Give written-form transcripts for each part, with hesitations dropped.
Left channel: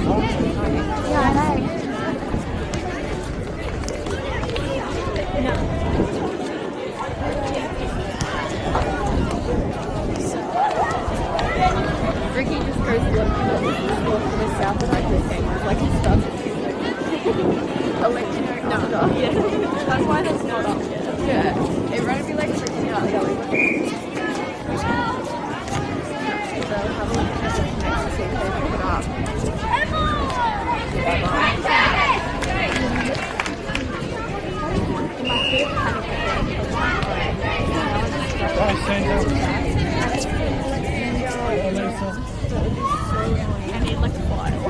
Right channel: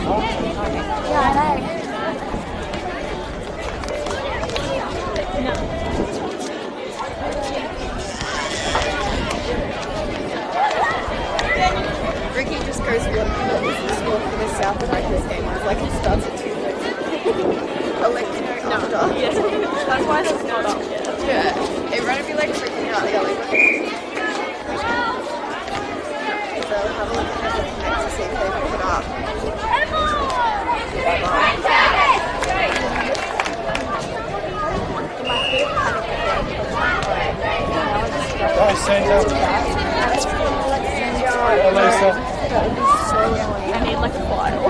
Yeah, I know. Ricky just goes to the school for the South America's game. Like it starts at 2:30. I'll let you know after. Yes, that's why that's not up yet. Yeah, it might be like freaking out. Like, so I'll have a look at the next to see if they pick it up. Bye, Santa. Lisa. That would be so annoying. I need like a file.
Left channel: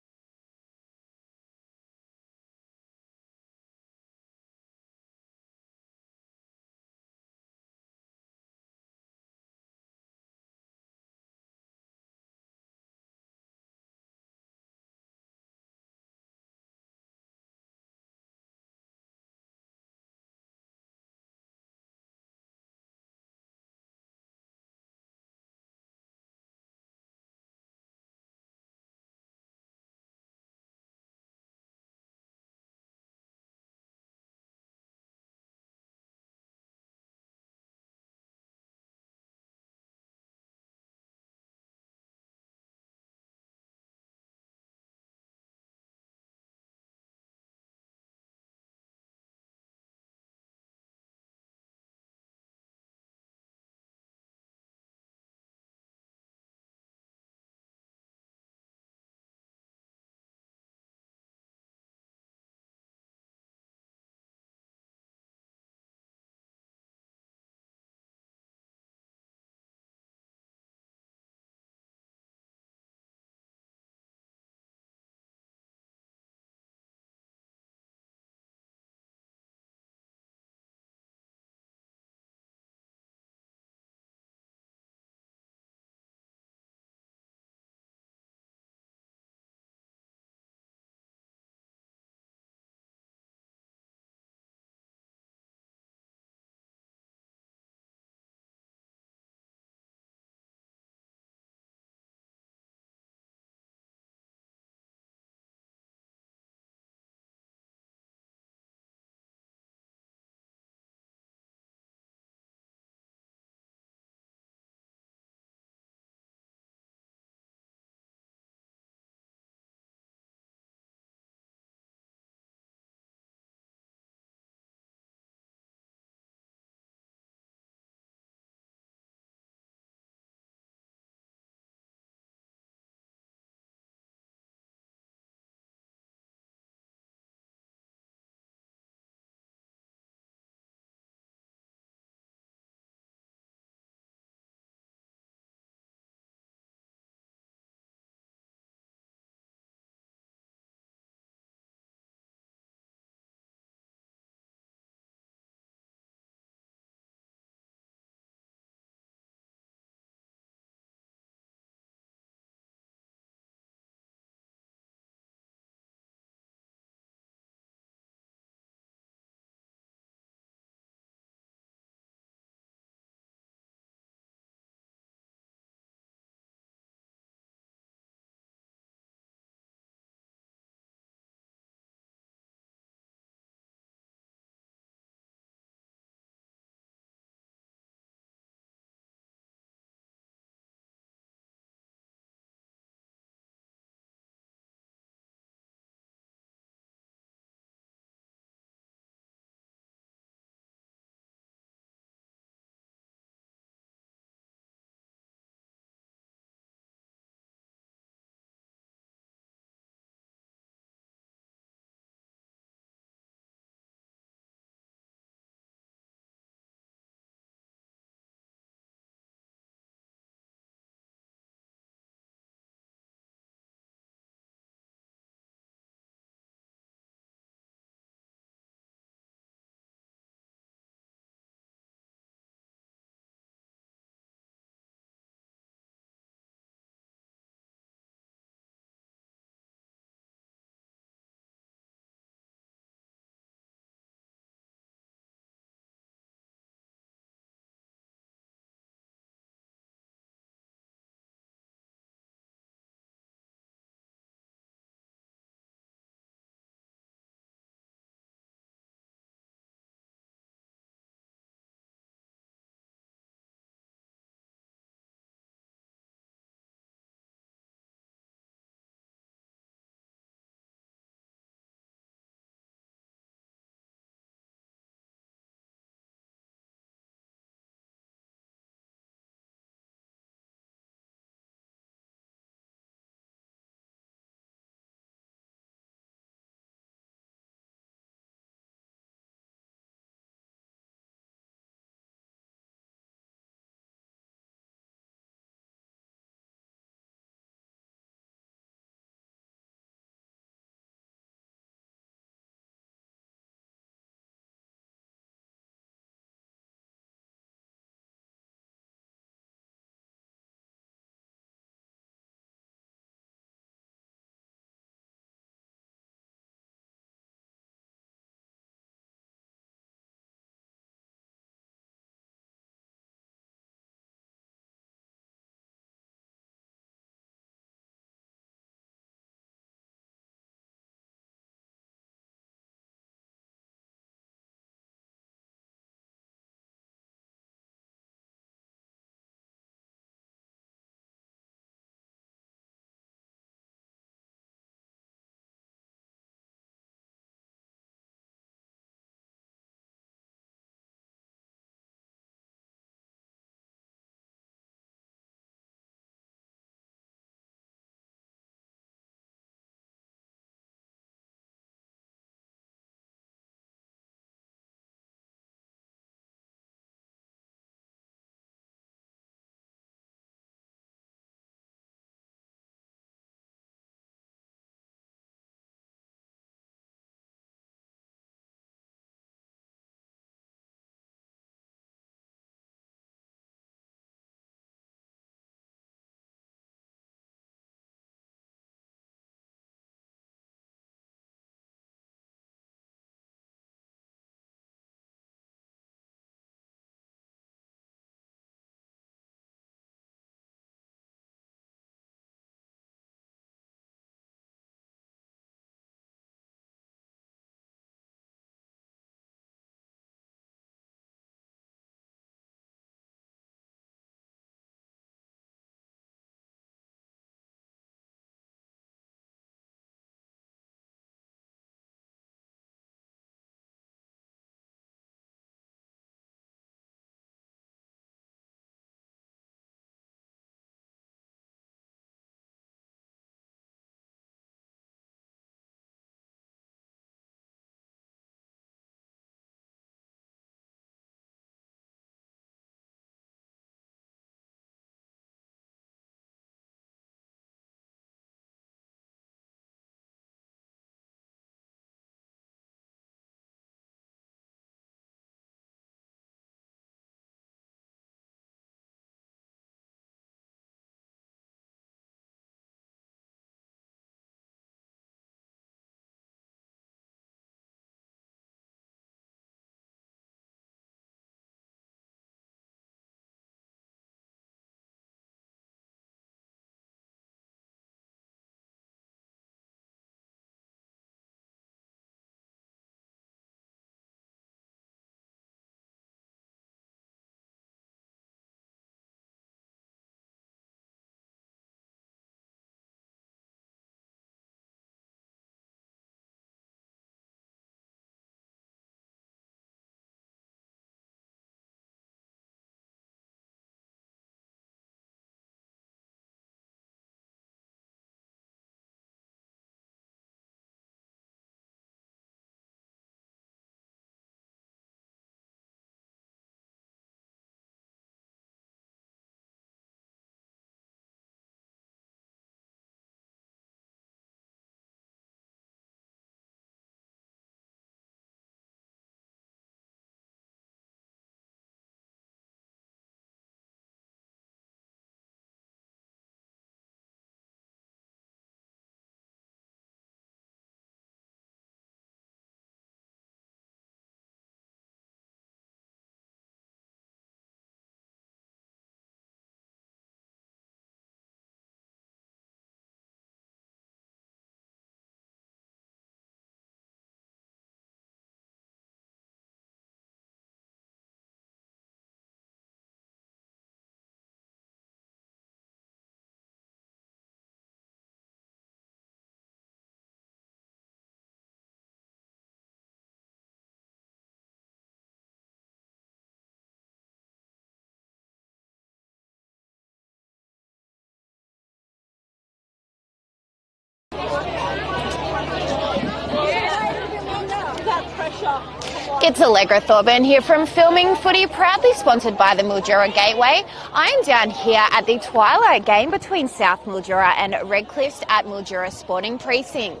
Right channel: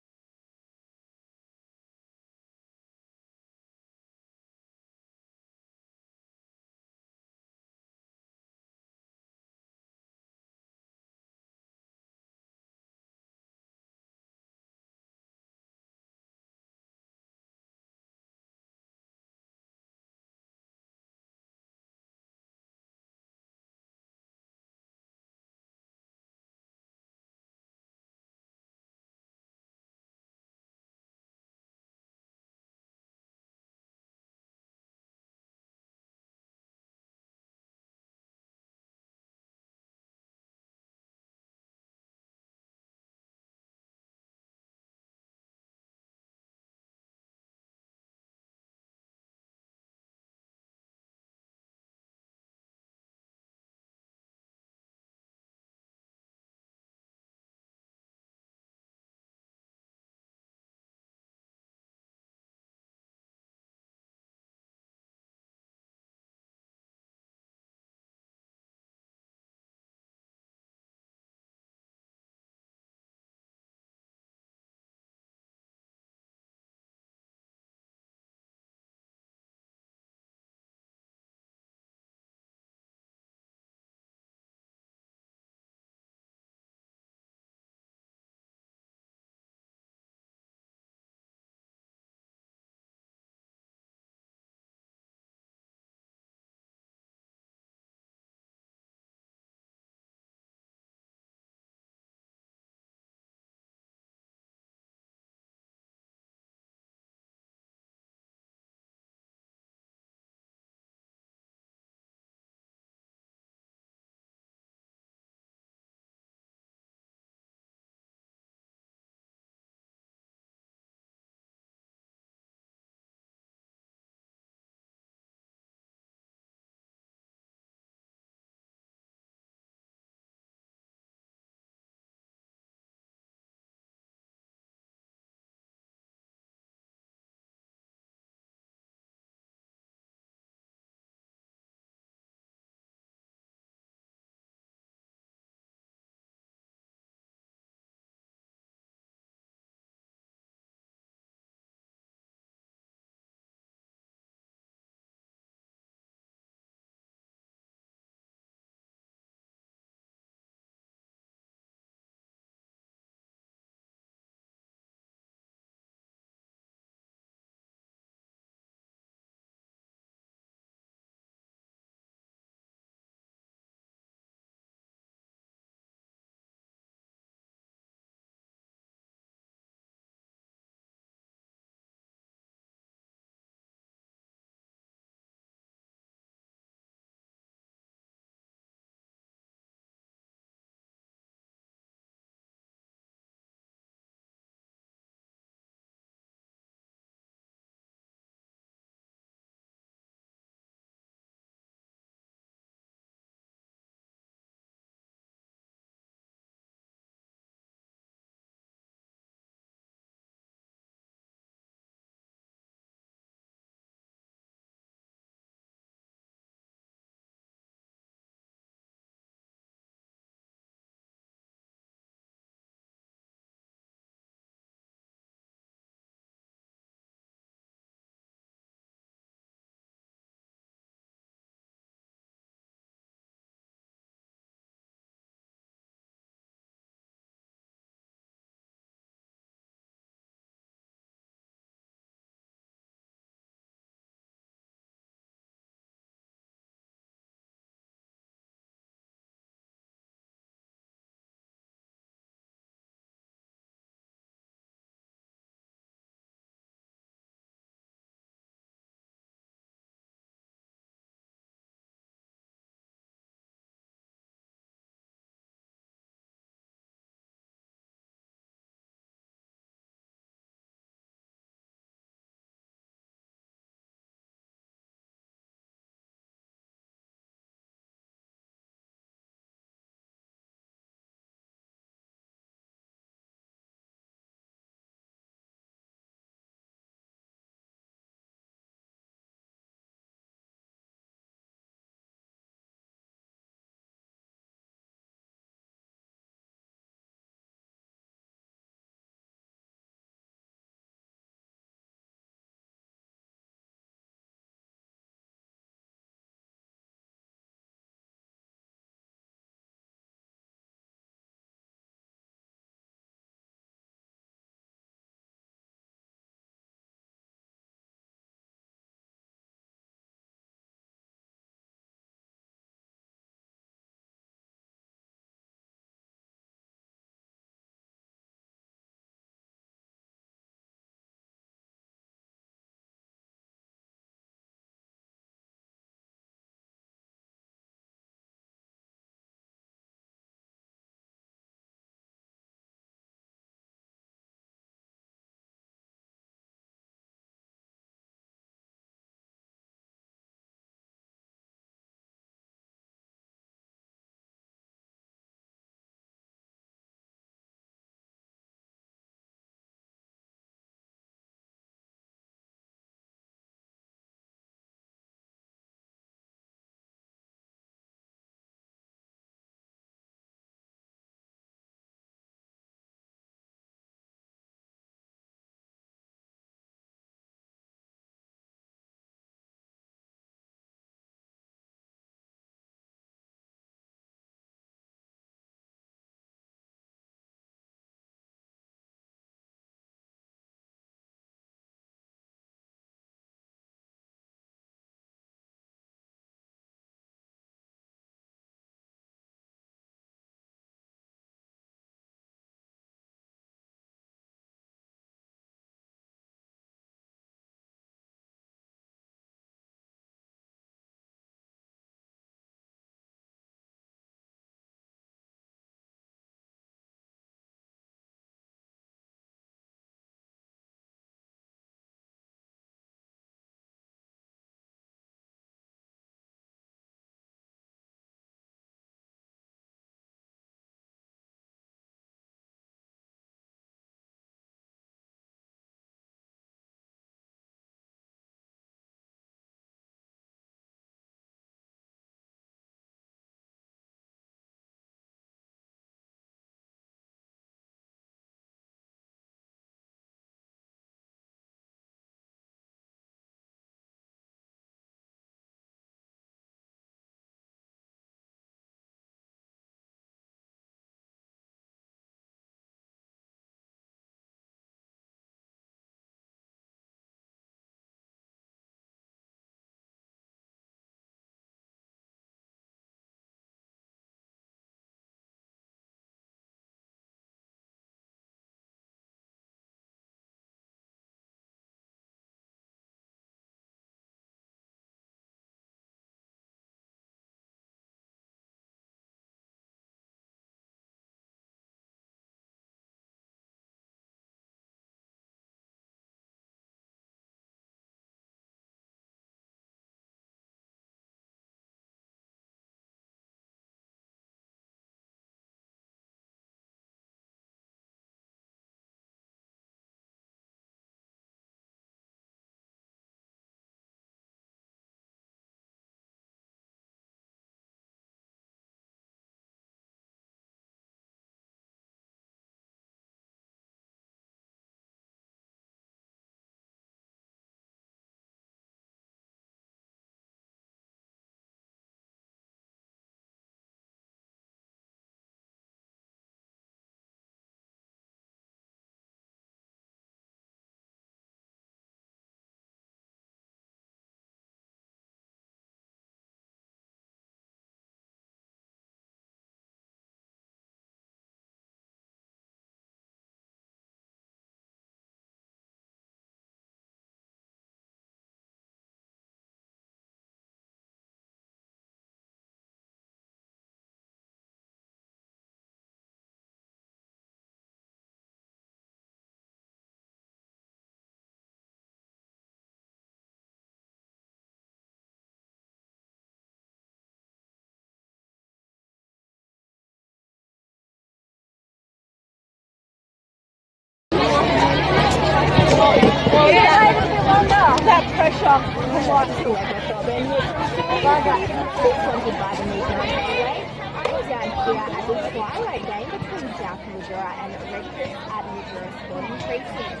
It's Allegra Thorburn here from Filming Footy, proudly sponsored by the Mildura Gateway. I'm down here at the twilight game between South Mildura and Redcliffe at Mildura Sporting Precinct.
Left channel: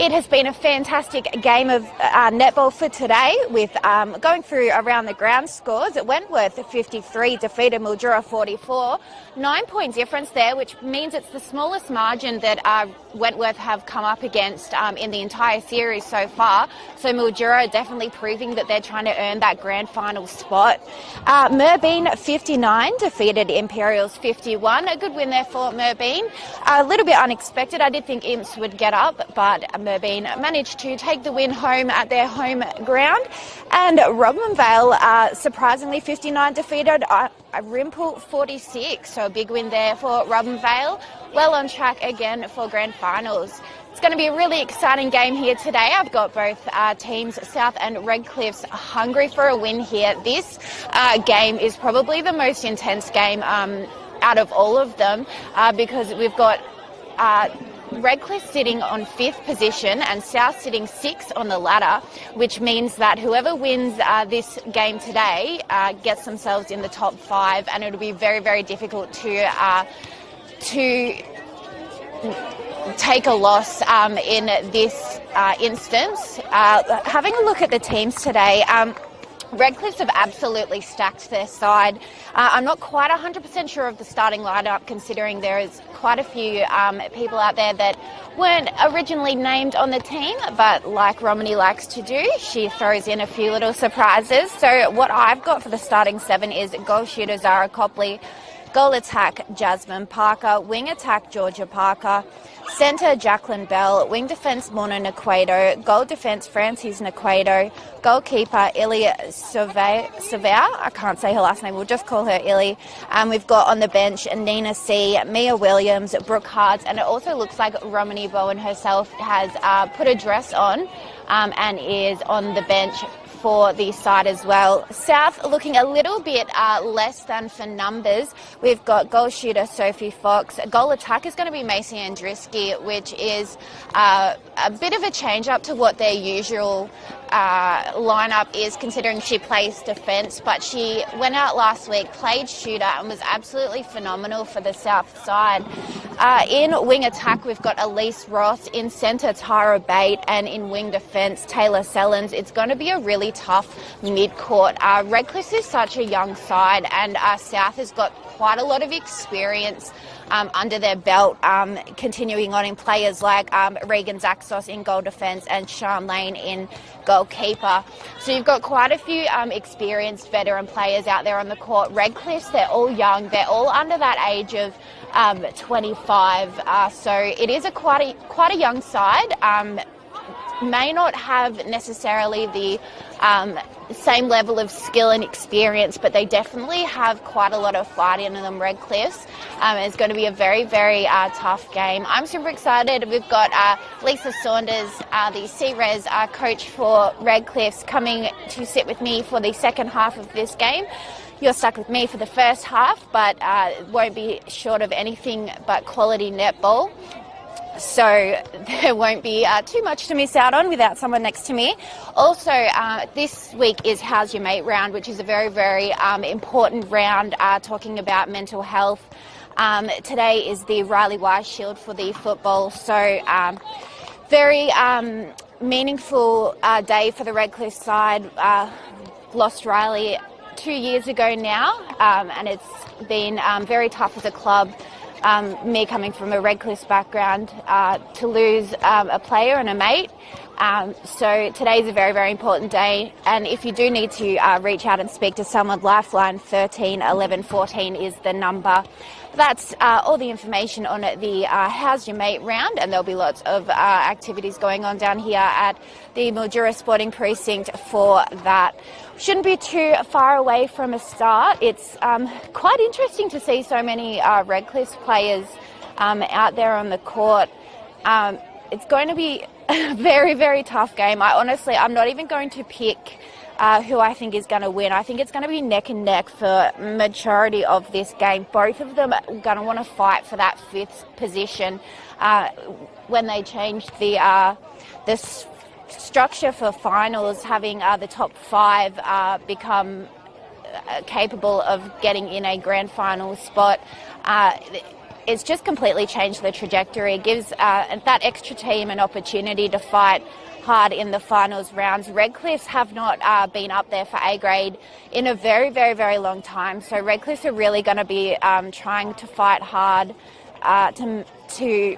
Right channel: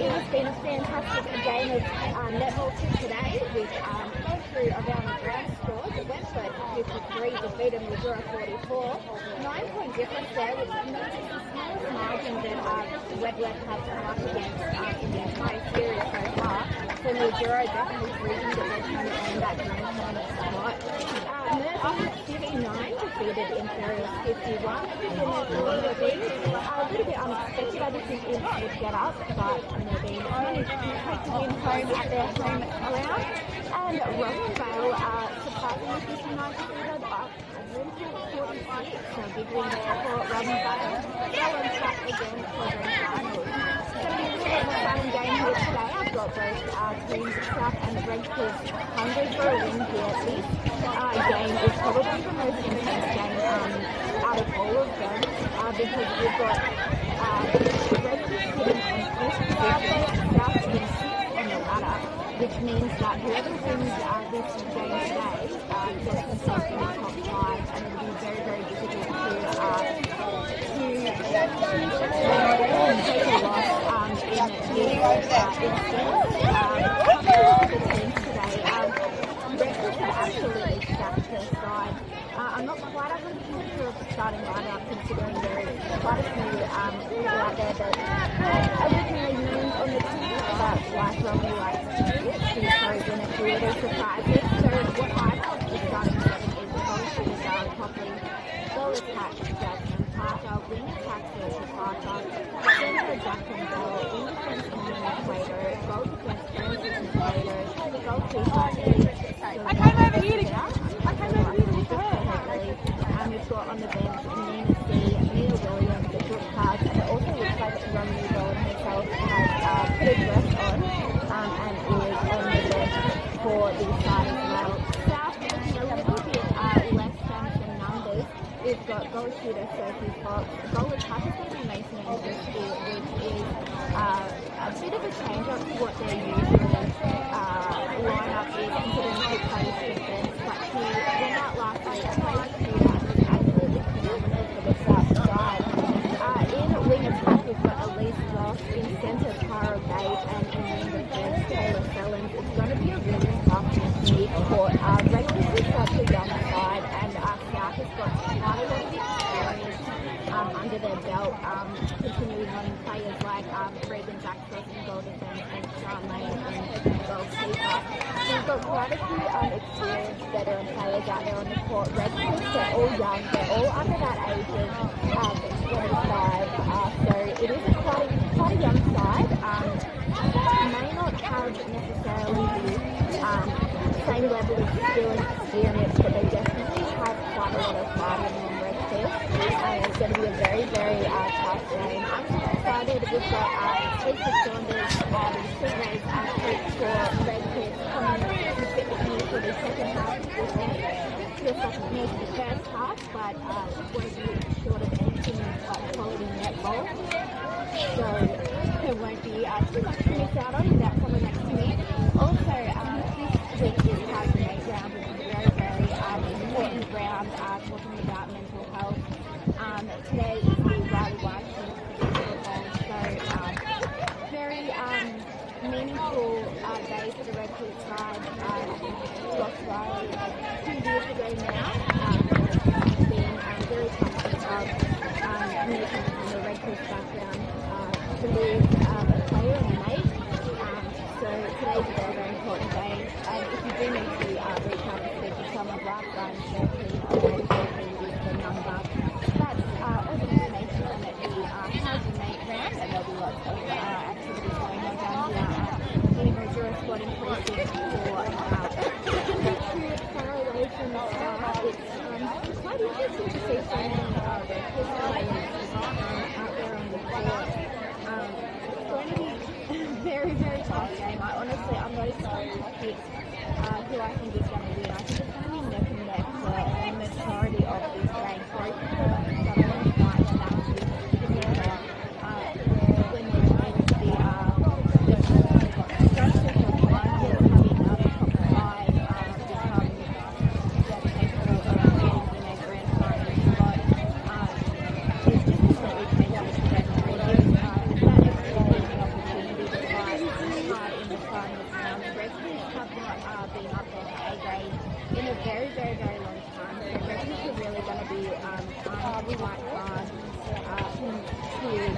It has been a fantastic game of netball for today, with going through around the ground scores. Wentworth 53 defeated Mildura 44. 9-point difference there, which means it's the smallest margin that Wentworth have come up against in the entire series so far. So Mildura are definitely proving that they're trying to earn that grand final spot. Merbein 59 defeated Imperials 51. A good win there for Merbein. A little bit unexpected. I did think Imps would get up, but Merbein managed to take the win home at their home ground. And Robinvale, surprisingly, 59 defeated Rimple 46. So a big win there for Robinvale. Well on track again for grand finals. It's going to be a really exciting game here today. I've got both teams, South and Redcliffe's, hungry for a win here. This game is probably the most intense game out of all of them because we've got Redcliffe sitting on 5th position and South sitting 6th on the ladder, which means that whoever wins this game today gets themselves in the top 5, and it'll be very, very difficult to take a loss in this instance. Having a look at the teams today, Redcliffe have absolutely stacked their side. I'm not quite 100% sure of the starting lineup, considering there is quite a few people out there that weren't originally named on the team, but like Romney likes to do, she throws in a few little surprises. So what I've got for the starting 7 is goal shooter Zara Copley, goal attack Jasmine Parker, wing attack Georgia Parker, centre Jacqueline Bell, wing defence Mona Naquato, goal defence Francis Naquato, goalkeeper Ilya Savea, I can't say her last name, we'll just call her Illy. We've got on the bench Nina C, Mia Williams, Brooke Hards, and it also looks like Romany Bowen herself has put a dress on and is on the bench for the side as well. South looking a little bit less than for numbers. We've got goal shooter Sophie Fox. Goal attack is going to be Macy Andruski, which is a bit of a change up to what their usual lineup is, considering she plays defence, but she went out last week, played shooter, and was absolutely phenomenal for the South side. In wing attack, we've got Elise Ross, in centre Tara Bate, and in wing defence Taylor Sellens. It's going to be a really tough mid-court. Redcliffe is such a young side, and South has got quite a lot of experience under their belt, continuing on in players like Regan Zaxos in goal defence and Sean Lane in goalkeeper. So you've got quite a few experienced veteran players out there on the court. Redcliffe, they're all young, they're all under that age of 25, so it is quite a young side. May not have necessarily the same level of skill and experience, but they definitely have quite a lot of fight in them, Redcliffe. It's going to be a very, very tough game. I'm super excited. We've got Lisa Saunders, the C-Res coach for Redcliffe, coming to sit with me for the second half of this game. You're stuck with me for the first half, but won't be short of anything but quality netball. So there won't be too much to miss out on without someone next to me. Also, this week is How's Your Mate round, which is a very, very important round talking about mental health. Today is the Riley Wise Shield for the football, so very meaningful day for the Redcliffe side. Lost Riley 2 years ago now, and it's been very tough for the club. Me coming from a Redcliffe background, to lose a player and a mate. So today's a very, very important day, and if you do need to reach out and speak to someone, Lifeline 13 11 14 is the number. That's all the information on the How's Your Mate round, and there'll be lots of activities going on down here at the Mildura Sporting Precinct for that. Shouldn't be too far away from a start. It's quite interesting to see so many Redcliffe players out there on the court. It's going to be a very, very tough game. I'm not even going to pick who I think is going to win. I think it's going to be neck and neck for majority of this game. Both of them are going to want to fight for that 5th position. When they changed the structure for finals, having the top 5 become capable of getting in a grand final spot, it's just completely changed the trajectory. It gives that extra team an opportunity to fight hard in the finals rounds. Redcliffe have not been up there for A grade in a very, very, very long time. So Redcliffe are really going to be trying to fight hard to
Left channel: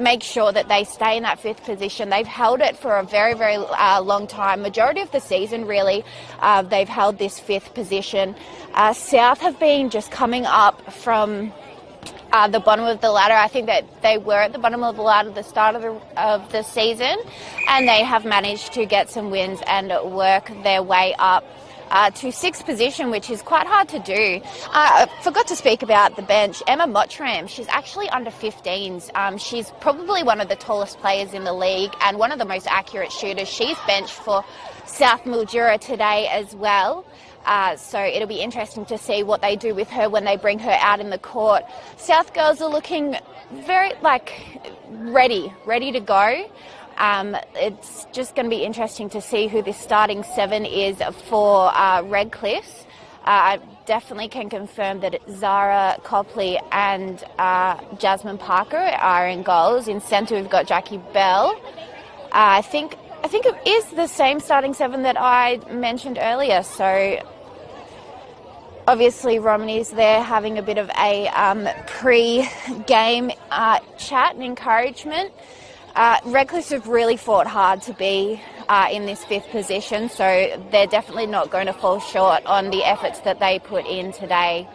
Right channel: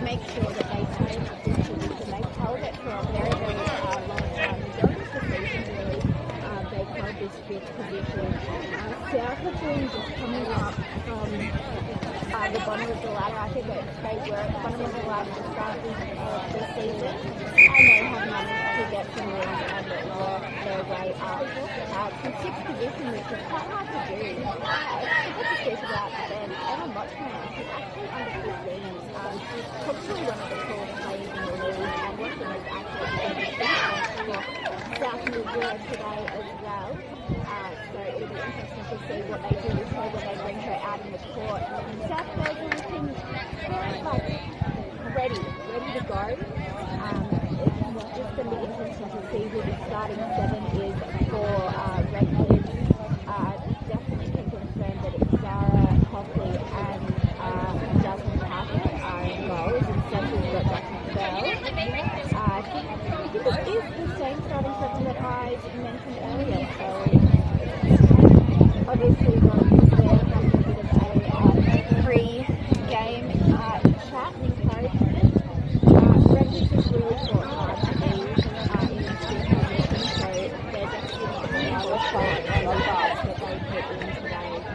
make sure that they stay in that 5th position. They've held it for a very, very long time. Majority of the season, really, they've held this 5th position. South have been just coming up from the bottom of the ladder. I think that they were at the bottom of the ladder at the start of the season, and they have managed to get some wins and work their way up to 6th position, which is quite hard to do. I forgot to speak about the bench. Emma Mottram, she's actually under 15s. She's probably one of the tallest players in the league and one of the most accurate shooters. She's benched for South Mildura today as well. So it'll be interesting to see what they do with her when they bring her out in the court. South girls are looking very, ready to go. It's just going to be interesting to see who this starting 7 is for Redcliffe. I definitely can confirm that it's Zara Copley and Jasmine Parker are in goals. In centre we've got Jackie Bell. I think it is the same starting 7 that I mentioned earlier. So obviously Romney's there having a bit of a pre-game chat and encouragement. Redcliffe have really fought hard to be in this 5th position, so they're definitely not going to fall short on the efforts that they put in today.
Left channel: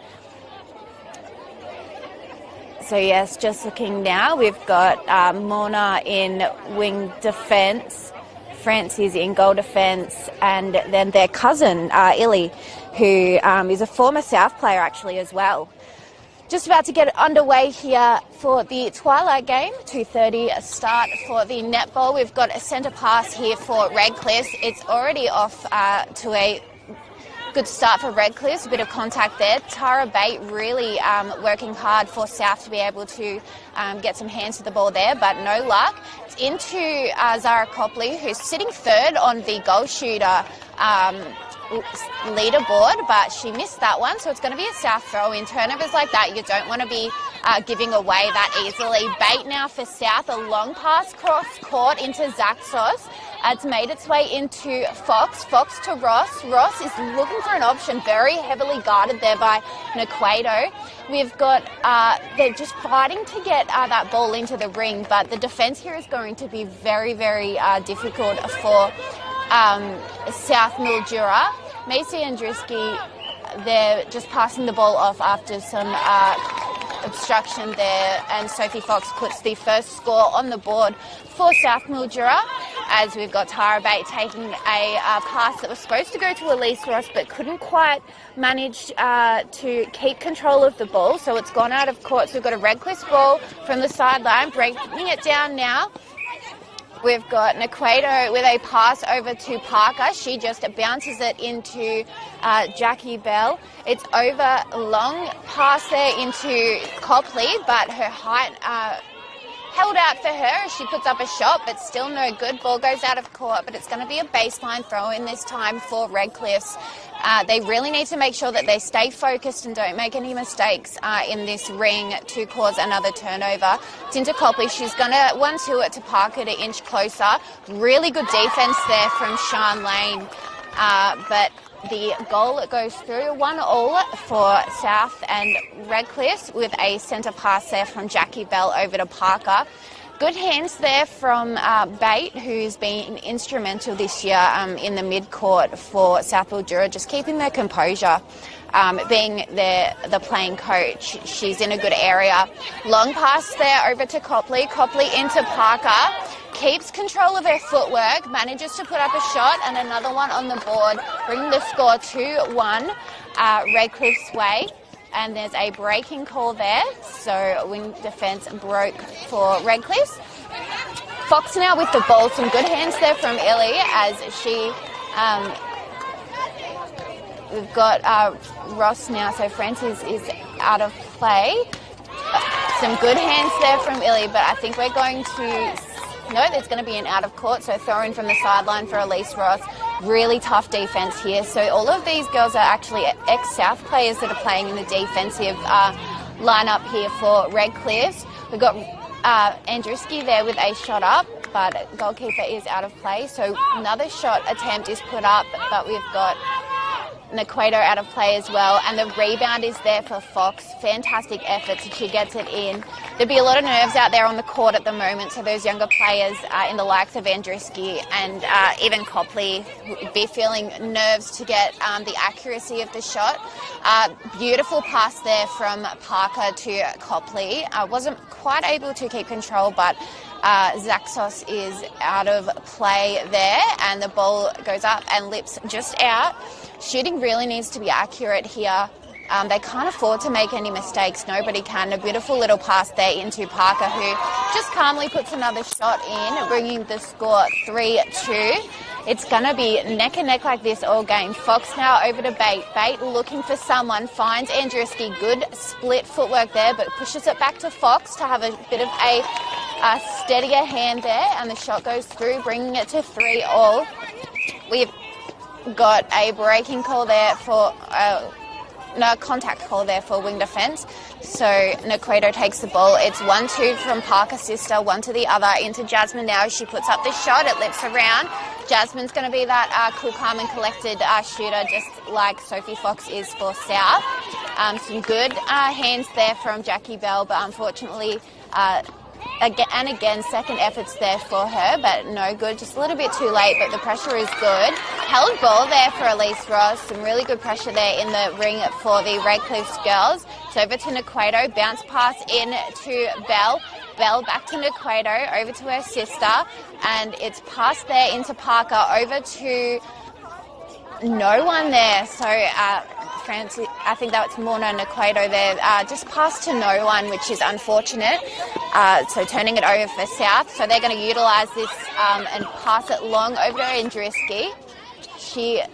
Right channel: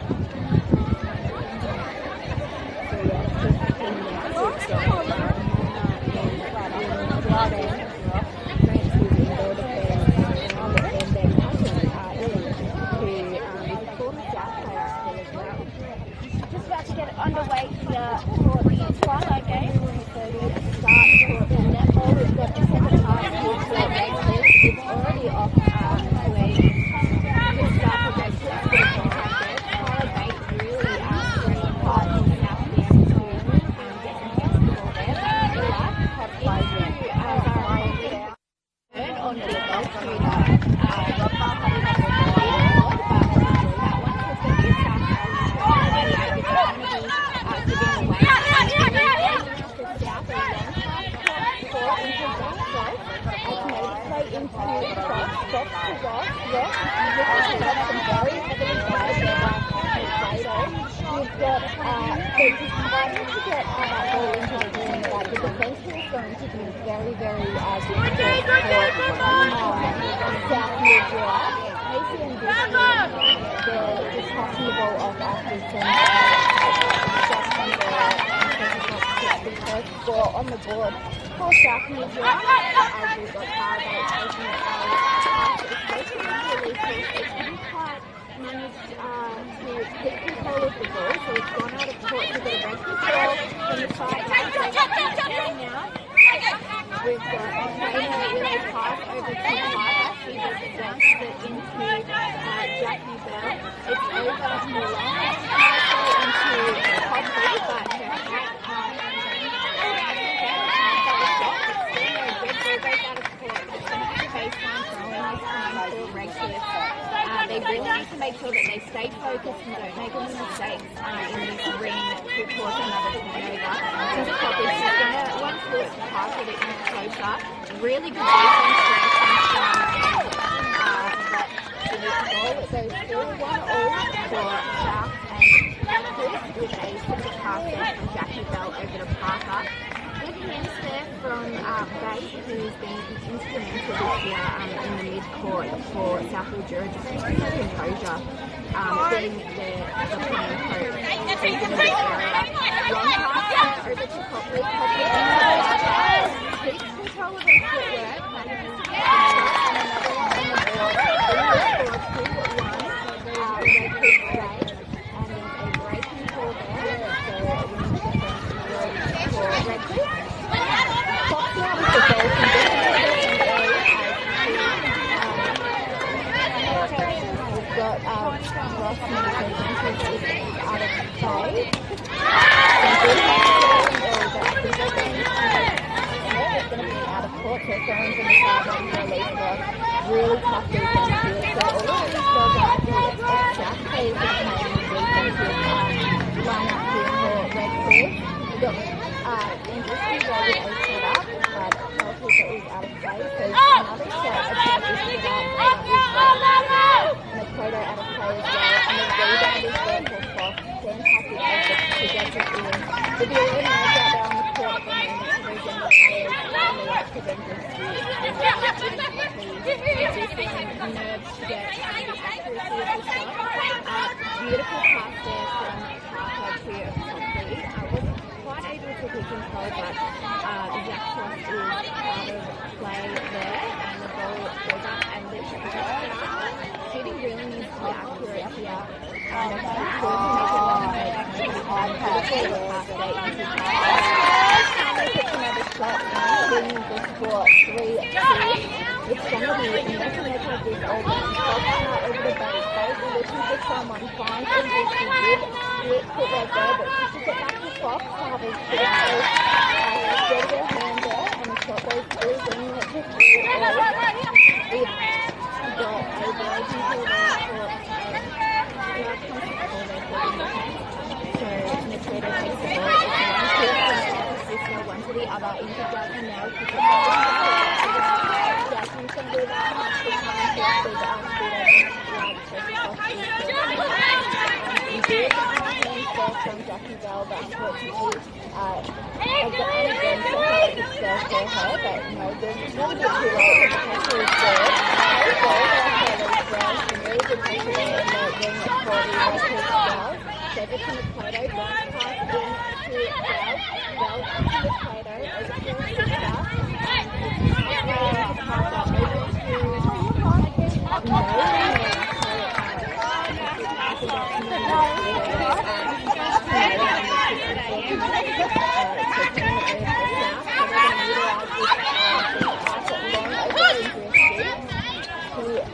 So yes, just looking now, we've got Mona in wing defence, Francis in goal defence, and then their cousin, Illy, who is a former South player actually as well. Just about to get underway here for the Twilight game, 2:30 start for the netball. We've got a centre pass here for Redcliffe. It's already off to a good start for Redcliffe, bit of contact there. Tara Bate really working hard for South to be able to get some hands to the ball there, but no luck. It's into Zara Copley, who's sitting 3rd on the goal shooter leaderboard, but she missed that one, so it's going to be a South throw. In tournaments like that, you don't want to be giving away that easily. Bait now for South, a long pass cross court into Zaxos. It's made its way into Fox to Ross. Ross is looking for an option, very heavily guarded there by Nequado. We've got, they're just fighting to get that ball into the ring, but the defence here is going to be very, very difficult for South Mildura. Macy and Drisky, they're just passing the ball off after some obstruction there, and Sophie Fox puts the first score on the board for South Mildura, as we've got Tara Bate taking a pass that was supposed to go to Elise Ross but couldn't quite manage to keep control of the ball, so it's gone out of court. So we've got a Redcliffe ball from the sideline, breaking it down now. We've got Nequado with a pass over to Parker. She just bounces it into Jackie Bell. It's over, long pass there into Copley, but her height held out for her as she puts up a shot, but still no good. Ball goes out of court, but it's going to be a baseline throw in this time for Redcliffe. They really need to make sure that they stay focused and don't make any mistakes in this ring to cause another turnover. It's into Copley. She's going to 1-2 it to Parker to inch closer. Really good defence there from Sean Lane. But the goal goes through 1-1 for South and Redcliffe with a centre pass there from Jackie Bell over to Parker. Good hands there from Bate, who's been instrumental this year in the mid-court for South Mildura, just keeping their composure, being the playing coach. She's in a good area. Long pass there over to Copley. Copley into Parker. Keeps control of her footwork, manages to put up a shot, and another one on the board. And the score 2-1 Redcliffe's way. And there's a breaking call there, so wing defence broke for Redcliffe. Fox now with the ball, some good hands there from Illy as she, we've got Ross now, so Francis is out of play. Some good hands there from Illy, but I think we're going to No, there's going to be an out of court, so throwing from the sideline for Elise Ross. Really tough defence here. So all of these girls are actually ex-South players that are playing in the defensive lineup here for Redcliffe. We've got Andruski there with a shot up, but goalkeeper is out of play. So another shot attempt is put up, but we've got Nequato out of play as well. And the rebound is there for Fox. Fantastic effort to get it in. There'd be a lot of nerves out there on the court at the moment, so those younger players in the likes of Andruski and even Copley would be feeling nerves to get the accuracy of the shot. Beautiful pass there from Parker to Copley. Wasn't quite able to keep control, but Zaxos is out of play there, and the ball goes up and lips just out. Shooting really needs to be accurate here. They can't afford to make any mistakes. Nobody can. A beautiful little pass there into Parker, who just calmly puts another shot in, bringing the score 3-2. It's going to be neck and neck like this all game. Fox now over to Bate. Bate looking for someone, finds Andruski. Good split footwork there, but pushes it back to Fox to have a bit of a steadier hand there, and the shot goes through, bringing it to 3-all. We've got a breaking call there for... no contact call there for wing defence. So Nequato takes the ball. It's 1-2 from Parker's sister, one to the other, into Jasmine now. She puts up the shot, it lips around. Jasmine's going to be that cool, calm and collected shooter, just like Sophie Fox is for South. Some good hands there from Jackie Bell, but unfortunately, again, second efforts there for her, but no good. Just a little bit too late, but the pressure is good. Held ball there for Elise Ross. Some really good pressure there in the ring for the Redcliffe girls. So over to Nequato, bounce pass in to Bell. Bell back to Nequato, over to her sister, and it's passed there into Parker, over to no one there. So I think that was Morna Nequato there. Just passed to no one, which is unfortunate. So turning it over for South. So they're going to utilise this and pass it long over Andruski. She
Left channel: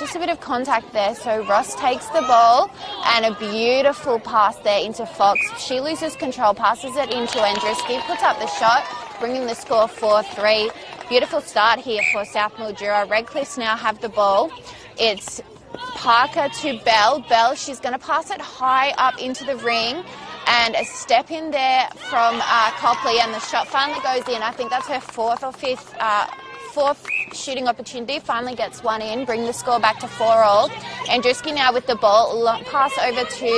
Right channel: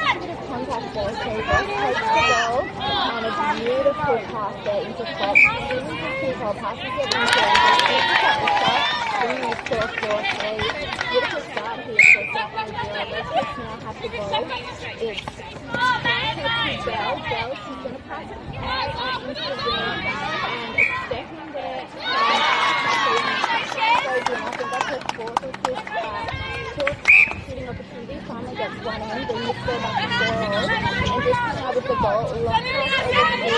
just a bit of contact there. So Ross takes the ball, and a beautiful pass there into Fox. She loses control, passes it into Andruski, puts up the shot, bringing the score 4-3. Beautiful start here for South Mildura. Redcliffs now have the ball. It's Parker to Bell. Bell, she's going to pass it high up into the ring, and a step in there from Copley, and the shot finally goes in. I think that's her fourth shooting opportunity. Finally gets one in, bringing the score back to 4-all. Andruski now with the ball. Long pass over to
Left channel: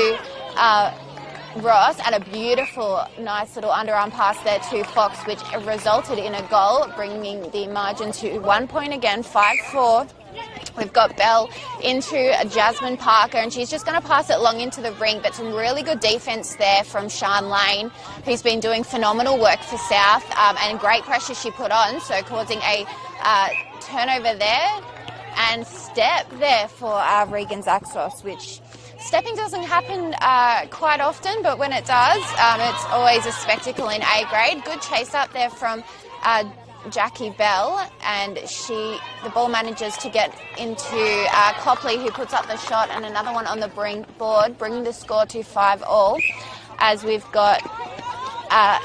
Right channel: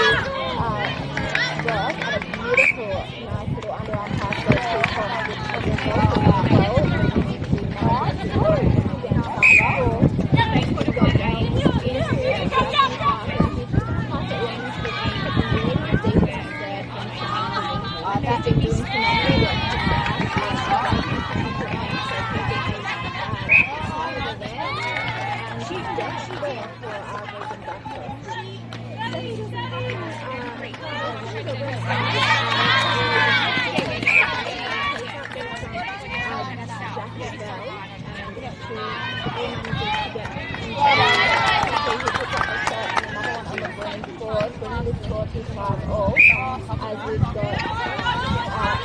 Ross, and a beautiful, nice little underarm pass there to Fox, which resulted in a goal, bringing the margin to 1 point again, 5-4. We've got Bell into Jasmine Parker, and she's just going to pass it long into the ring, but some really good defence there from Sian Lane, who's been doing phenomenal work for South, and great pressure she put on, so causing a turnover there, and step there for Regan Zaxos, which stepping doesn't happen quite often, but when it does, it's always a spectacle in A grade. Good chase up there from Jackie Bell, and the ball manages to get into Copley, who puts up the shot, and another one on the board, bringing the score to 5-all, as we've got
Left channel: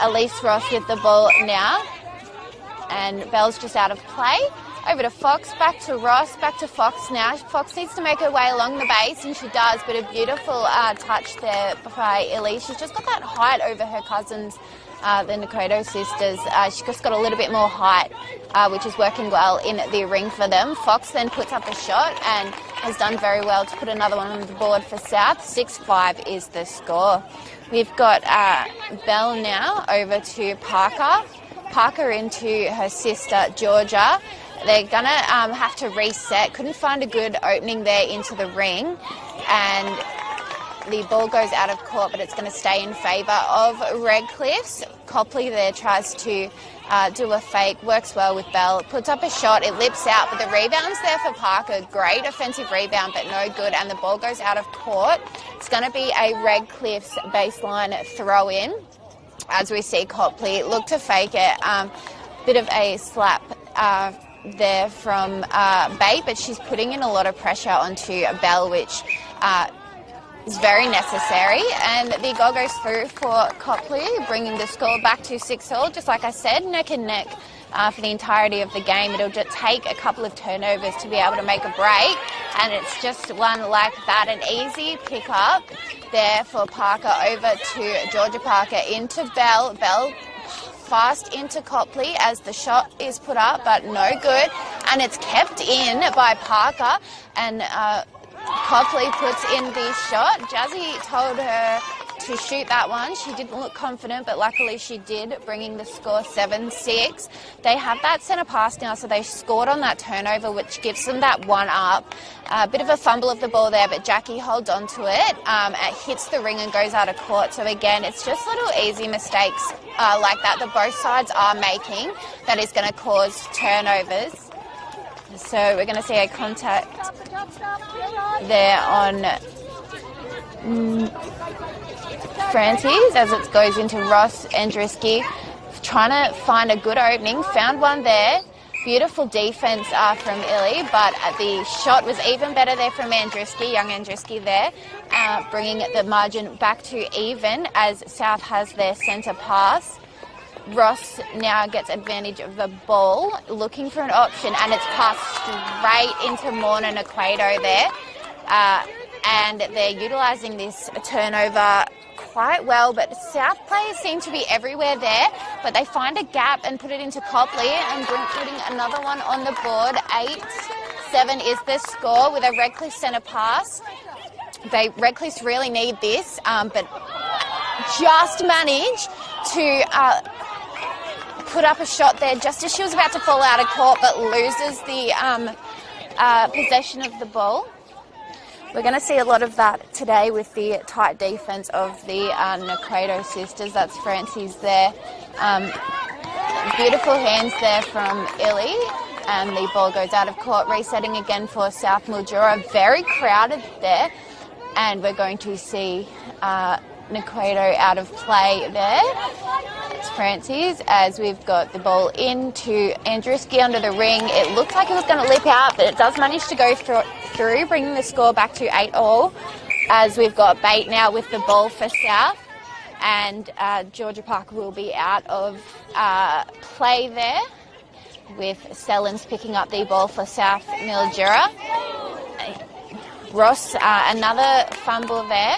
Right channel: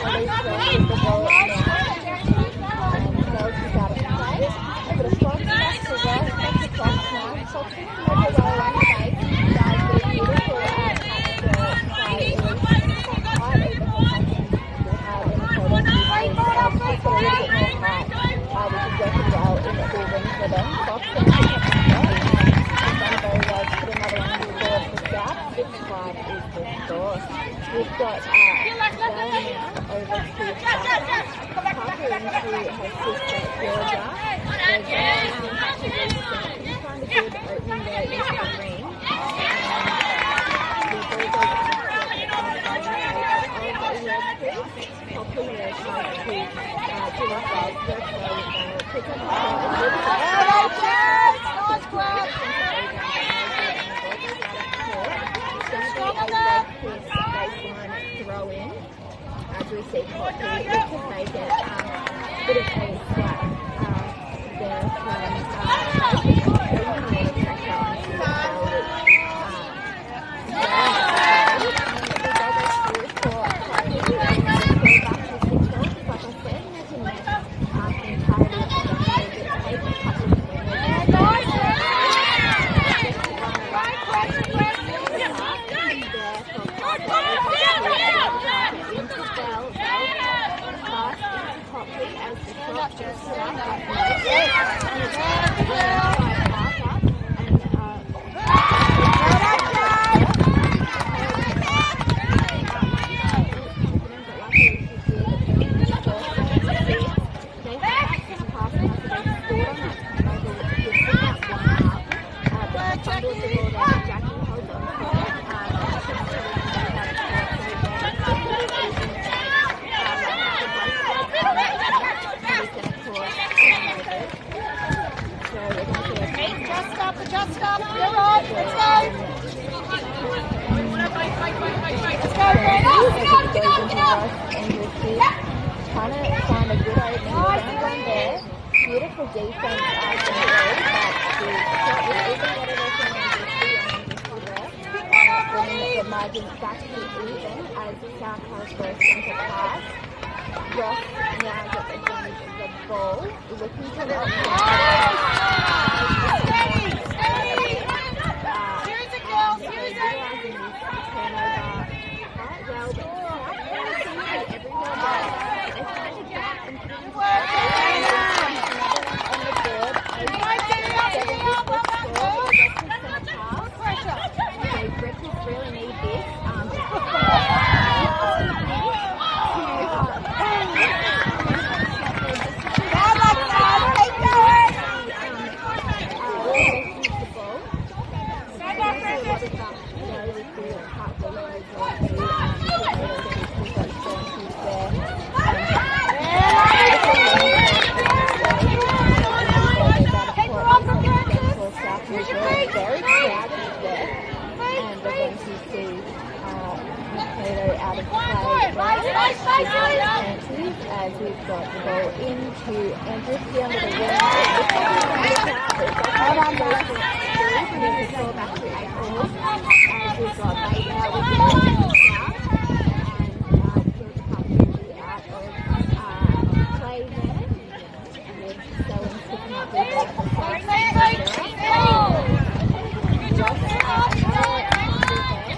Elise Ross with the ball now, and Bell's just out of play. Over to Fox, back to Ross, back to Fox now. Fox needs to make her way along the base, and she does, but a beautiful touch there by Elise. She just got that height over her cousins, the Nequato sisters. She just got a little bit more height, which is working well in the ring for them. Fox then puts up a shot and has done very well to put another one on the board for South. 6-5 is the score. We've got Bell now over to Parker. Parker into her sister Georgia. They're going to have to reset. Couldn't find a good opening there into the ring, and the ball goes out of court, but it's going to stay in favour of Redcliffs. Copley there tries to do a fake, works well with Bell, puts up a shot, it lips out. The rebound's there for Parker. Great offensive rebound, but no good, and the ball goes out of court. It's going to be a Redcliffs baseline throw in, as we see Copley look to fake it. Bit of a slap there from Bate, but she's putting in a lot of pressure onto Bell, which is very necessary. And the goal goes through for Copley, bringing the score back to 6-all. Just like I said, neck and neck for the entirety of the game. It'll just take a couple of turnovers to be able to make a break. And it's just one like that, an easy pick up there for Parker over to Georgia Parker into Bell. Bell fast into Copley as the shot is put up, but no good. And it's kept in by Parker, and Copley puts in the shot. Jazzy told her to shoot that one. She didn't look confident, but luckily she did, bringing the score 7-6. They have that centre pass now, so they scored on that turnover, which gives them that one up. A bit of a fumble of the ball there, but Jackie holds on to it and hits the ring and goes out of court. So again, it's just little easy mistakes like that both sides are making that is going to cause turnovers. So we're going to see a contact there on Francis as it goes into Ross Andruski. Trying to find a good opening, found one there. Beautiful defense from Illy, but the shot was even better there from Andruski, young Andruski there, bringing the margin back to even as South has their centre pass. Ross now gets advantage of the ball, looking for an option, and it's passed straight into Morna Nakredo there. And they're utilising this turnover quite well, but South players seem to be everywhere there, but they find a gap and put it into Copley, and then putting another one on the board. 8-7 is the score with a Redcliffe centre pass. Redcliffe really need this, but just manage to put up a shot there just as she was about to fall out of court, but loses the possession of the ball. We're going to see a lot of that today with the tight defense of the Nakredo sisters. That's Francis there. Beautiful hands there from Illy. And the ball goes out of court, resetting again for South Mildura. Very crowded there. And we're going to see Nakredo out of play there. It's Francis as we've got the ball into Andruski under the ring. It looks like it was going to lip out, but it does manage to go through, bringing the score back to 8-all. As we've got Bate now with the ball for South, and Georgia Parker will be out of play there, with Sellens picking up the ball for South Mildura. Ross, another fumble there.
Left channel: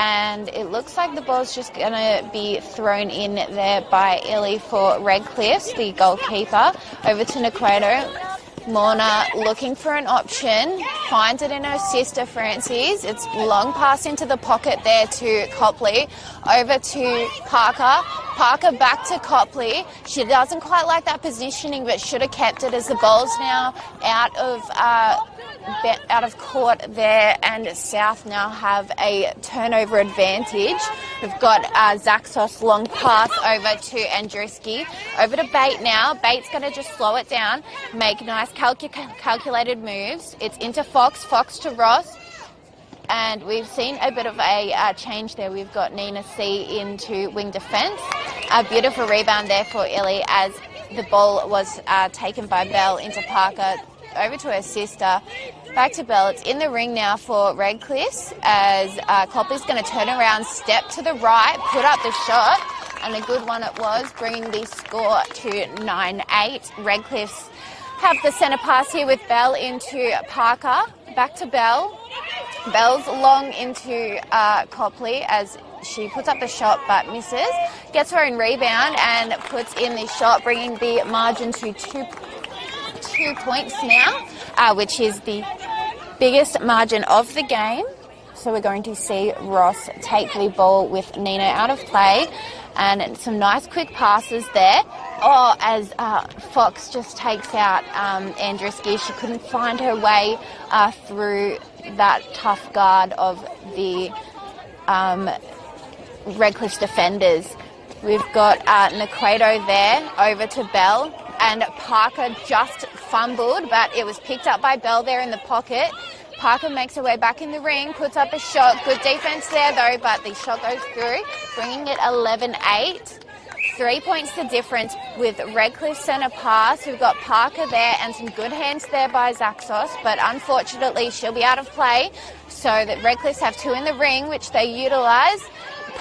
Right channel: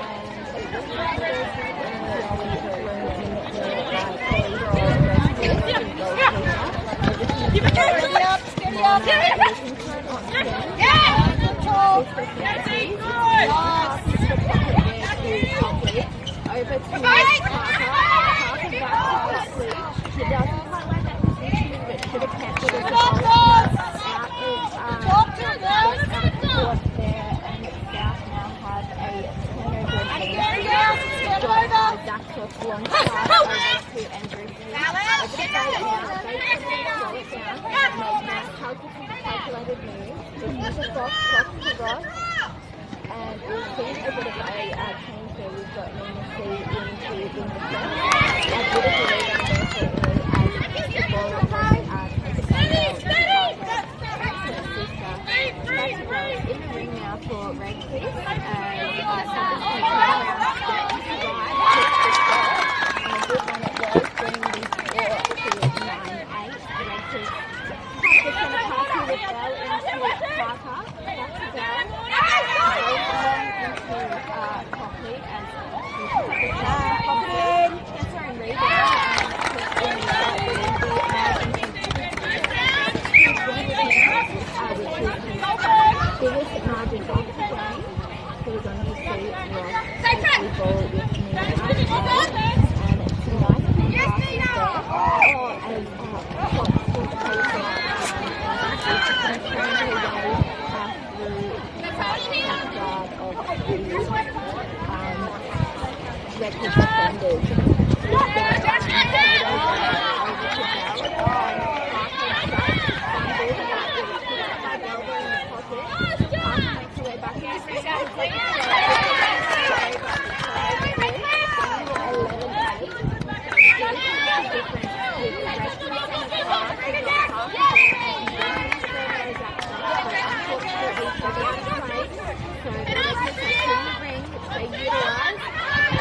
And it looks like the ball's just going to be thrown in there by Illy for Redcliffe, the goalkeeper. Over to Nakredo. Morna looking for an option, finds it in her sister Francis. It's long pass into the pocket there to Copley. Over to Parker. Parker back to Copley. She doesn't quite like that positioning, but should have kept it as the ball's now out of court there, and South now have a turnover advantage. We've got Zaxos long pass over to Andruski. Over to Bate now. Bate's going to just slow it down, make nice calculated moves. It's into Fox, Fox to Ross. And we've seen a bit of a change there. We've got Nina C into wing defence. A beautiful rebound there for Illy as the ball was taken by Bell into Parker. Over to her sister. Back to Bell. It's in the ring now for Redcliffe as Copley's going to turn around, step to the right, put up the shot. And a good one it was, bringing the score to 9-8. Redcliffe have the centre pass here with Bell into Parker. Back to Bell. Bell's long into Copley as she puts up the shot but misses. Gets her own rebound and puts in the shot, bringing the margin to 2 points now, which is the biggest margin of the game. So we're going to see Ross take the ball with Nina out of play. And some nice quick passes there. Oh, as Fox just takes out Andruski. She couldn't find her way through that tough guard of the Redcliffe defenders. We've got Nakredo there over to Bell, and Parker just fumbled, but it was picked up by Bell there in the pocket. Parker makes her way back in the ring, puts up a shot. Good defense there though, but the shot goes through, bringing it 11-8. 3 points the difference with Redcliffe centre pass. We've got Parker there and some good hands there by Zaxos, but unfortunately she'll be out of play. So that Redcliffe's have 2 in the ring, which they utilise.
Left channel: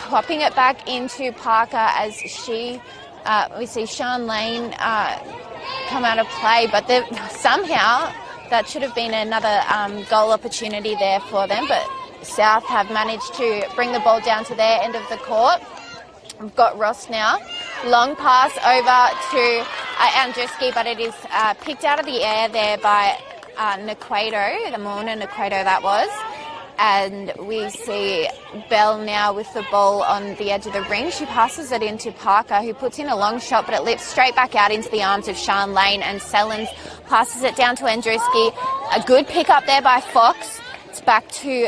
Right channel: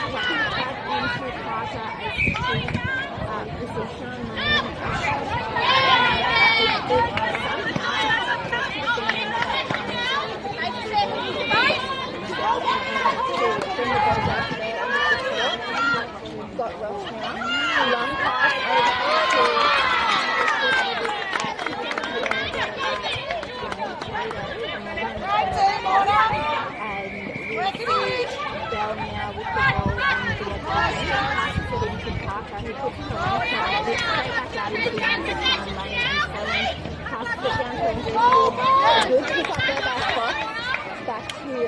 Popping it back into Parker as we see Sean Lane come out of play, but somehow that should have been another goal opportunity there for them, but South have managed to bring the ball down to their end of the court. We've got Ross now. Long pass over to Andreski, but it is picked out of the air there by Naquato, the Morna Naquato that was. And we see Bell now with the ball on the edge of the ring. She passes it into Parker, who puts in a long shot, but it lifts straight back out into the arms of Sean Lane, and Sellens passes it down to Andruski. A good pick up there by Fox. It's back to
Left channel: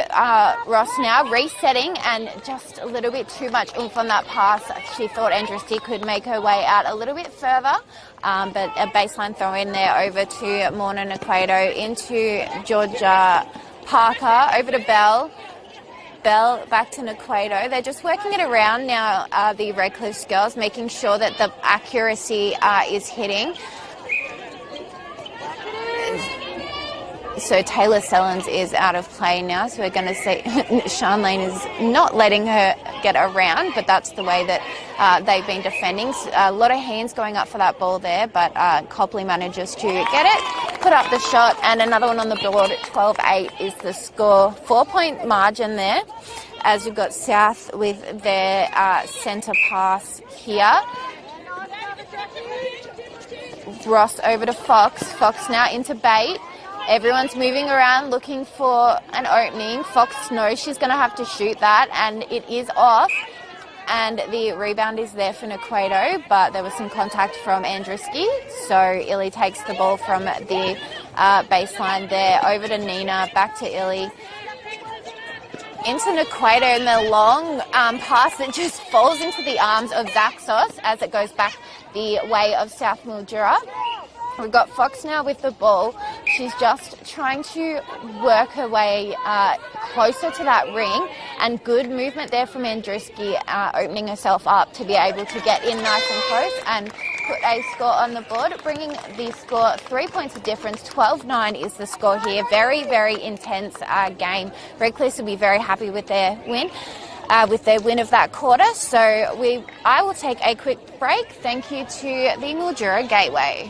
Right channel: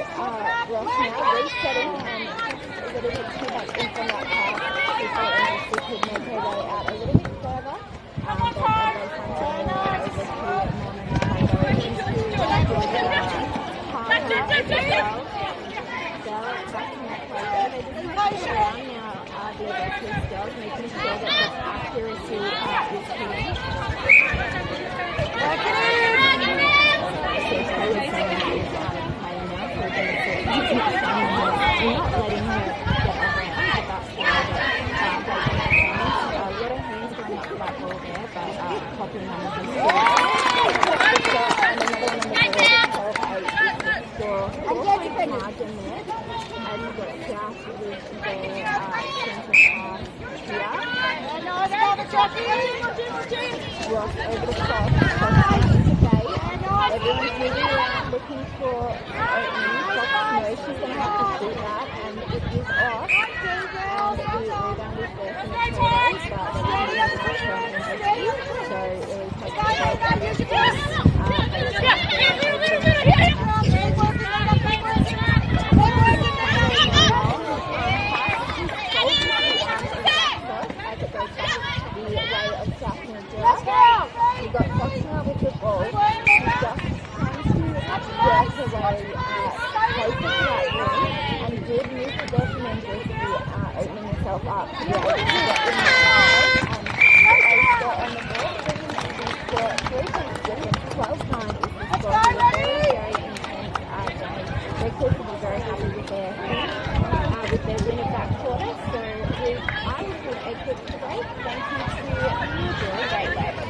Ross now, resetting, and just a little bit too much oomph on that pass. She thought Andruski could make her way out a little bit further, but a baseline throw in there over to Morna Naquato, into Georgia Parker, over to Bell. Bell back to Naquato. They're just working it around now, the Redcliffe girls, making sure that the accuracy is hitting. So Taylor Sellens is out of play now, so we're going to see Sean Lane is not letting her get around, but that's the way that they've been defending. A lot of hands going up for that ball there, but Copley manages to get it, put up the shot, and another one on the board. 12-8 is the score. 4-point margin there, as we've got South with their centre pass here. Ross over to Fox. Fox now into bait. Everyone's moving around looking for an opening. Fox knows she's going to have to shoot that, and it is off. And the rebound is there for Naquato, but there was some contact from Andruski. So Illy takes the ball from the baseline there over to Nina, back to Illy. Into Naquato, and the long pass that just falls into the arms of Zaxos as it goes back the way of South Mildura. We've got Fox now with the ball. She's just trying to work her way closer to that ring, and good movement there from Andruski, opening herself up to be able to get in nice and close and put a score on the board, bringing the score 3 points of difference. 12-9 is the score here. Very, very intense game. Redcliffe will be very happy with their win of that quarter. So I will take a quick break. Thank you to the Mildura Gateway.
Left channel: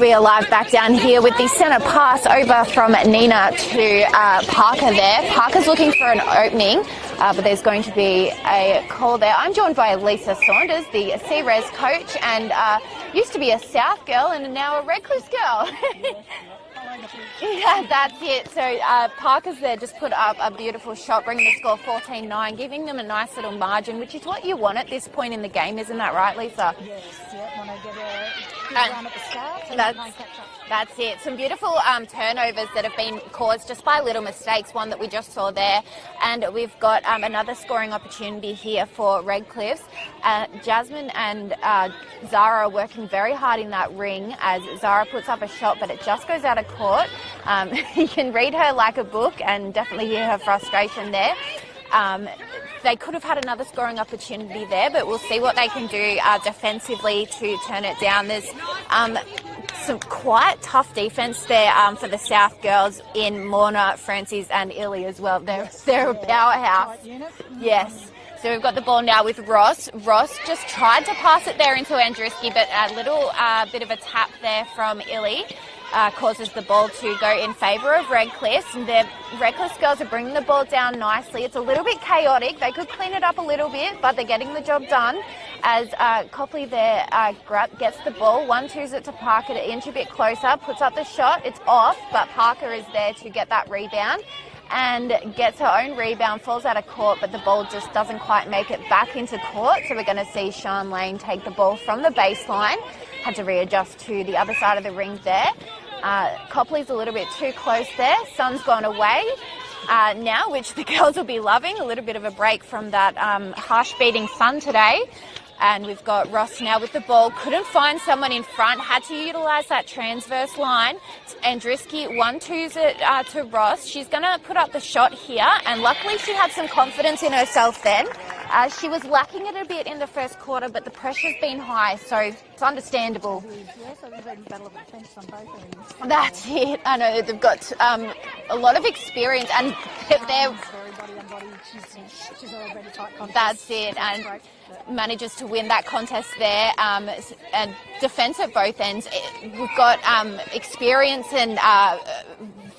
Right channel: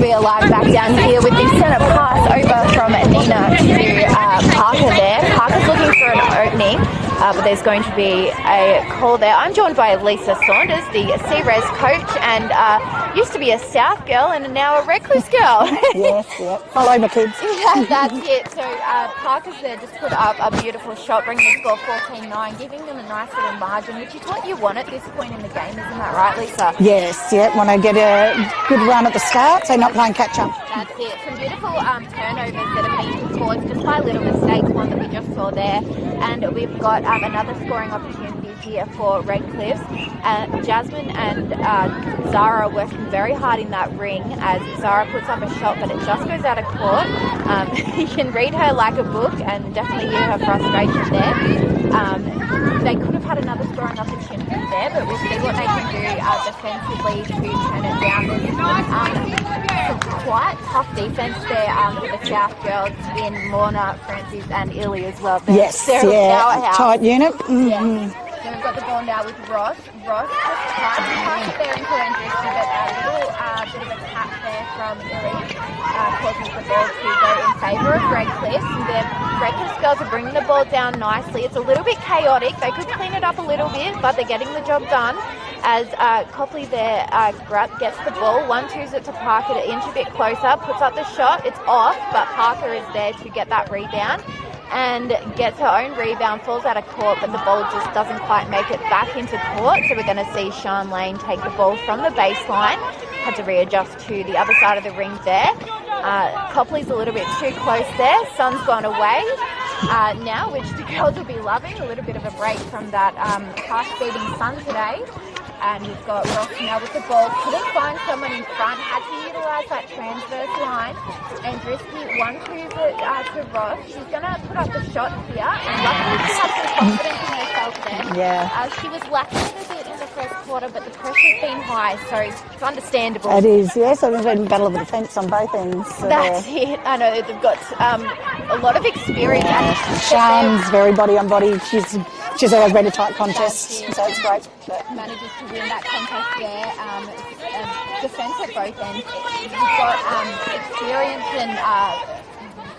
be alive back down here with the centre pass over from Nina to Parker there. Parker's looking for an opening, but there's going to be a call there. I'm joined by Lisa Saunders, the C-Res coach, and used to be a South girl and now a Redcliffe girl. Yes, yeah. Follow my kids. Yeah, that's it. So Parker's there just put up a beautiful shot, bringing the score 14-9, giving them a nice little margin, which is what you want at this point in the game, isn't that right, Lisa? Yes, yeah. Want to get a good run at the start, so not playing catch-up. That's it. Some beautiful turnovers that have been caused just by little mistakes, one that we just saw there. And we've got another scoring opportunity here for Redcliffe. Jasmine and Zara are working very hard in that ring as Zara puts up a shot, but it just goes out of court. You can read her like a book and definitely hear her frustration there. They could have had another scoring opportunity there, but we'll see what they can do defensively to turn it down. There's some quite tough defence there for the South girls in Morna, Francis and Illy as well. Yes, They're a yeah. powerhouse. Tight unit. Yes. So we've got the ball now with Ross. Ross just tried to pass it there into Andruski, but a little bit of a tap there from Illy causes the ball to go in favour of Redcliffe. The Redcliffe girls are bringing the ball down nicely. It's a little bit chaotic. They could clean it up a little bit, but they're getting the job done. As Copley there gets the ball, 1-2s it to Parker to inch a bit closer, puts up the shot. It's off, but Parker is there to get that rebound and gets her own rebound, falls out of court, but the ball just doesn't quite make it back into court. So we're going to see Sean Lane take the ball from the baseline. Had to readjust to the other side of the ring there. Copley's a little bit too close there. Sun's gone away now, which the girls will be loving. A little bit of a break from that harsh beating sun today. And we've got Ross now with the ball. Couldn't find someone in front. Had to utilise that transverse line. Andruski 1-2s it to Ross. She's going to put up the shot here. And luckily she had some confidence in herself then. Yeah. She was lacking it a bit in the first quarter, but the pressure's been high, so it's understandable. It is, yeah. So there's been a battle of the defence on both ends. So That's it. I know that they've got a lot of experience. And Sean's very body on body. She's always been a tight contest. That's it. So it's great. Manages to win that contest there, and defence at both ends. We've got experience and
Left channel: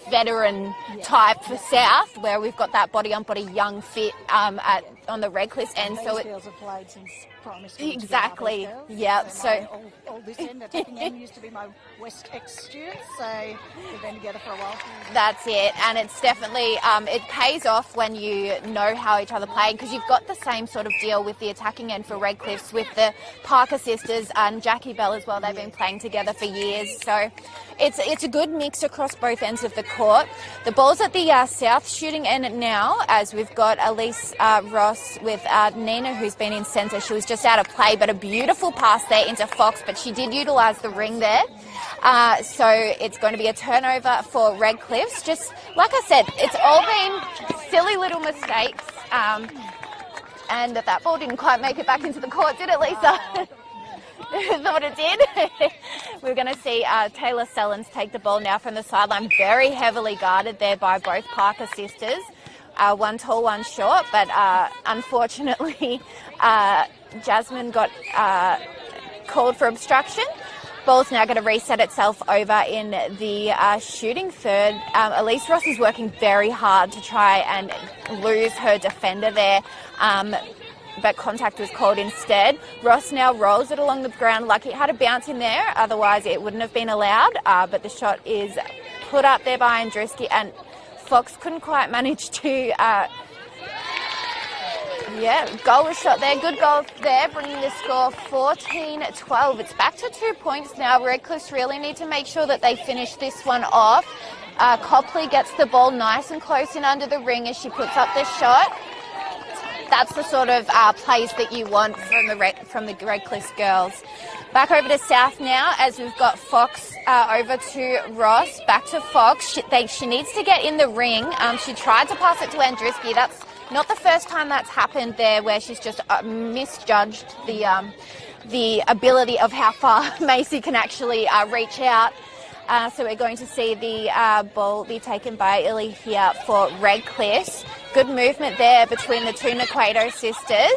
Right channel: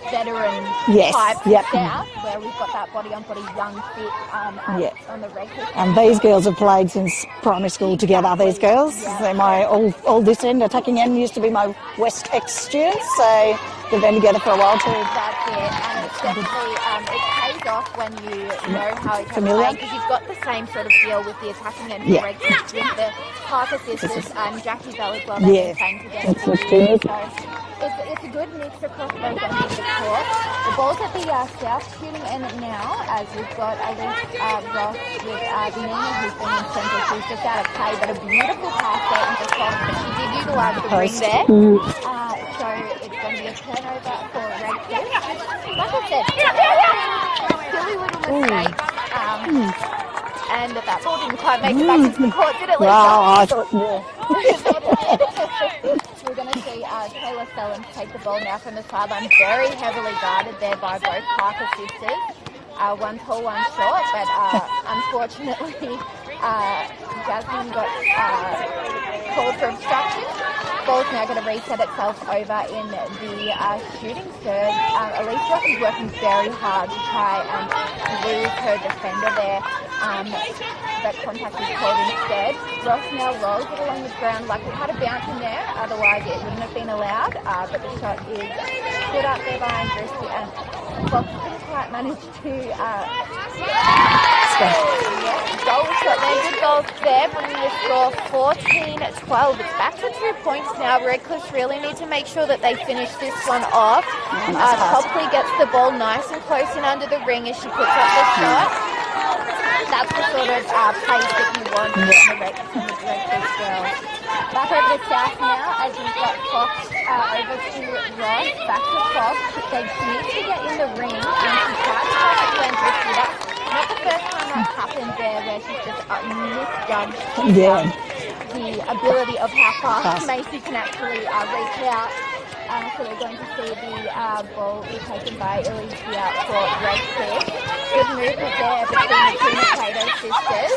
veteran type South, where we've got that body-on-body young fit on the Redcliffe end. And these girls have played since primary school together, these girls. Yep. They're my all this end, attacking end, used to be my West X students, so they've been together for a while too. That's it, and it's definitely, it pays off when you know how each other play, because you've got the same sort of deal with the attacking end for Redcliffe with the Parker sisters and Jackie Bell as well. They've been playing together for years, so it's a good mix across both ends of the court. The ball's at the South shooting end now, as we've got Elise Ross with Nina, who's been in centre. She was just out of play, but a beautiful pass there into Fox, but she did utilise the ring there. So it's going to be a turnover for Redcliffe. Just like I said, it's all been silly little mistakes. And that ball didn't quite make it back into the court, did it, Lisa? Wow, I thought, Is what it did. We're going to see Taylor Sellens take the ball now from the sideline, very heavily guarded there by both Parker sisters. One tall, one short, but unfortunately Jasmine got called for obstruction. Ball's now going to reset itself over in the shooting third. Elise Ross is working very hard to try and lose her defender there, but contact is called instead. Ross now rolls it along the ground like it had a bounce in there, otherwise it wouldn't have been allowed, but the shot is put up there by Andruski, and Fox couldn't quite manage to goal shot there. Good goal there, bringing the score 14-12. It's back to 2 points now. Redcliffe really need to make sure that they finish this one off. Copley gets the ball nice and close and under the ring as she puts up the shot. That's the sort of plays that you want from the Redcliffe girls. Back over to South now, as we've got Fox over to Ross. Back to Fox. She needs to get in the ring. She tried to pass it to Andruski. That's not the first time that's happened there, where she's just misjudged the ability of how far Macy can actually reach out. So we're going to see the ball be taken by Illy here for Redcliffe. Good movement there between the two Equator sisters.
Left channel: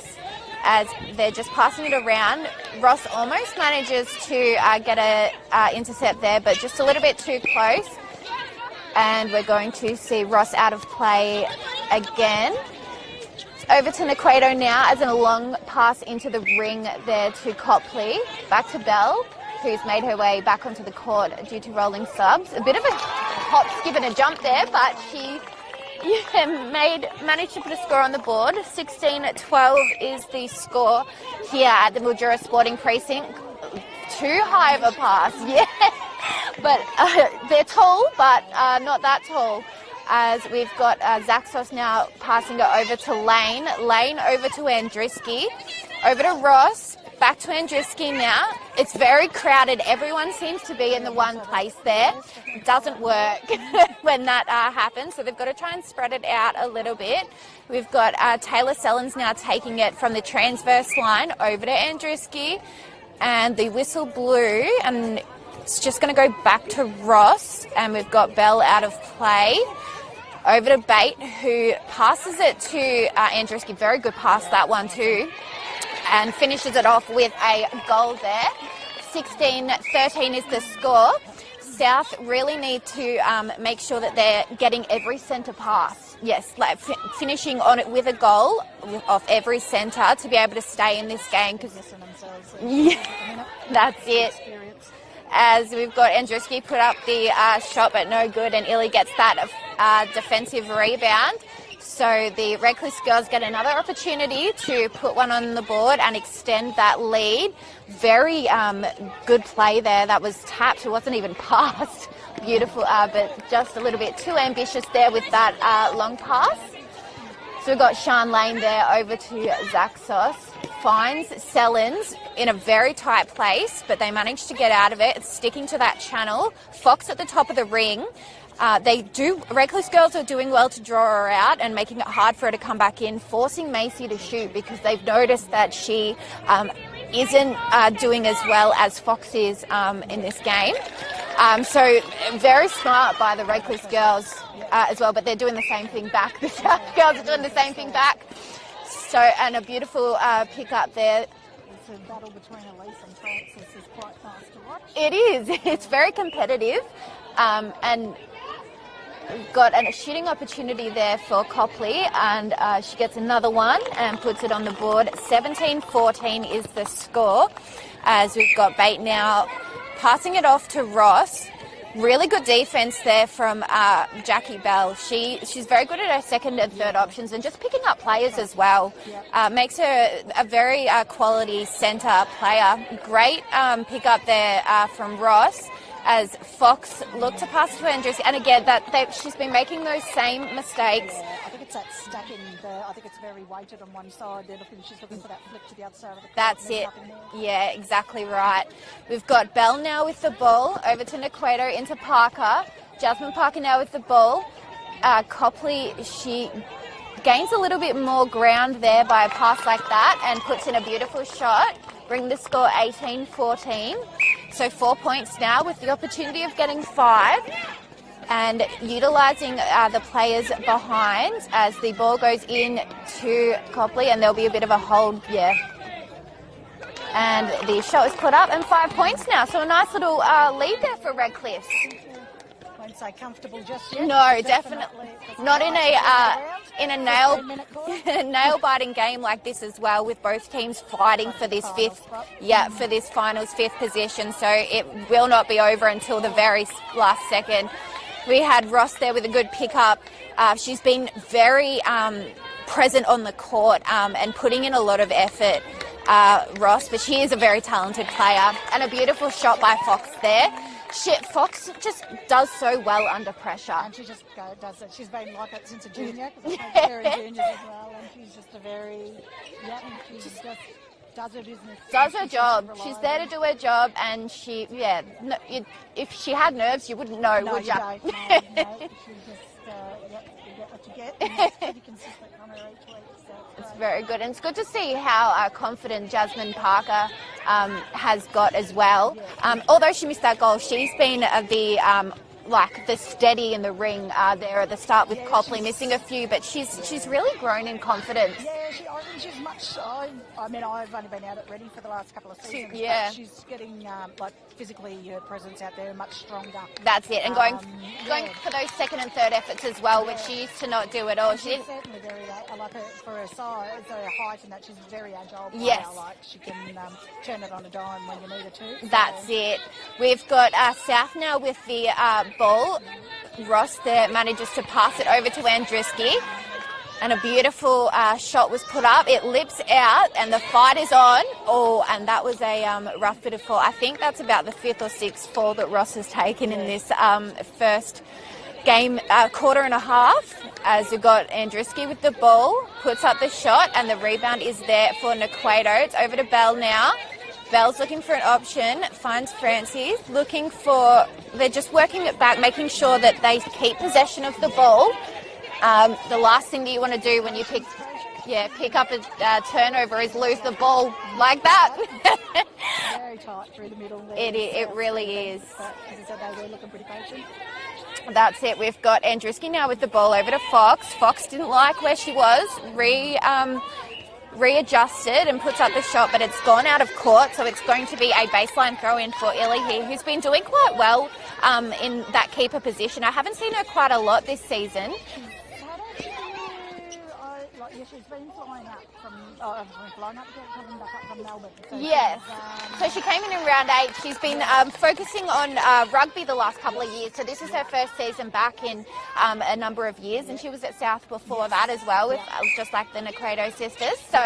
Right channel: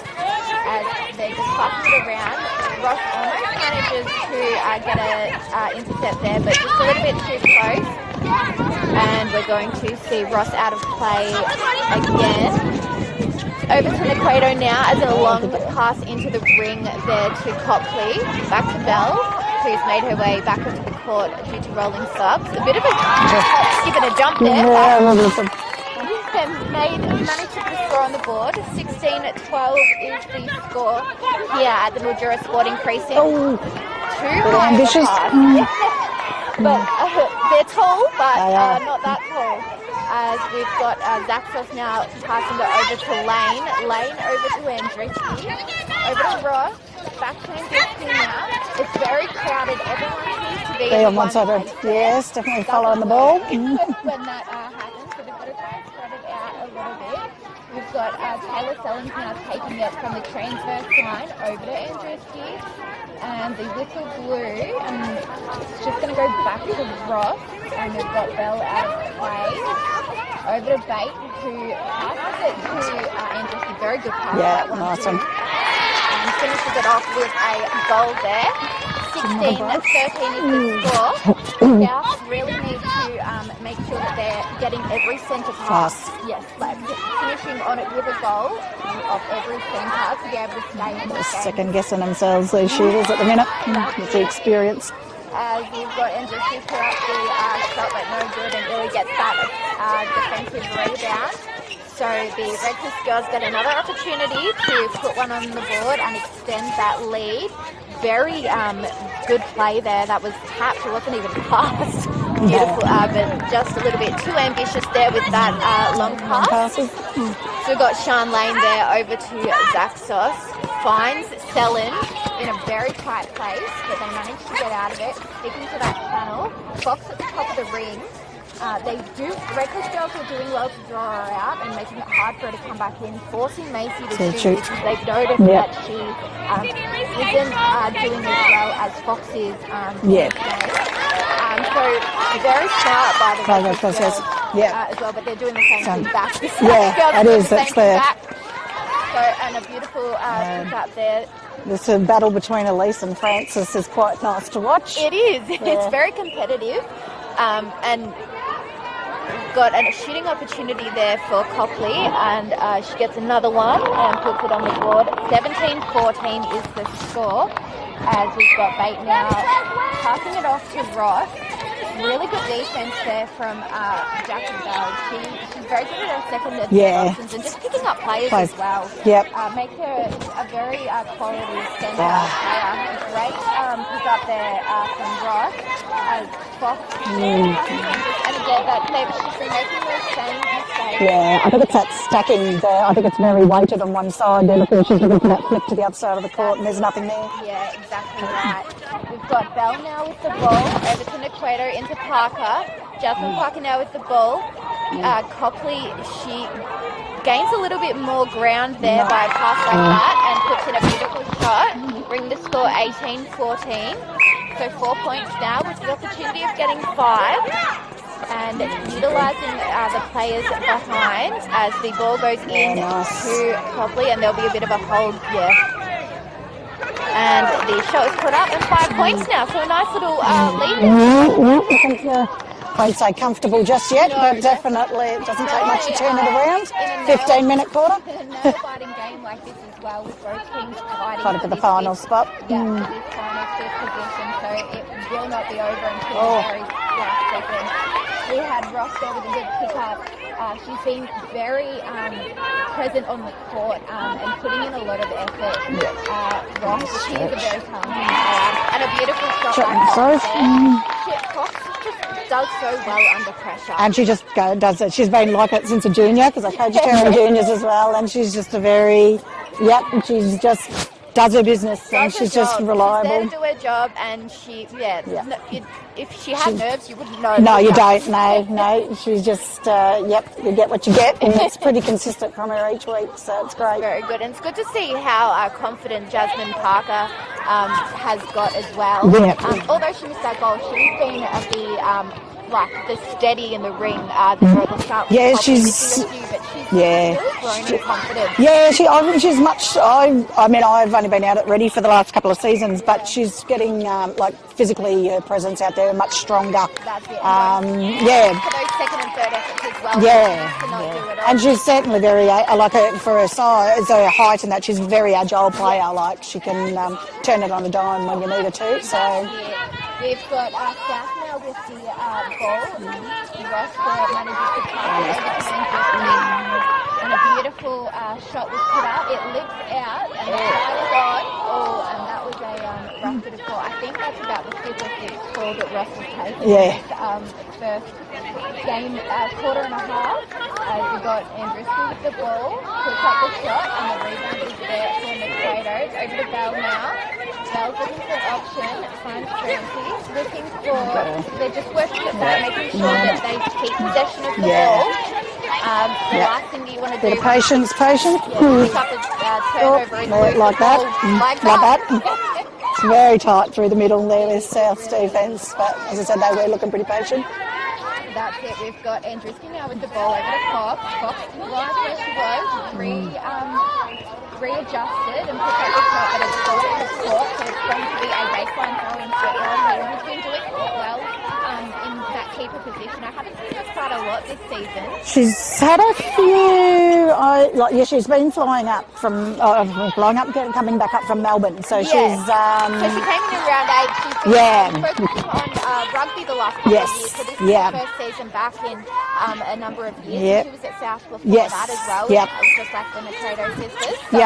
as they're just passing it around. Ross almost manages to get a intercept there, but just a little bit too close. And we're going to see Ross out of play again. Over to Naquato now as a long pass into the ring there to Copley. Back to Bell, who's made her way back onto the court due to rolling subs. A bit of a skip and a jump there. Managed to put a score on the board. 16-12 is the score here at the Mildura Sporting Precinct. Too high of a pass. But they're tall, but not that tall. As we've got Zaxos now passing it over to Lane. Lane over to Andriski. Over to Ross. Back to Andriski now. It's very crowded. Everyone seems to be in one place there. Yes, definitely following the ball. When that happens. So they've got to try and spread it out a little bit. We've got Taylor Sellens now taking it from the transverse line over to Andriski. And the whistle blew, and it's just going to go back to Ross. And we've got Bell out of play. Over to Bate, who passes it to Andriski. Very good pass, that one awesome. too. And finishes it off with a goal there. 16-13 is the score. South really need to make sure that they're getting every centre pass. Yes, like finishing on it with a goal of every centre to be able to stay in this game. Second guessing themselves, these shooters at the minute. That's with it. the experience. As we've got Andriski put up the shot, but no good, and Illy gets that defensive rebound. So the Redcliffe girls get another opportunity to put one on the board and extend that lead. Very good play there. That was tapped. It wasn't even passed. Beautiful, but just a little bit too ambitious there with that long pass. So we've got Sean Lane there over to Zaxos. Finds Sellens in a very tight place, but they managed to get out of it, sticking to that channel. Fox at the top of the ring. Reckless girls are doing well to draw her out and making it hard for her to come back in, forcing Macy to shoot because they've noticed that she isn't doing as well as Fox is in this game. So very smart by the Reckless girls as well, but they're doing the same thing back. It is. That's fair. So, and a beautiful pick up there. This battle between Elise and Francis is quite nice to watch. It is. Yeah. It's very competitive. And we've got a shooting opportunity there for Copley, and she gets another one and puts it on the board. 17-14 is the score, as we've got Bate now passing it off to Ross. Really good defense there from Jackie Bell. She's very good at her second and third options and just picking up players as well. Makes her a very quality centre player. Great pick up there from Ross as Fox looks to pass to Andrews. And again, she's been making those same mistakes. Yeah, I think it's that stacking there. I think it's very weighted on one side. She's looking for that flick to the other side of the court, and there's nothing there. Yeah, exactly right. We've got Bell now with the ball, over to Naquato, into Parker. Jasmine Parker now with the ball. Copley, she gains a little bit more ground there by a pass like that and puts in a beautiful shot, bringing the score 18-14. So 4 points now with the opportunity of getting 5. And utilising the players behind as the ball goes in to Copley, and there'll be a bit of a hold, And the shot is put up and 5 points now, so a nice little lead. I won't say comfortable just yet, but definitely it doesn't take much to turn it around. In a 15-minute quarter. nail-biting game like this as well, with both teams fighting for this final spot. For this finals 5th position, so it will not be over until the very last second. We had Ross there with a good pick-up. She's been very present on the court and putting in a lot of effort, Ross, but she is a very talented player, and a beautiful shot by Fox there. Fox just does so well under pressure. And she just does it. She's been like it since a junior, because I coach her in juniors as well, and she's just a very, and she's just does her business, and she's just reliable. She's there to do her job, and if she had nerves, you wouldn't know. No, you don't. No. She's just, you get what you get, and it's pretty consistent from her each week, so it's great. Very good, and it's good to see how confident Jasmine Parker has got as well. Although she missed that goal, she's been like the steady in the ring there at the start. Yeah, Probably she's- missing a few, but she's yeah. really grown in confidence. Yeah, I think she's much. I mean, I've only been out at Ready for the last couple of seasons, Yeah. but she's getting like physically her presence out there much stronger. That's it. And going Yeah. for those second and third efforts as well. Yeah, She used to not do it all. And she's certainly very, like her, for her size, her height and that, she's a very agile player. Yes. Like she can turn it on a dime when you need her to. So. That's it. We've got South now with the ball. Ross there manages to pass it over to Andruski. And a beautiful shot was put up. It lips out and the fight is on. Oh, and that was a rough bit of fall. I think that's about the 5th or 6th fall that Ross has taken in this first game, quarter and a half. As we've got Andruski with the ball, puts up the shot, and the rebound is there for Nequato. It's over to Bell now. Bell's looking for an option, finds Francis, looking for, they're just working it back, making sure that they keep possession of the ball. The last thing that you want to do... Patience. Yeah, pick up a turnover and lose like the that. ball like that. It's very tight through the middle there, It South really defence. is. But as I said, they were looking pretty patient. That's it. We've got Andruski now with the ball over to Fox. Fox didn't like where she was. Readjusted and puts up the shot, but it's gone out of court, so it's going to be a baseline throw in for Illy here, who's been doing quite well in that keeper position. I haven't seen her quite a lot this season. She's had a few. She's been flying up coming back up from Melbourne. So Yes. she's. So she came in round 8. She's been focusing on rugby the last couple of years. So this is her first season back in a number of years. And she was at South before that as well, just like the Nequato sisters. So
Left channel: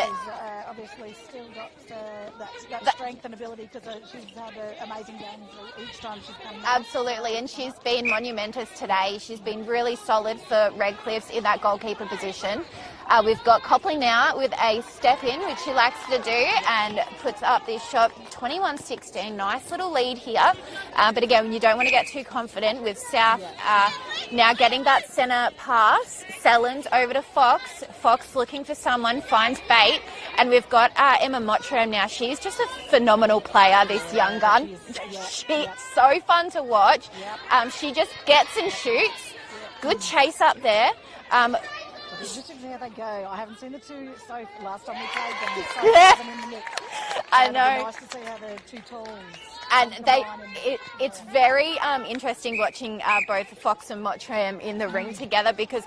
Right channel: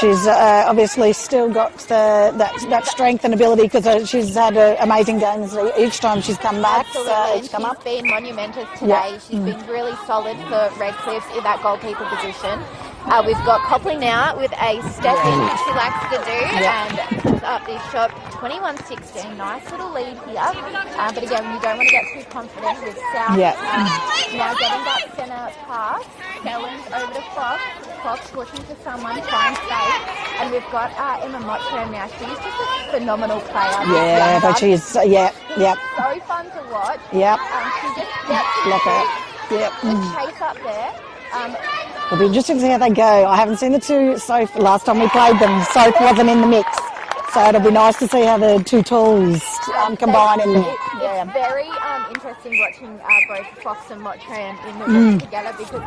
she's obviously still got that strength and ability because she's had amazing games each time she's come back. Absolutely, and she's been monumentous today. She's been really solid for Redcliffe's in that goalkeeper position. We've got Copley now with a step in, which she likes to do, and puts up this shot, 21-16. Nice little lead here. But again, you don't want to get too confident with South now getting that centre pass. Sellens over to Fox. Fox looking for someone, finds bait, and we've got Emma Mottram now. She's just a phenomenal player. She's so fun to watch. She just gets and shoots. Good chase up there. It'll be interesting to see how they go. I haven't seen the two. Last time we played them, Sophie wasn't in the mix. So it'll be nice to see how the two tools combine in there. It's very interesting watching both Fox and Mottram in the ring together because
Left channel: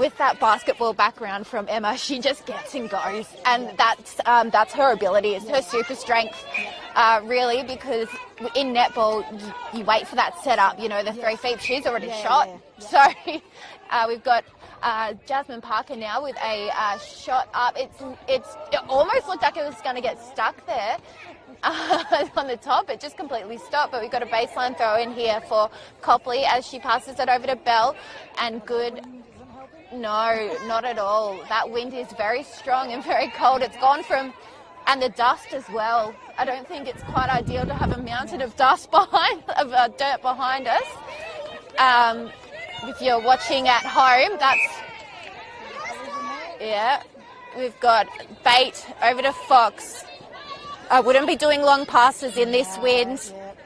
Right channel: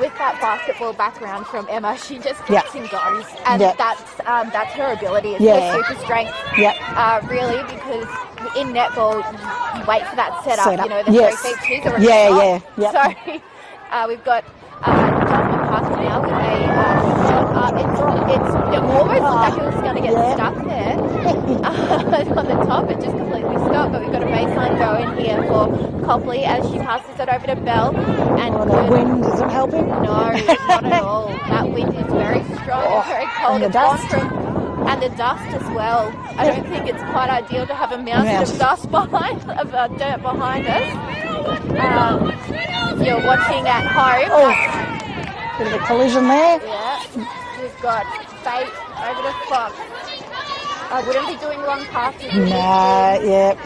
with that basketball background from Emma, she just gets and goes. And that's her ability. It's her super strength. Really, because in netball, you wait for that setup. You know, the 3 feet shoes are a shot. So we've got Jasmine Parker now with a shot up. It almost looked like it was going to get stuck there on the top. It just completely stopped, but we've got a baseline throw in here for Copley as she passes it over to Bell. And the wind isn't helping? No, not at all. That wind is very strong and very cold. It's gone from, and the dust as well. I don't think it's quite ideal to have a mountain of dust behind, dirt behind us. If you're watching at home, bit of a collision there. Yeah, we've got bait over to Fox. I wouldn't be doing long passes in this wind.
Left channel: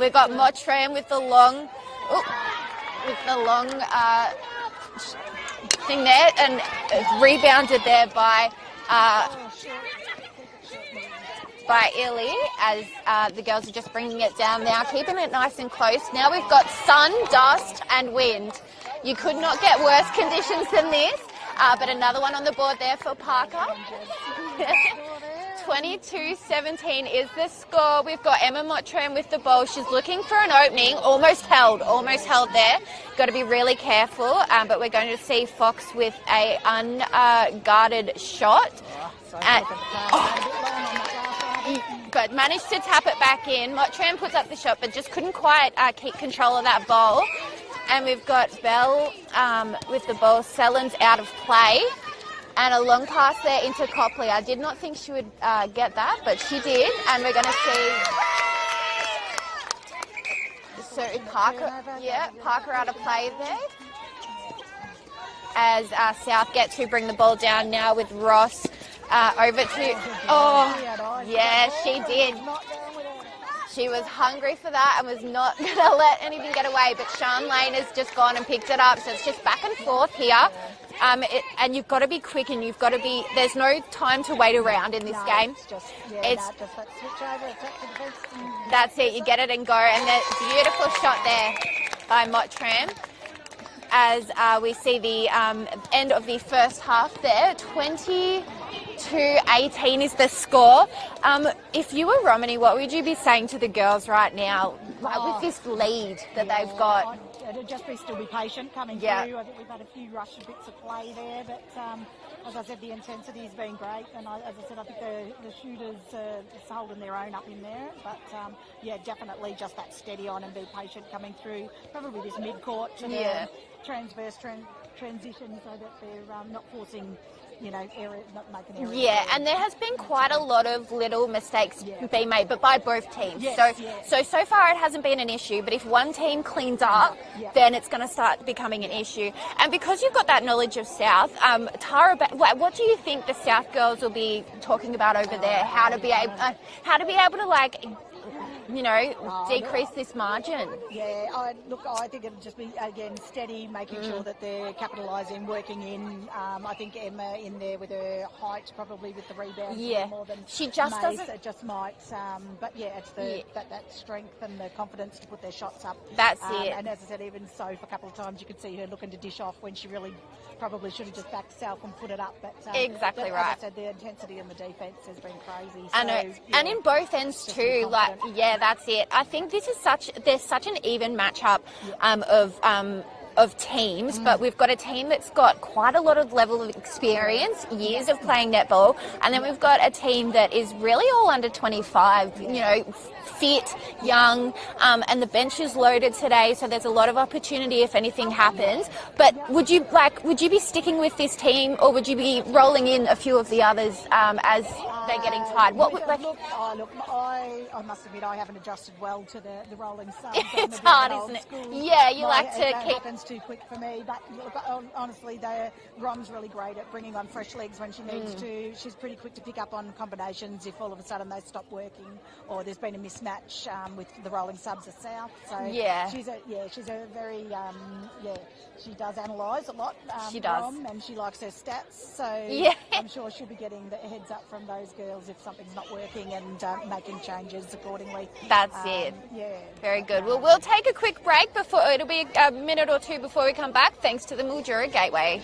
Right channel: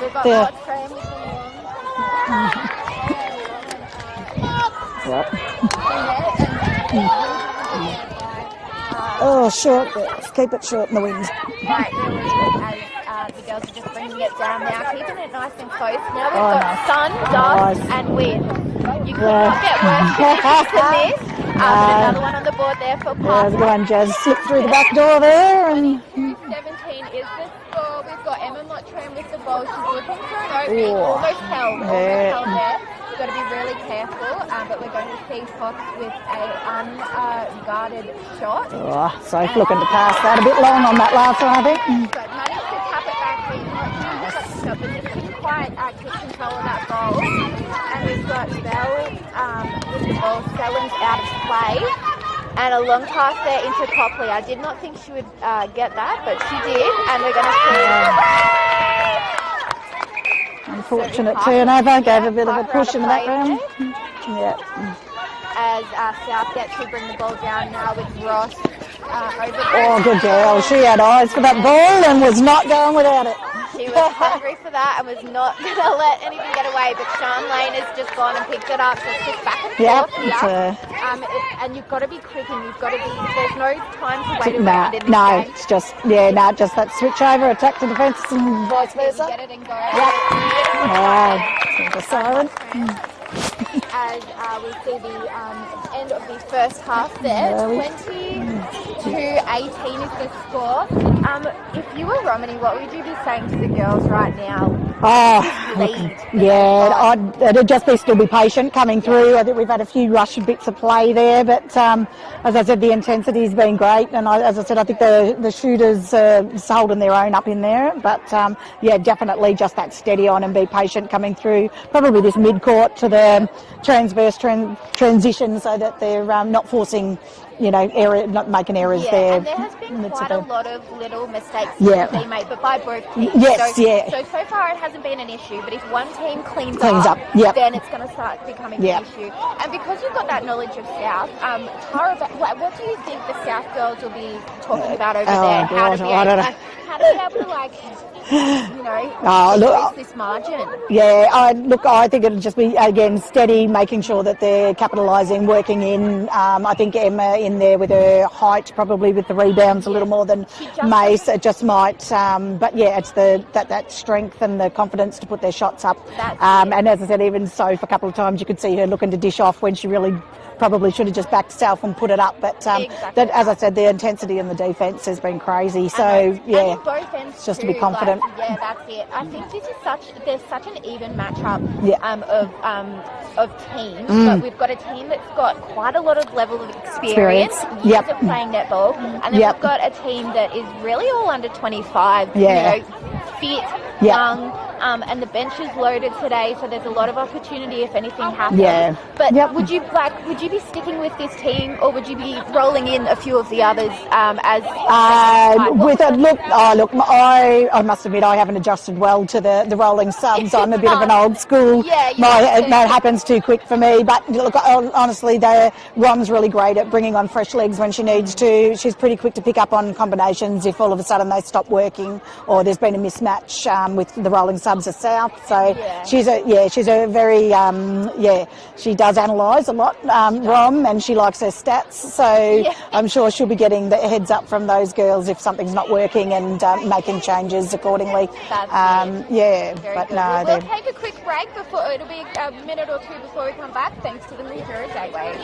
We've got Mottram with the long thing there, and rebounded there by short. Let's keep it short in the wind. By Illy, as the girls are just bringing it down now, keeping it nice and close. Now we've got sun, dust, and wind. You could not get worse conditions than this. But another one on the board there for Pop. Go on, Jazz. Slip through the back door there. 22-17 is the score. We've got Emma Mottram with the ball. She's looking for an opening. Almost held there. Got to be really careful, but we're going to see Fox with a unguarded shot. Sophie looking to pass that a bit long on that last one, I think. But managed to tap it back in. Mottram puts up the shot, but just couldn't quite keep control of that ball. And we've got Bell with the ball. Sellens out of play. And a long pass there into Copley. I did not think she would get that, but she did. And we're going to see... Unfortunate turnover, gave a bit of a push in the background. As South gets to bring the ball down now with Ross over to... good girl. She had eyes for that ball and was not going without it. She was hungry for that. I was not going to let anything get away, but Sean Lane has just gone and picked it up, so it's just back and Yep, forth here. And you've got to be quick, and you've got to be, there's no time to wait around in this game. It's just, just that switch over, attack to defence and that's it, you get it and go. And then beautiful shot there by Tramp. As we see the end of the first half there, 22-18 is the score. If you were Romany, what would you be saying to the girls right now? It'd just be still be patient coming through. I think we've had a few rush bits of play there, but as I said, the intensity's been great, and as I said, I think the shooters holding their own up in there. But definitely just that steady on and be patient coming through. Probably this mid-court to the transverse transition, so that they're not forcing, not making errors there. Yeah, and there has been quite a lot of little mistakes being made, but by both teams. So far it hasn't been an issue, but if one team cleans up, then it's going to start becoming an issue. And because you've got that knowledge of South, Tara, what do you think the South girls will be talking about over there? How to be able to decrease this margin? I think it'll just be, again, steady, making sure that they're capitalising, working in. I think Emma in there with her height, probably with the rebounds a little more than Mace. It just might, it's that strength and the confidence to put their shots up. And as I said, even Soph, a couple of times you could see her looking to dish off when she really probably should have just backed herself and put it up. But as I said, the intensity in the defence has been crazy. So and in both ends just too, to be confident. That's it. I think there's such an even matchup of teams, but we've got a team that's got quite a lot of level of experience, years of playing netball, and then we've got a team that is really all under 25, fit, young, and the bench is loaded today, so there's a lot of opportunity if anything happens. But would you be sticking with this team, or would you be rolling in a few of the others I must admit I haven't adjusted well to the rolling subs. I'm a bit of an old school. That happens too quick for me. But look, honestly, Rom's really great at bringing on fresh legs when she needs to. She's pretty quick to pick up on combinations if all of a sudden they stop working or there's been a mismatch with the rolling subs of South. So she's a very she does analyse a lot, Rom, and she likes her stats. So I'm sure she'll be getting the heads up from those girls if something's not working and making changes accordingly. That's Very good. We'll take a quick break before it'll be a minute or two before we come back, thanks to the Mildura Gateway.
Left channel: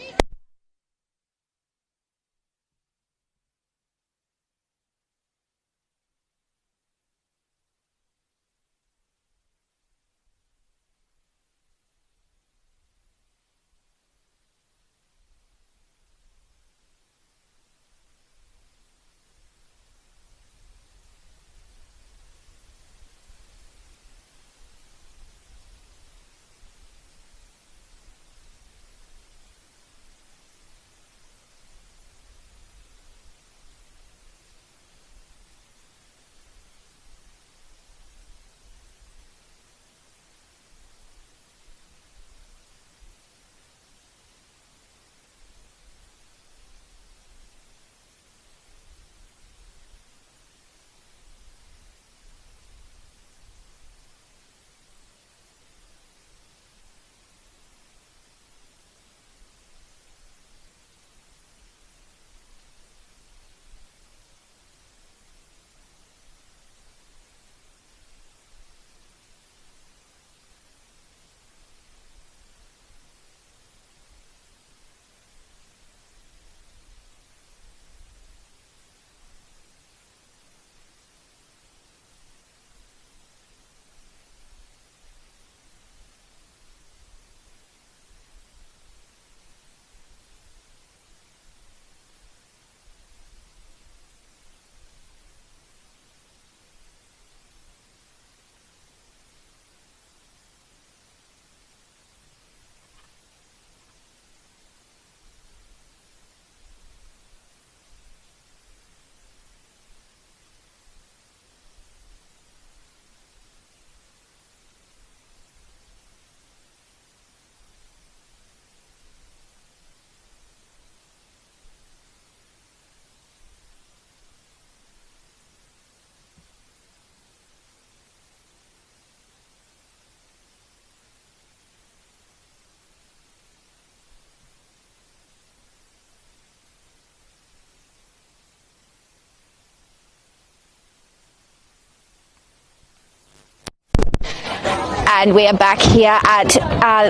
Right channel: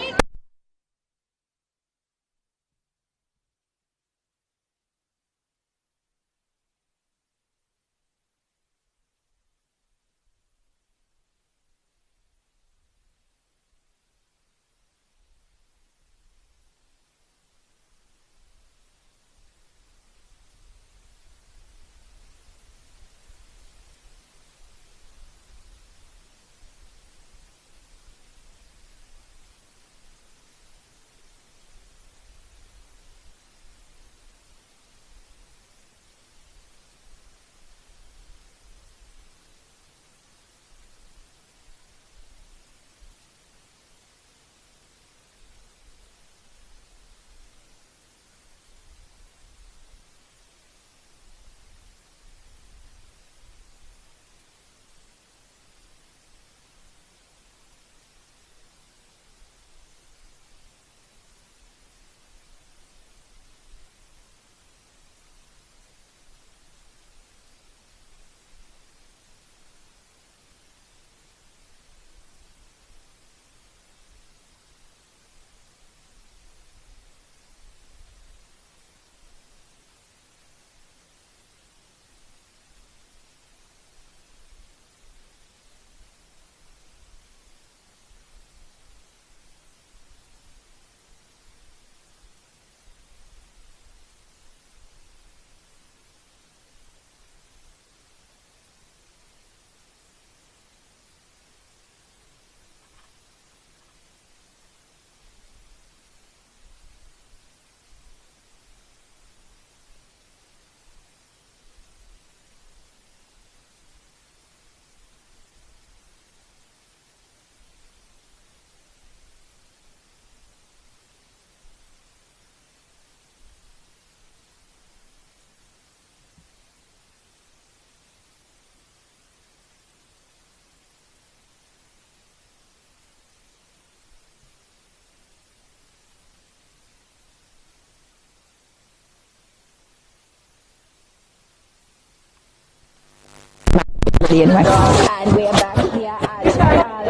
40 anyway. And we are back here at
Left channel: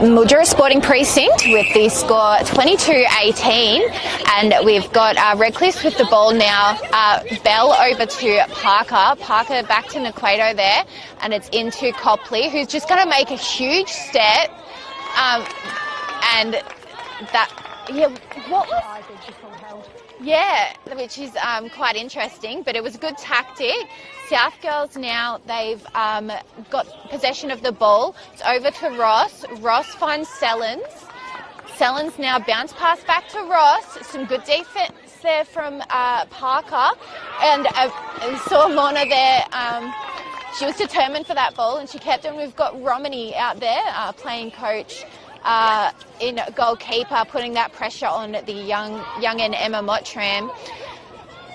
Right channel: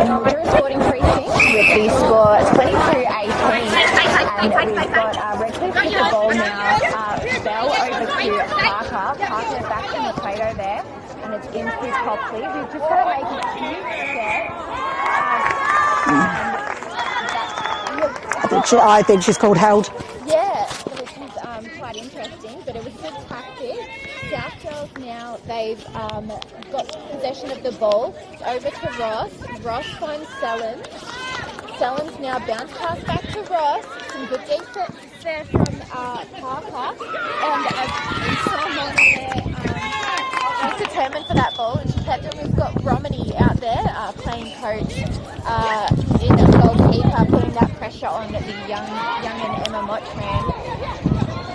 Mildura Sporting Precinct with the score 22-18. And we've got Redcliffe with the ball now. Bell over to Parker. Parker back to Naquato there. And it's into Copley, who's just going to make a huge step. And that... Which I think she's called held. Yeah, which is quite interesting, but it was a good tactic. South Girls now, they've got possession of the ball. It's over to Ross. Ross finds Sellens. Sellens now bounce pass back to Ross. Some good defense there from Parker. And I saw Lorna there. She was determined for that ball and she kept it. We've got Romany out there playing coach in goalkeeper, putting that pressure on the young Emma Mottram.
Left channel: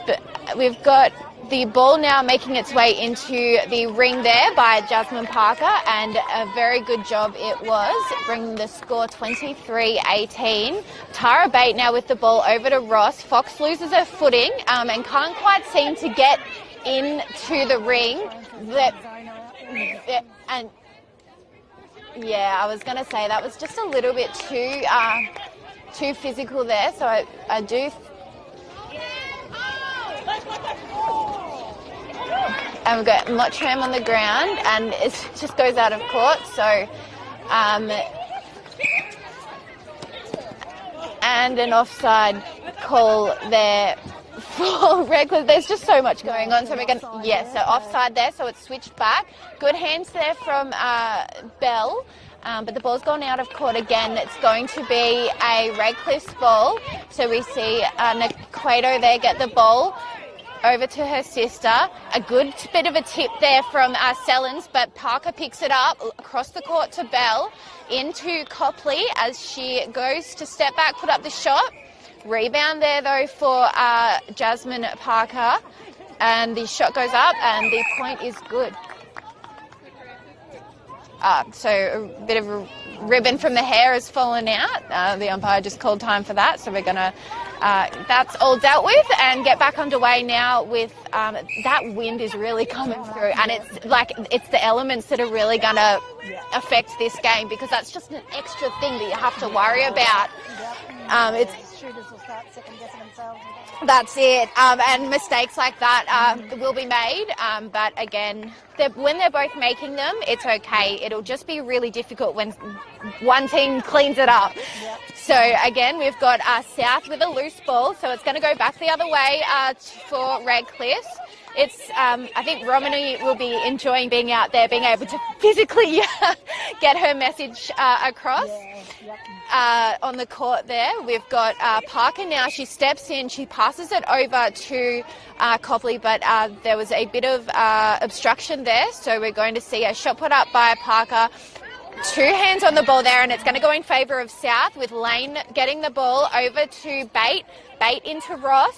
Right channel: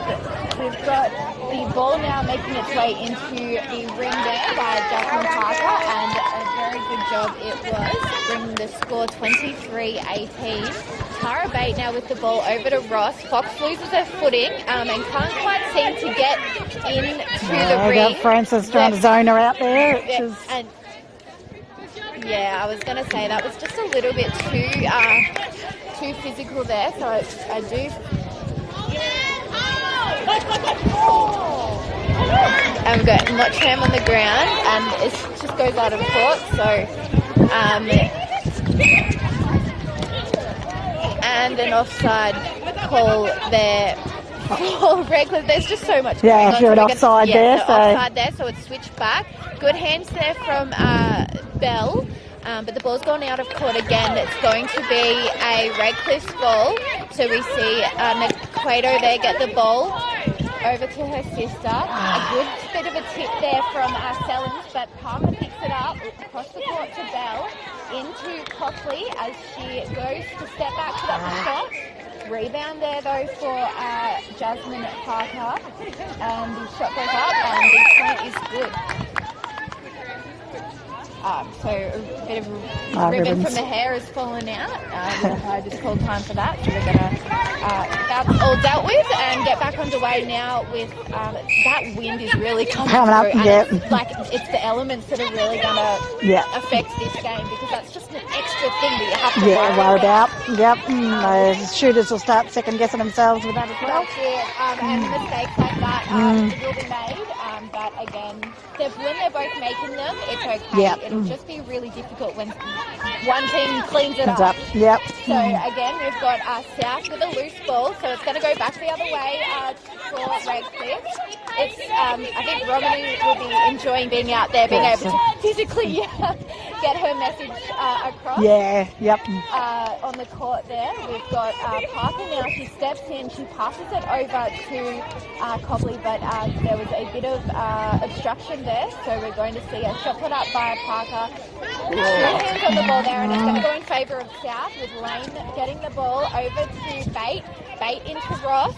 But we've got the ball now making its way into the ring there by Jasmine Parker, and a very good job it was, bringing the score 23-18. Tara Bate now with the ball over to Ross. Fox loses her footing and can't quite seem to get into the ring. Francis trying to zone her out there. And yeah, I was going to say that was just a little bit too physical there, so I do... And we've got Mottram on the ground, and it just goes out of court. So, and an offside call there for Redcliffe. There's just so much going on. Yeah, you're offside there. So offside there, so it's switched back. Good hands there from Bell. But the ball's gone out of court again. It's going to be a Redcliffe's ball. So we see Naquato there get the ball over to her sister. A good bit of a tip there from Sellens, but Parker picks it up across the court to Bell, into Copley as she goes to step back, put up the shot. Rebound there though for Jasmine Parker, and the shot goes up and the point is good. So a bit of a ribbon from the hair has fallen out. The umpire just called time for that, so we're going to, that's all dealt with and get back underway now with, that wind is really coming through. And it's the elements that are really going to affect this game, because that's just an extra thing that you have to worry about. The shooters will start second guessing themselves with that as well. That's it. And mistakes like that will be made. But again, when they're both making them, it's okay. It'll just be really difficult when one team cleans it up. So again, we've got South with a loose ball, so it's going to go back the other way for Redcliffe. It's I think Romany will be enjoying being out there, being able to physically get her message across. On the court there, we've got Parker now. She steps in, she passes it over to Copley, but there was a bit of obstruction there, so we're going to see a shot put up by Parker. Two hands on the ball there, and it's going to go in favour of South, with Lane getting the ball over to Bate. Bate into Ross.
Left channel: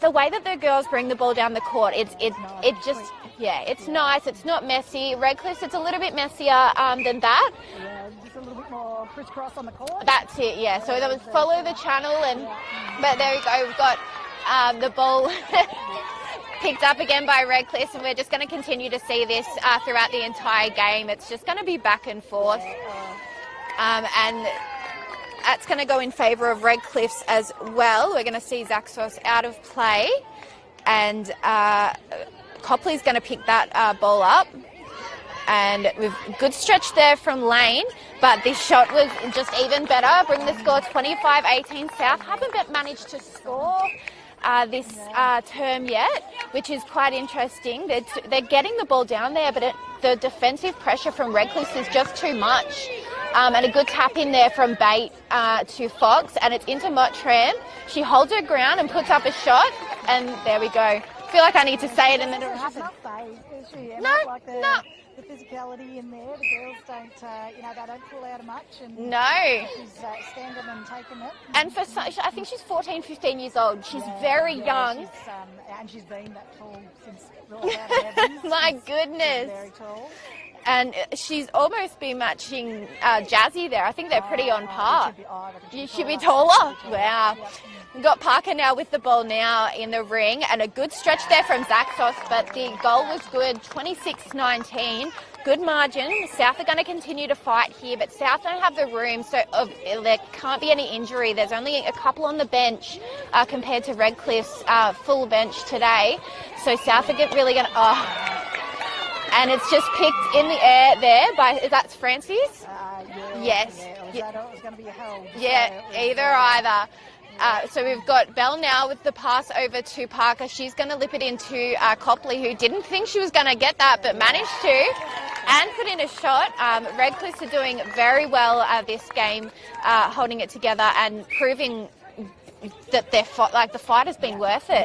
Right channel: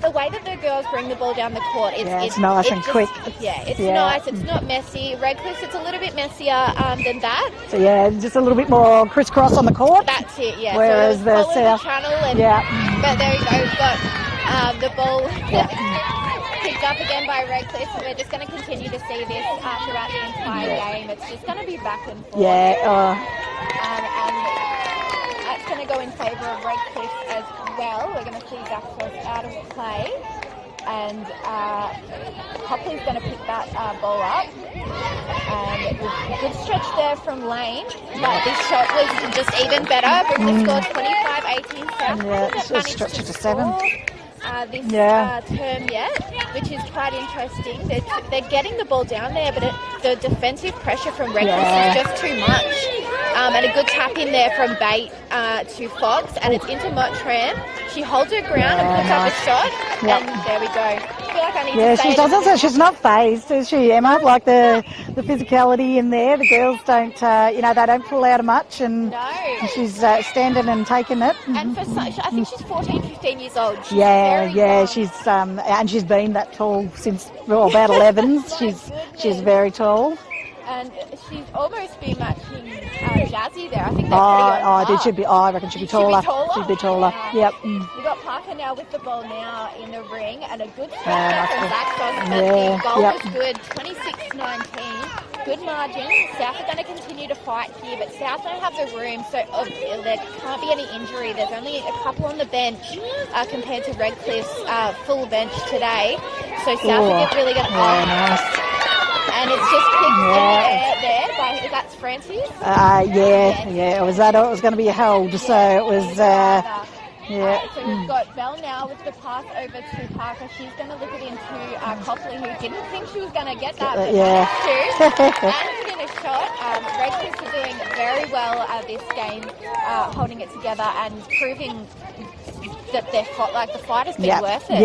The way that the girls bring the ball down the court, it's nice and quick. It's nice. It's not messy. Redcliffe's, it's a little bit messier than that. So just a little bit more crisscross on the court. That's it. Yeah. Whereas so the follow South, the channel. And, but there you go. We've got the ball picked up again by Redcliffe, and we're just going to continue to see this throughout the entire game. It's just going to be back and forth. And that's going to go in favour of Redcliffe's as well. We're going to see Zaxos out of play, and Copley's going to pick that ball up. And good stretch there from Lane, but this shot was just even better. Brings the score 25-18 South. It's stretched to 7. This term yet, which is quite interesting. They're getting the ball down there, but the defensive pressure from Redcliffe is just too much. And a good tap in there from Bate to Fox, and it's into Mottram. She holds her ground and puts up a shot, and there we go. I feel like I need to say she doesn't. She's not phased, is she, Emma? Like the physicality in there, the girls don't, they don't pull out much, and she's standing and taking it. And for such, I think she's 14, 15 years old. She's very young. She's and she's been that tall since about 11. My goodness. She's very tall. And she's almost be matching Jazzy there. I think they're pretty on par. I reckon she'd be taller. She'd be taller? Wow. Yep. We've got Parker now with the ball now in the ring, and a good stretch there from Zach Sauce, but the goal was good, 26-19. Good margin. South are going to continue to fight here, but South don't have the room, so there can't be any injury. There's only a couple on the bench compared to Redcliffe's full bench today. So South are really going to... nice. And it's just picked in the air there by, that's Francis? It was that, or it was going to be held, so it was... either. So we've got Belle now with the pass over to Parker. She's going to lip it into Copley, who didn't think she was going to get that, but managed to. And put in a shot. Redcliffe are doing very well this game, holding it together and proving that the fight has been worth it.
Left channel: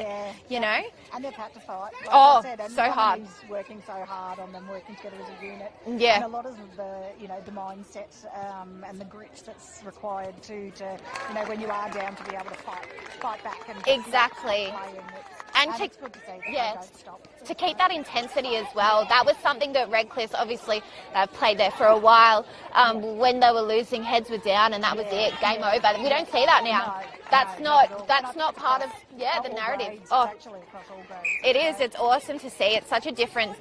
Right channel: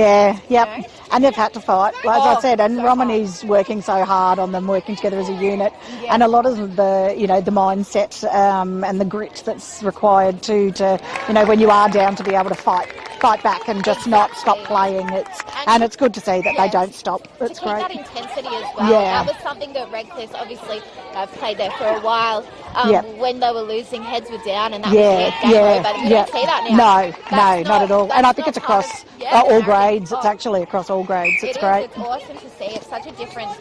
You know? And they've had to fight, as I said, and so Romany's working so hard on them, working together as a unit, and a lot of the, the mindset and the grit that's required to, when you are down, to be able to fight back and just not stop playing. It's good to see that they don't stop. It's to keep great. that intensity as well. That was something that Redcliffe, obviously, they've played there for a while. When they were losing, heads were down, and that was it. Game over. You don't see that now. No, not at all. And I think it's across all grades. It's actually across all grades. It's great. It's awesome to see. It's such a different,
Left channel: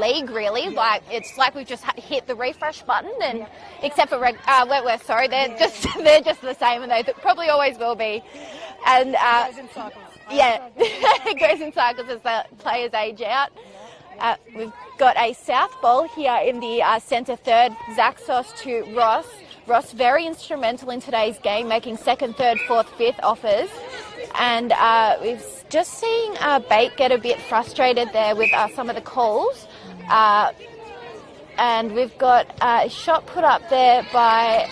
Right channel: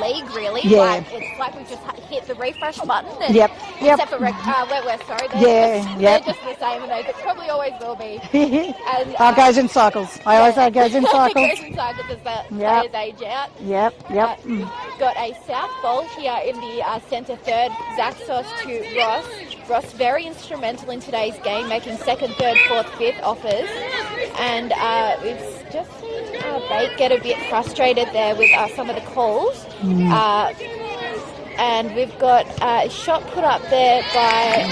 league, really. Yeah. It's like we've just hit the refresh button. And Except for Wentworth, sorry. They're just the same, and they probably always will be. And it goes in cycles. I always say it goes in cycles. It goes in cycles as the players age out. We've got a South ball here in the centre third. Zach Sauce to Ross. Ross very instrumental in today's game, making second, third, fourth, fifth offers. And we've just seen Bate get a bit frustrated there with some of the calls. And we've got a shot put up there by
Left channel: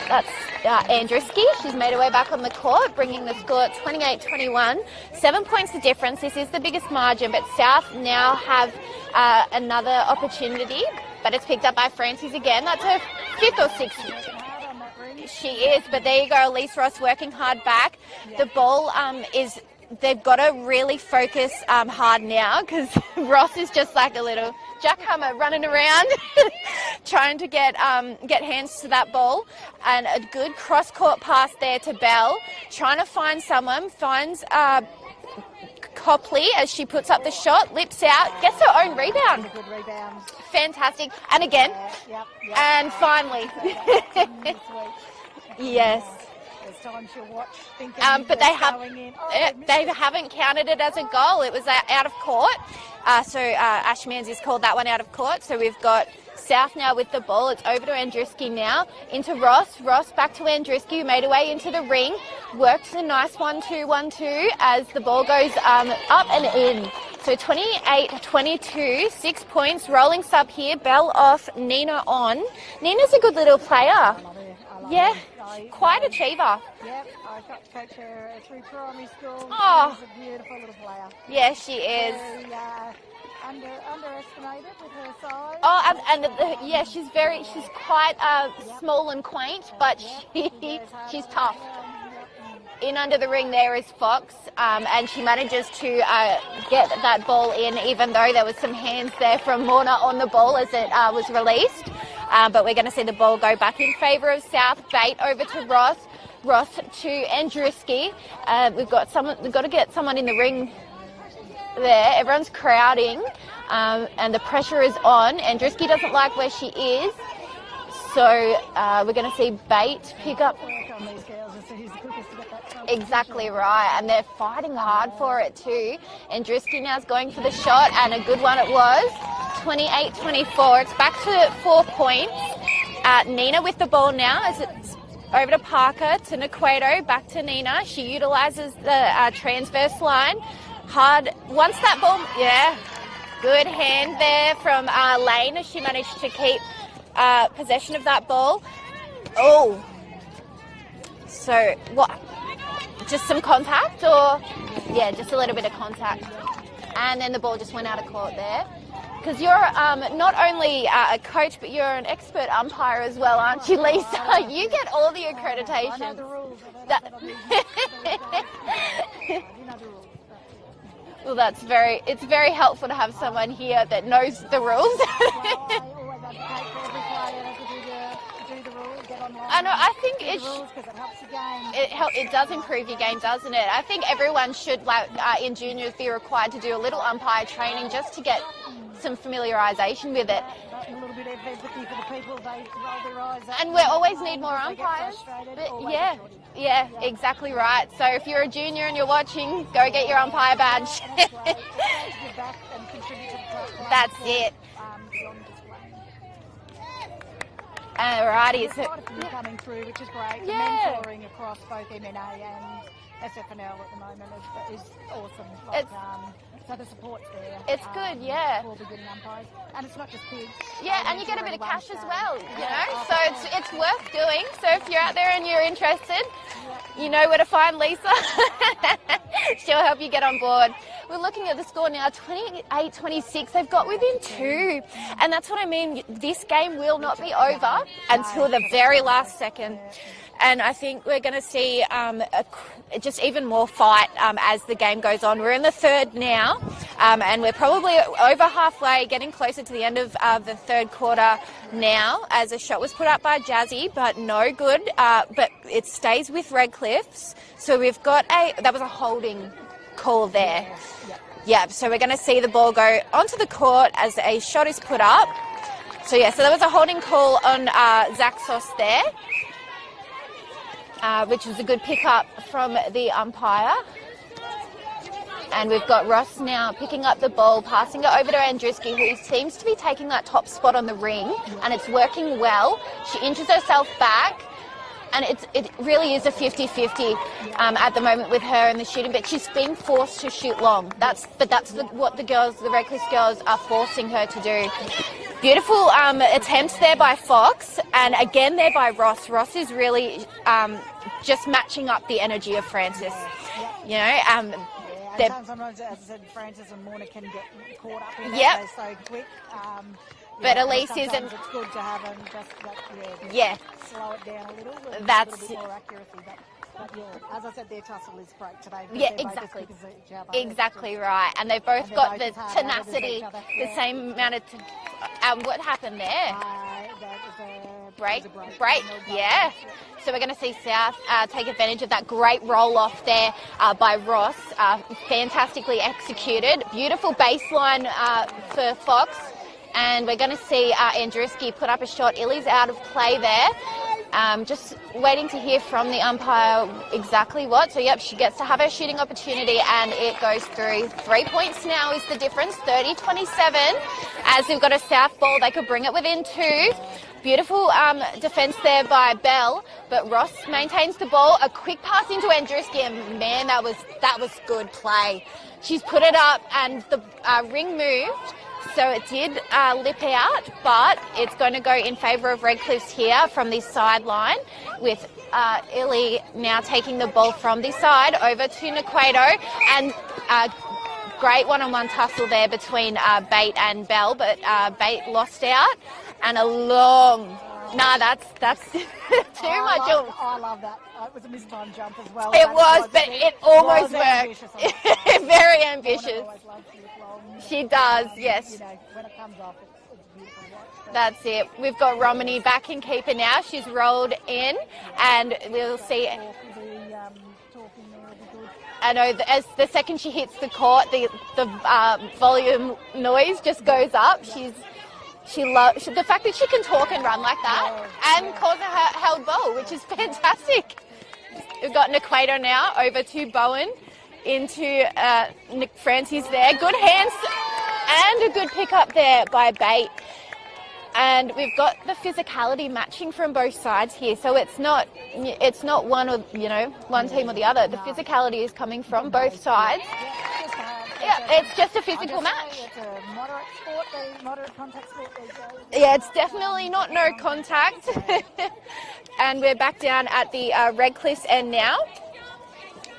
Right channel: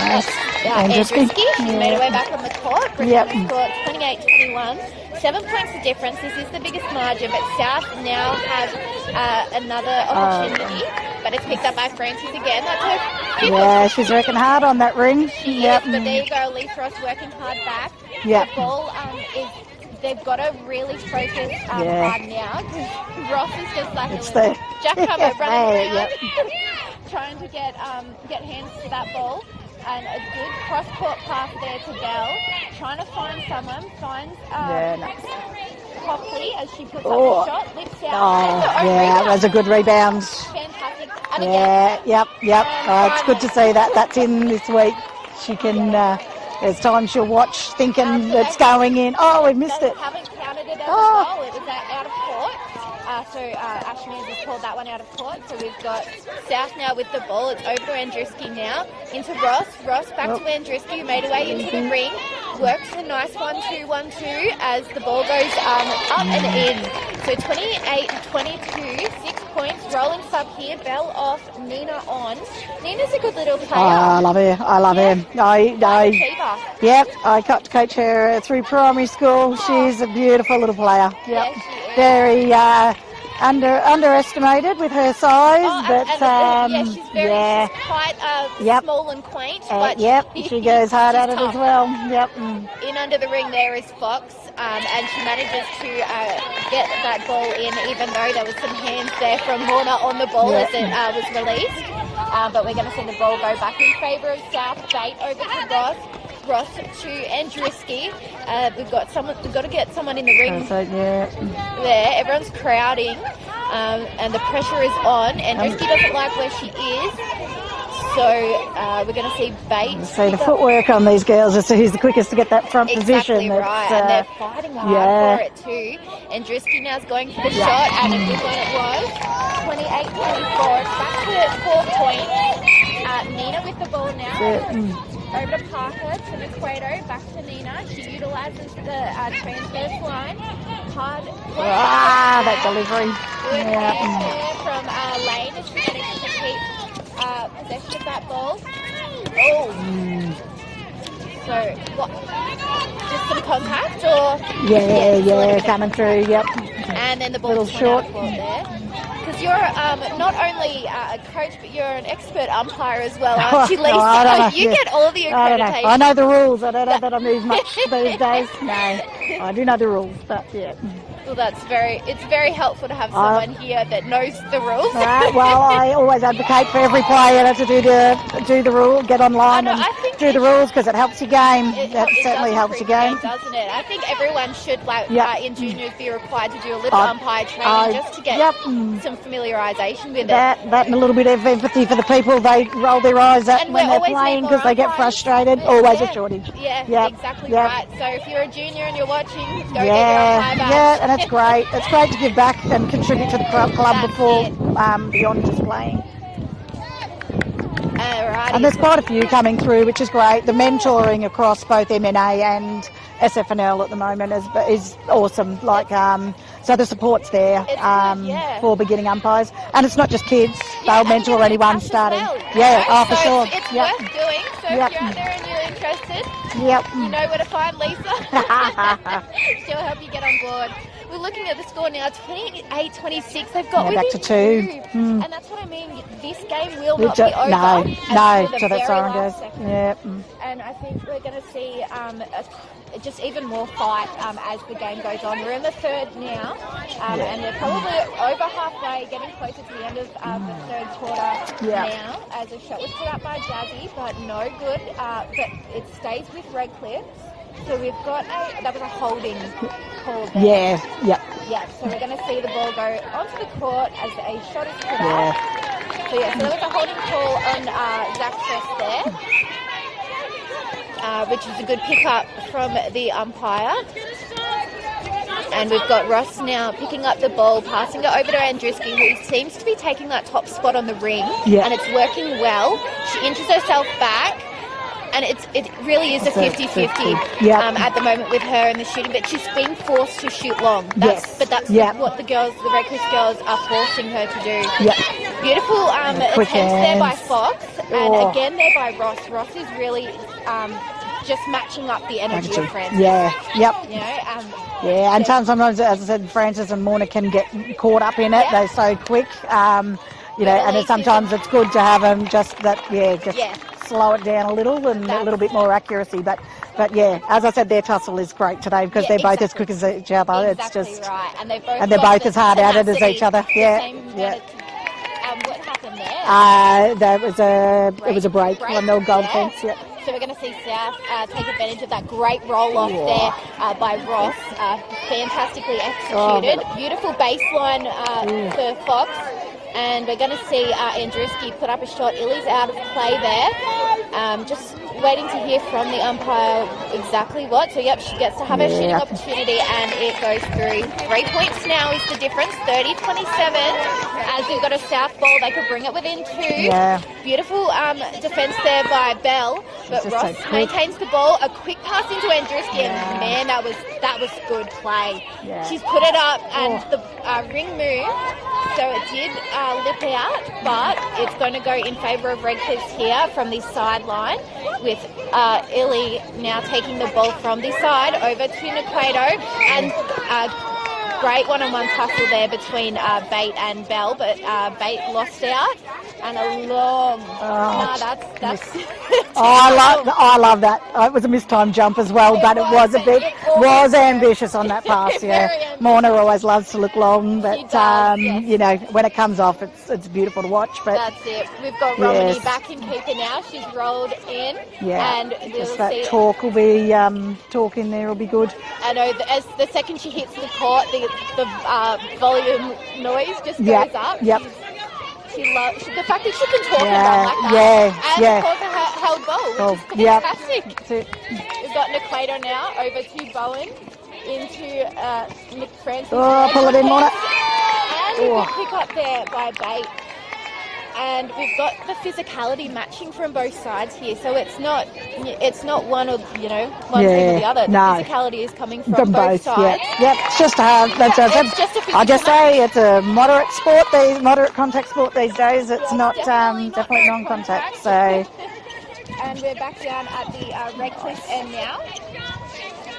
Andruski. She's made her way back on the court, bringing the score at 28-21. 7 points the difference. This is the biggest margin, but South now have another opportunity. But it's picked up by Francis again. That's her fifth. Yeah, she's working hard on that ring. She is, but there you go. Elise Ross working hard back. The ball is... They've got to really focus hard now, because Ross is just like a little jackhammer running around, trying to get hands to that ball. And a good cross-court pass there to Belle, trying to find someone, finds Copley as she puts up the shot, lips out, gets her own rebound. That was a good rebound. Fantastic. And again. It's good to see that. That's in this week. She can... There's times she'll watch thinking it's going in. We missed it. They haven't counted it as a goal. It was out of court. So Ash Manzi's called that one out of court. So we've got South now with the ball. It's over to Andruski now. Into Ross. Ross back to Andruski, who made her way into the ring. Works a nice 1-2-1-2 as the ball goes up and in. So 28-22, 6 points. Rolling sub here. Belle off, Nina on. Nina's a good little player. I love her. Quite an achiever. I got to coach her through primary school. She's a beautiful little player. Yeah, she is. Very underestimated with her size. She's very she's quite small and quaint. But she goes hard at it tough. as well. In under the ring there is Fox, and she manages to get that ball in, even though there was some hands there from Horner on the ball as it was released. But we're going to see the ball go back in favour of South. Bate over to Ross. Ross to Andruski. We've got to get someone in the ring there. Everyone's crowding, and the pressure is on. Andruski doesn't like where she is, so we're going to see Bate. So the footwork on these girls is who's the quickest to get that front position. Exactly right, and they're fighting hard for it too. Andruski now's going for the shot, and a good one it was. 28-24. It's back to 4 points. Nina with the ball now. Over to Parker, to Naquato, back to Nina. She utilises the transverse line. Hard, once that ball, that delivery. Good hand there from Lane as she managed to keep possession of that ball. So, what? Just some contact, or? Coming through, And then the ball just went out of court there. Because you're not only a coach, but you're an expert umpire as well, aren't you, Lisa? You get all the accreditation. I know the rules. I don't know that I move much these days. No, I do know the rules, but Well, it's very helpful to have someone here that knows the rules. Well, I always advocate for every player to do the rule, get online and do the rules because it helps your game. It certainly helps your game, doesn't it? I think everyone should, in juniors, be required to do a little umpire training just to get some familiarisation with it. That and a little bit of empathy for the people. They roll their eyes at when they're playing because they get frustrated. Always a shortage. Yeah, exactly right. So if you're a junior and you're watching, go get your umpire badge. Yeah, and it's great. It's great to give back and contribute to the club before beyond just playing. Alrighty. And there's quite a few coming through, which is great. The mentoring across both MNA and SFNL at the moment is awesome. So the support's there for beginning umpires, and it's not just kids. They'll mentor anyone starting. For sure. It's worth doing. So if you're out there and you're interested, you know where to find Lisa. She'll help you get on board. We're looking at the score now, 28-26. They've got within back to 2. And that's what I mean. This game will not be over until the very last second. And I think we're going to see just even more fight as the game goes on. We're in the third now, and we're probably over halfway, getting closer to the end of the third quarter now, as a shot was put up by Jazzy, but no good. But it stays with Redcliffe's. So we've got that was a holding call there. So we're going to see the ball go onto the court as a shot is put up. So there was a holding call on Zach Soss there, which is a good pick-up from the umpire. And we've got Ross now picking up the ball, passing it over to Andruski, who seems to be taking that top spot on the ring, and it's working well. She inches herself back. And it really is a 50-50 at the moment with her in the shooting, but she's being forced to shoot long. That's what the Redcliffe girls are forcing her to do. Beautiful attempts there by Fox, and again there by Ross. Ross is really just matching up the energy of Francis. And sometimes, as I said, Francis and Morna can get caught up in it. They're so quick. And sometimes it's good to have them slow it down a little and a little bit more accuracy. But as I said, their tussle is great today because they're both as quick as each other. Exactly, it's just right. And they're both as hard at it as each other. What happened there? It was a break. One nil goal defence. So we're going to see South take advantage of that great roll-off there by Ross. Fantastically executed. Beautiful baseline for Fox. And we're going to see Andruski put up a shot. Illy's out of play there. Just waiting to hear from the umpire exactly what. So, she gets to have her shooting opportunity, and it goes through. 3 points now is the difference, 30-27. As we've got a South ball, they could bring it within 2. Beautiful defence there by Bell, but Ross maintains the ball. A quick pass into Andruski, and man, that was good play. She's put it up, and the ring moved. So it did lip out, but it's going to go in favour of Redcliffe's here from the sideline, with Illy now taking the ball from the side over to Naquato, and great one-on-one tussle there between Bate and Bell, but Bate lost out, and a long. That's. I love that. It was a mistimed jump as well, but it was ambitious on that pass. Very ambitious. Mona always loves to look long, but she does, when it comes off, it's beautiful to watch. But that's it. We've got Romany back in keeper now. She's rolled in, and we'll see. Talk will be talk in there will be good. I know. As the second she hits the court, the volume noise just goes up. She loves the fact that she can talk and run like that. And calls her held ball, which is fantastic. We've got Naquato now over to Bowen into Nick Francis there. Good hands. And a good pick up there by Bate. And we've got the physicality matching from both sides here, so it's not one of one thing or the other. The physicality is coming from both sides. It's just hard. I just say it's a moderate contact sport these days. It's not definitely not non-contact. So. And we're back down at the Redcliffe's end now.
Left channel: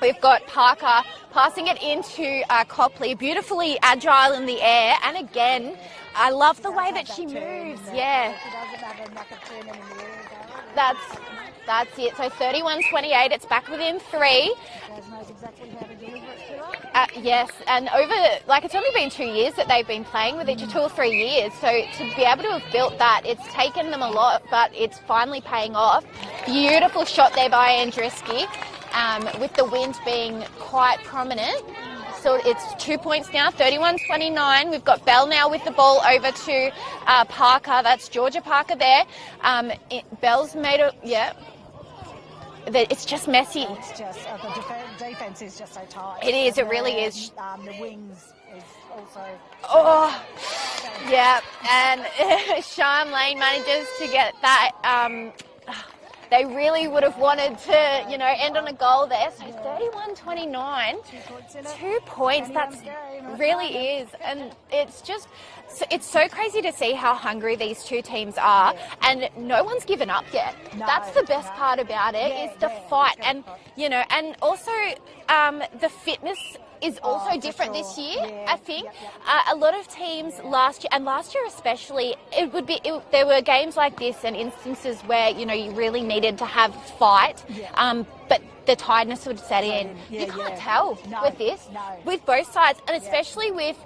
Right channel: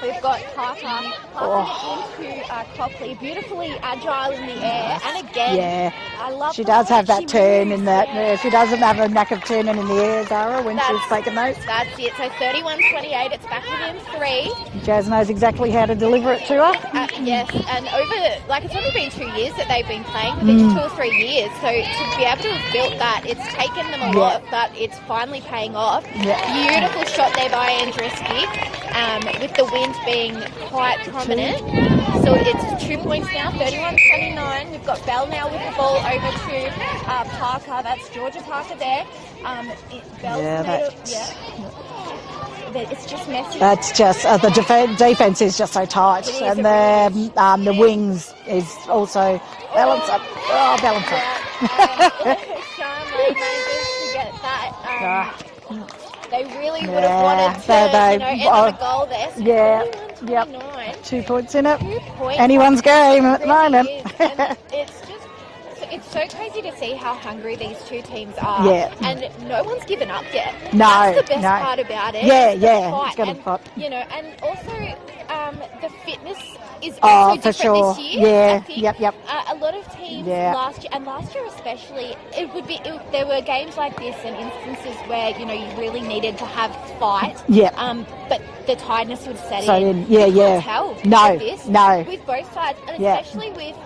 We've got Parker passing it into Copley, beautifully agile in the air. And again, I love she the does way have that she turn moves. in that. Yeah, she doesn't have a knack of turning in the air, Zara, when she's taking those. That's it. So 31-28, it's back within 3. Jazz knows exactly how to deliver it to her. Yes, and it's only been 2 years that they've been playing with each, 2 or 3 years. So to be able to have built that, it's taken them a lot, but it's finally paying off. Beautiful shot there by Andreski, with the wind being quite prominent. So it's 2 points now, 31-29. We've got Bell now with the ball over to Parker. That's Georgia Parker there. Bell's made it. It's just messy. It's just the defense is just so tight, it is, and really is. The wings is also balance up. Balance up. Yeah, and Sean Lee manages to get that. They really would have wanted to, end on a goal there. So 21-29. 2 points in it. 2 points. Anyone's game at the moment. Is. And it's so crazy to see how hungry these two teams are. Yeah. And no one's given up yet. No. That's the best part about it. Yeah, is the fight. It's fight. And also the fitness is Oh, also for different sure. this year. Yeah, I think. yep. A lot of teams last year especially, there were games like this and instances where you really needed to have fight. Yeah. But the tiredness would set So in. yeah, you can't tell No. with both sides, and especially with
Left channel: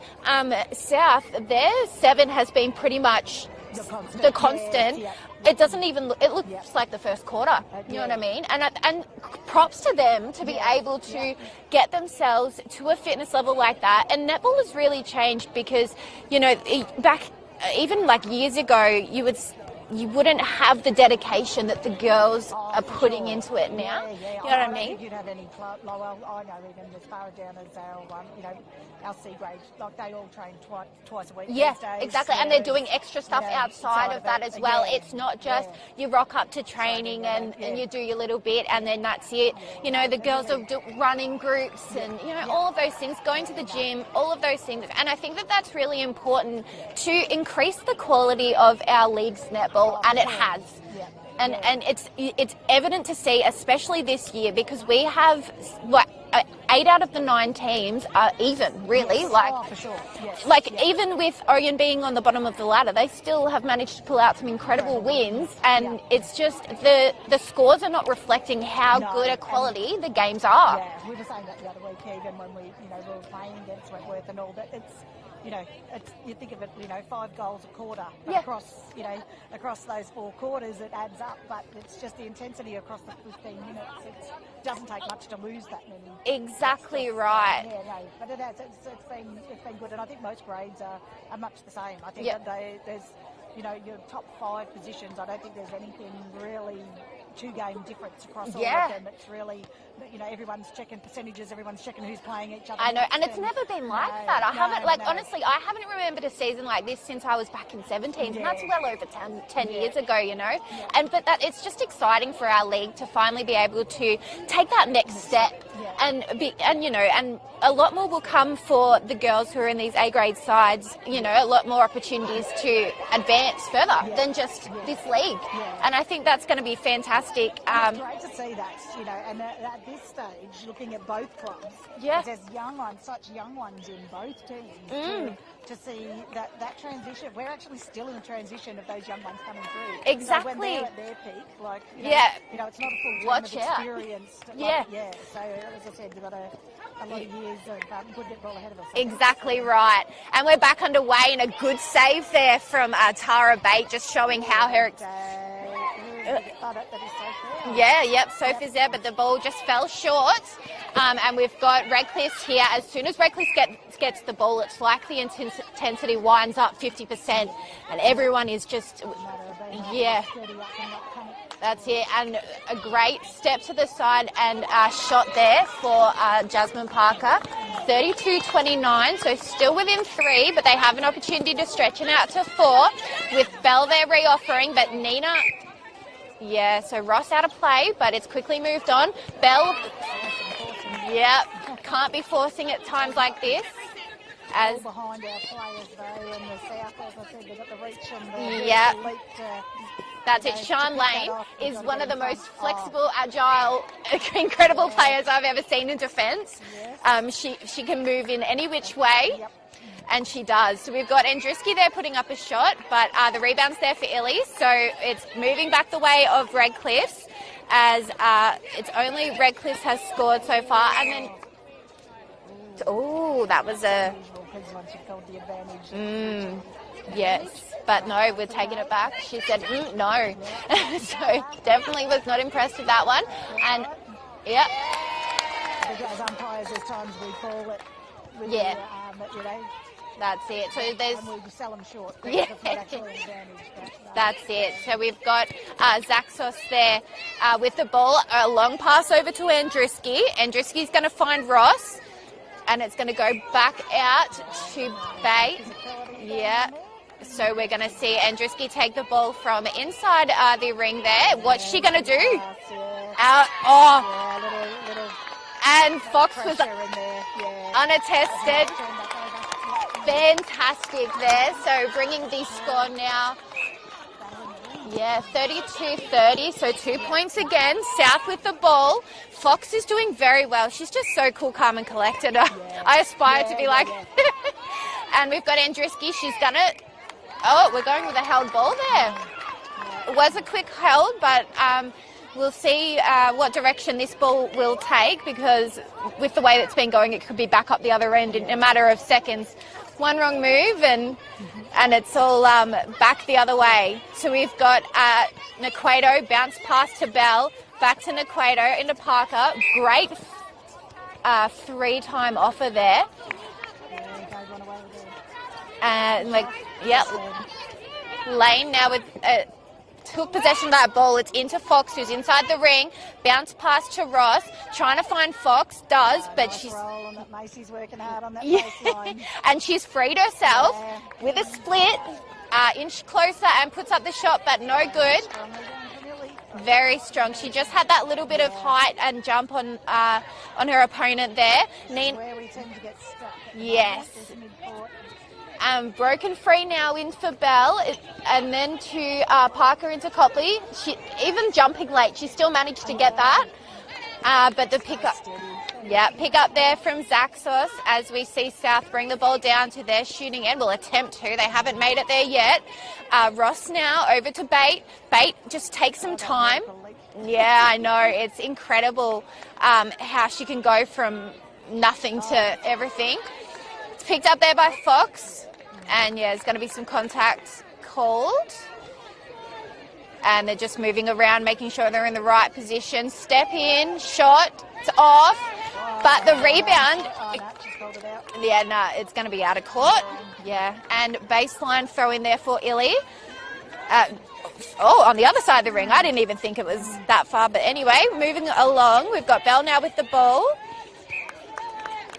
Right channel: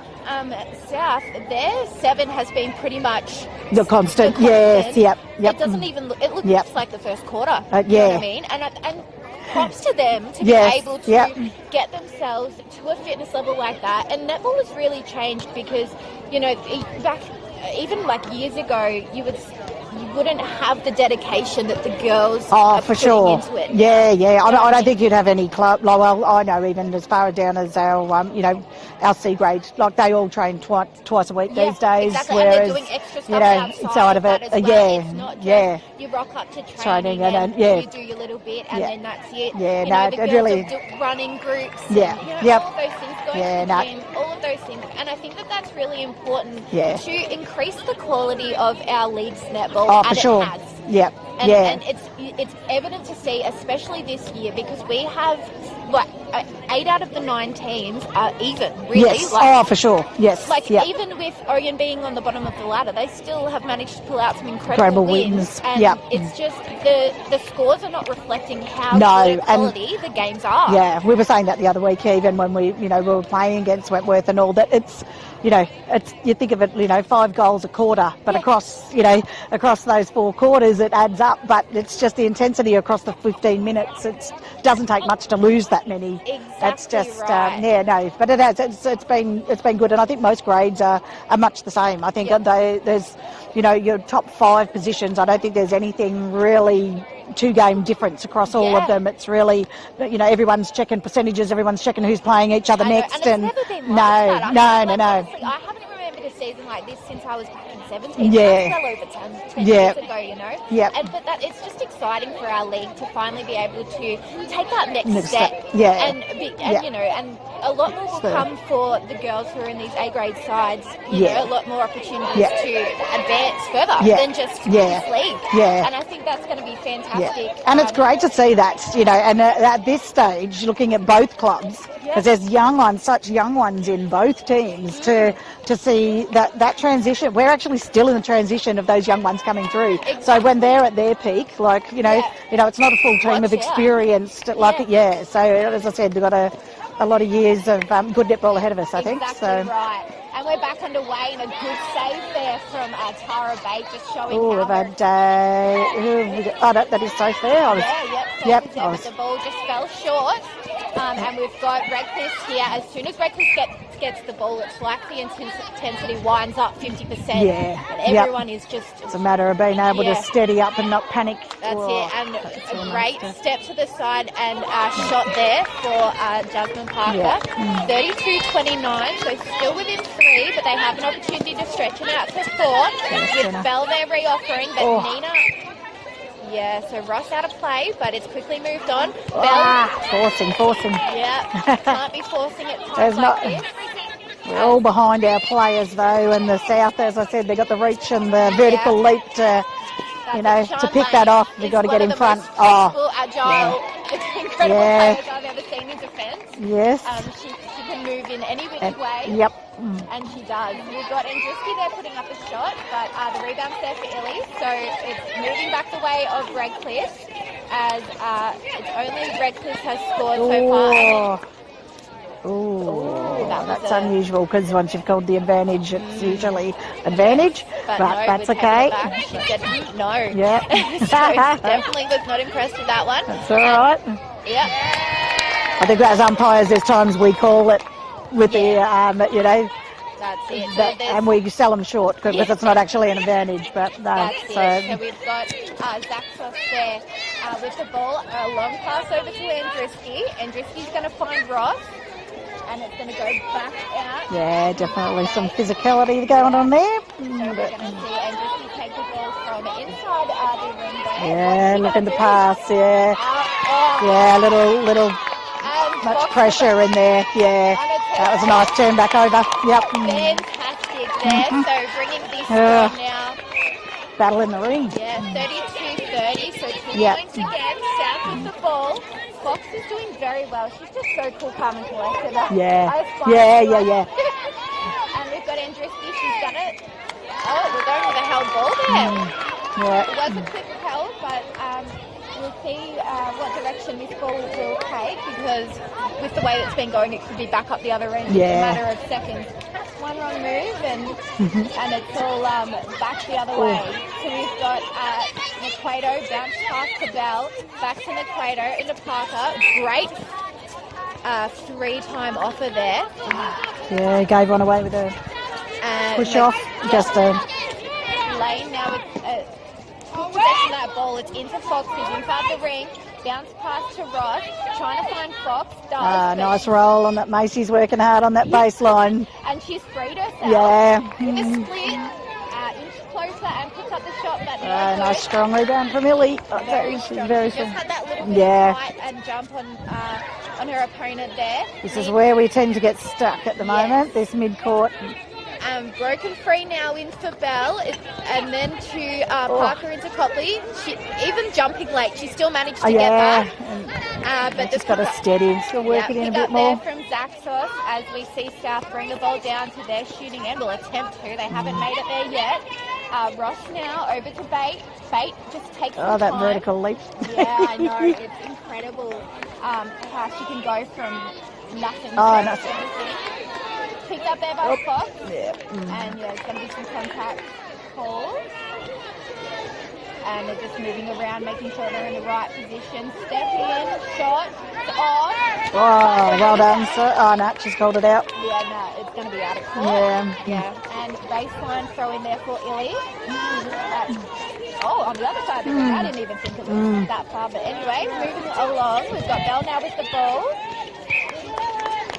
South, their 7 has been pretty much the constant. Yes, yep. It doesn't even look. It looks just like the first quarter. You know what I mean? And props to them to be able to get themselves to a fitness level like that. And netball has really changed because back even like years ago, you wouldn't have the dedication that the girls are putting into it. Yeah. I don't think you'd have any club. Well, I know even as far down as our, our C grade, like they all train twice a week these days. Exactly. Whereas, and they're doing extra stuff outside of it. That as well. It's not just you rock up to training and you do your little bit and then that's it. Yeah, the girls really, are running groups. Yeah. And, all of those things, going to the gym, all of those things. And I think that that's really important to increase the quality of our league's netball. Oh, and for sure. It has. Yeah. And it's evident to see, especially this year, because we have 8 out of the 9 teams are even, really. Yes. For sure. Yes. Even with Oregon being on the bottom of the ladder, they still have managed to pull out some incredible wins. And it's just the scores are not reflecting how good a quality the games are. Yeah, we were saying that the other week, even when we were playing against Wentworth and all that. It's you think of it, 5 goals a quarter, but across those 4 quarters it adds up. But it's just the intensity across the 15 minutes. It doesn't take much to lose that many. Exactly. It's just right. but it has. It's been good, and I think most grades are much the same. I think there's your top 5 positions. I don't think there's anything really 2-game difference across all of them. It's really, everyone's checking percentages, everyone's checking who's playing each other next. And it's never been like that. No. Honestly, I haven't remembered a season like this since I was back in 17. Yeah. That's well over 10 years ago, Yeah. But it's just exciting for our league to finally be able to take that next step. Yeah. And a lot more will come for the girls who are in these A-grade sides, a lot more opportunities to advance further than just this league. Yeah. And I think that's going to be fantastic. Yeah. And it's great to see that, and at this stage, looking at both clubs, because there's such young ones in both teams, to see that transition. We're actually still in the transition of those young ones coming through. Exactly. So when they're at their peak, it's not a full team of experienced, So as I said, we've got a lot of years of good netball ahead of us, I think. Exactly right. And we're back underway, and a good save there from Tara Bate, just showing how her... that is so fair. Sophie's there, but the ball just fell short. And we've got Redcliffe here. As soon as Redcliffe gets the ball, it's like the intensity winds up 50%. Yeah. And everyone is just... It's a matter of being able to steady up and not panic. That's it. And a great step to the side and shot there for Jasmine Parker. 32-29, so still within 3, but they have an opportunity to stretch it out to 4. With Bell there re-offering, but Nina... Yeah, so Ross out of play, but it's quickly moved on. Bell... Forcing. Yeah, can't be forcing at times like this. We're all behind our players, though, and the South, as I said, they've got the reach and the vertical leap to pick that off. We've got to get in front. Agile incredible Yeah. players I've ever seen in defence. Yes. She can move in any which way. Yep. And she does. We've got Andruski there putting up a shot, but the rebound's there for Illy, so it's moving back the way of Redcliffe, as it's only Redcliffe has scored so far. And Ooh, that was that's unusual because once you've called the advantage, it's usually advantage, yes, but no, that's we're taking okay. it back. She said, no. Yeah. So definitely was not impressed with that one. That's all right. Yep. I think as umpires, there's times we call it with Yeah. the, you know, That's it. So that, there's- and we sell them short because it's not actually an advantage. But no, That's it. So we've got Zaxos there with the ball. A long pass over to Andruski. Andruski's going to find Ross, and it's going to go back out. yeah, to definitely some Bay. physicality going on there. So we're going to see Andruski take the ball from inside the ring there. Yeah, What's she going to looking do? to pass, yeah. Out. Oh, Yeah, little and much Fox pressure in there. Yeah, unattested. that was a nice turn back over. Yep. Fantastic there. So bringing this score now. Battle in the ring. Yeah, 32-30, so 2 Yeah. points again. South with the ball. Fox is doing very well. She's just so cool, calm and collected. Yeah. I aspire Yeah, to be yeah, like yeah. And we've got Andruski. She's done it. Oh, we're going with a held ball there. Yeah. It was a quick held, but we'll see what direction this ball will take, because with the way it's been going, it could be back up the other end in Yeah. a matter of seconds. One wrong move and it's all back the other way. So we've got Naquato, bounce pass to Bell, back to Naquato, into Parker. Great three-time offer there. Yeah, gave one away with a And push off. Yep. Just a Lane now with took possession of that ball. It's into Fox, who's inside the ring. Bounce pass to Ross, trying to find Fox. But nice she's, roll on that. Macy's working hard on that baseline. and she's freed herself Yeah. with a split. Inch closer and puts up the shot, but no good. Nice strong rebound from Illy. Very strong. She just had that little bit Yeah. of height and jump on her opponent there. This is where we tend to get stuck at the Yes. moment. This mid-court. Broken free now in for Bell, and then to Parker into Copley. She, even jumping late, she still managed to get that. But Just the got to pick-up- steady. Still Yeah, working in pick a up bit there more. from Zaxos as we see South bring the ball down to their shooting end. Will attempt to. They haven't made it there yet. Ross now over to Bate. Bate just takes some That time. vertical leap. Yeah, I know. It's incredible how she can go from nothing to that's- everything. It's picked up there by Fox. Yeah. And yeah, there's going to be some contact called. And they're just moving around, making sure they're in the right position. Step in, shot, it's off. But the well rebound, done. No, she's called it out. yeah, no, it's going to be out of court. Yeah. And baseline throw in there for Illy. On the other side of the ring. I didn't even think it was that far. But anyway, moving along, we've got Bell now with the ball.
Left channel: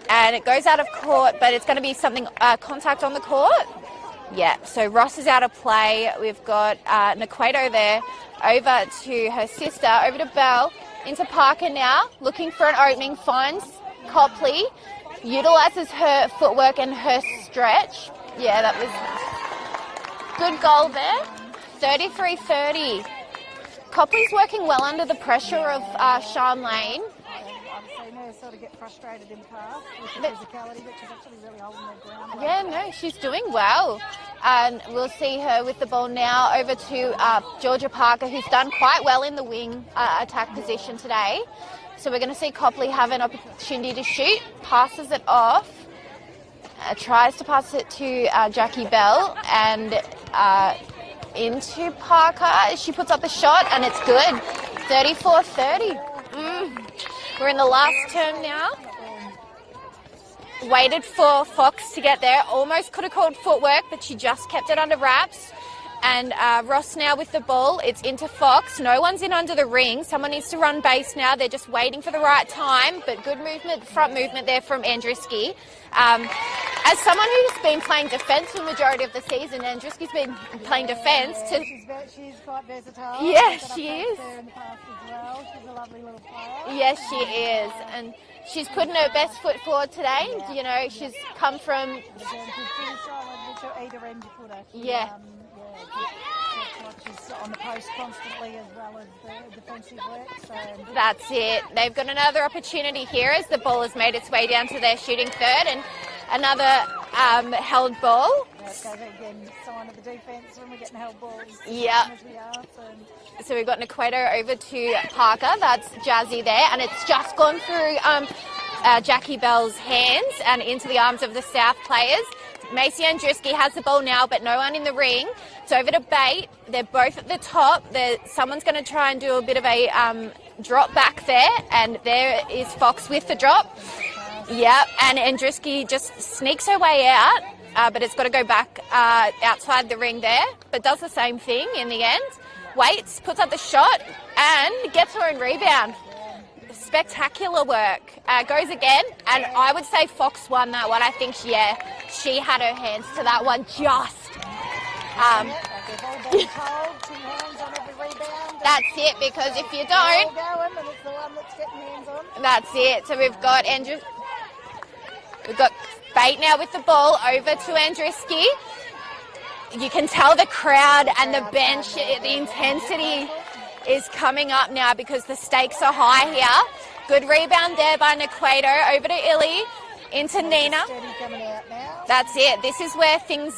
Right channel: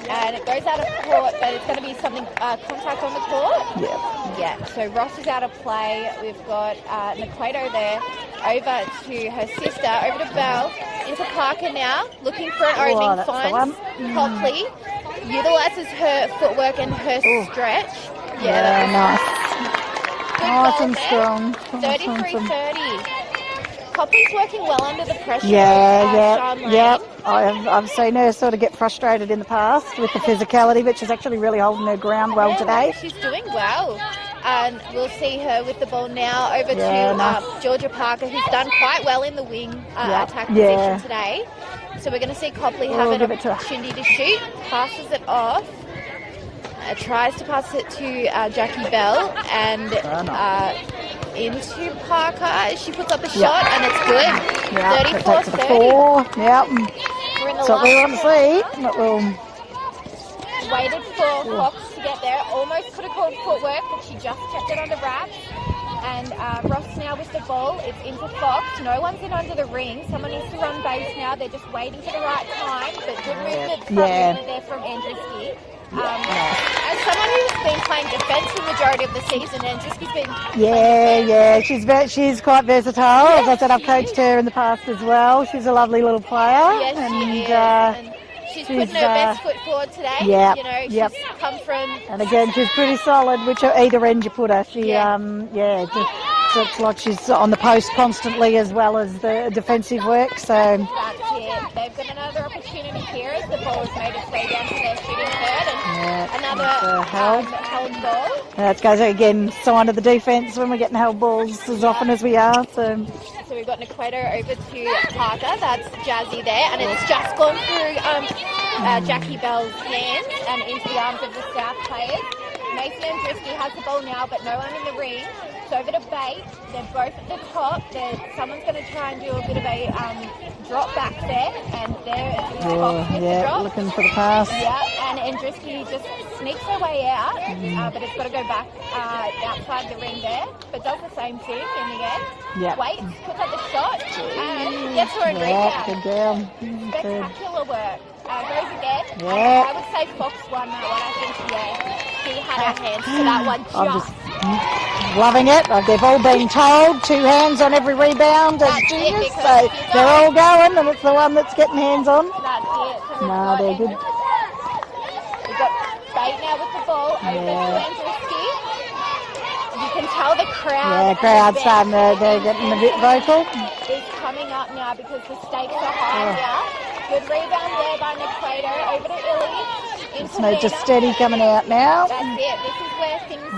And it goes out of court, but it's going to be something, contact on the court. Yeah, so Ross is out of play. We've got Naquato there over to her sister, over to Bell, into Parker now, looking for an opening, that's the finds one. Copley, utilises her footwork and her stretch. Yeah, that nice. was good Nice goal and there. strong. 33-30. Copley's working well under the pressure Yeah, of Sean Lane. yeah. I've seen her sort of get frustrated in the past with the physicality, but she's actually really holding her ground well Yeah, today. She's doing well. And we'll see her with the ball now over Yeah, to nice. Georgia Parker, who's done quite well in the wing attack position today. So we're going to see Copley have an give it to her. opportunity to shoot. Passes it off. Tries to pass it to Jackie Bell and into Parker. She puts up a shot and it's good. Yeah, 34-30. 4. Yep. We're in the That's what we want last to turn see. now. But we'll Waited for Fox to get there. Almost could have called footwork, but she just kept it under wraps. And Ross now with the ball. It's into Fox. No one's in under the ring. Someone needs to run base now. They're just waiting for the right time. But good movement, front movement there from Andruski. As someone who's been playing defence the majority of the season, Andruski's been playing defence. Yeah, she's quite versatile. As I said, I've she coached is. her in the past as well. She's a lovely little player. Yes, she is. And she's putting her best foot forward today. Yeah, You know, she's come from... And again, she's pretty solid, which either end you put her. She, just it's like she's on the post constantly as well as the defensive work. So That's it. They've got another opportunity here as the ball has made its way down to their shooting third, and another held ball. that goes again, sign of the defence when we're getting held balls as often as we are. So we've got Naqueto over to Parker. That's Jazzy there, and it's just gone through Jackie Bell's hands and into the arms of the South players. Macy Andruski has the ball now, but no one in the ring. It's over to Bate. They're both at the top. Someone's going to try and do a bit of a drop back there, and there is Fox with the drop. Looking for the pass. Yeah, and Andruski just sneaks her way out, but it's got to go back outside the ring there, but does the same thing in the end. Yep. Waits, puts up the shot, and gets her own rebound. Good girl. Spectacular work. Goes again, and I would say Fox won that one. I think she had her hands to that one Loving it. They've all been told 2 hands on every rebound as That's it, juniors, because so if you they're all don't- going, and it's the one that's getting hands on. That's it. So we've No, got they're Andrew. good. We've got Bate now with the ball over to Andruski. You can tell the crowd and crowd's the starting bench, they're getting a bit vocal. is coming up now because the stakes are high here. Good rebound there by Naqueto over to Illy into No, Nina. just steady coming out now. That's it. This is where things,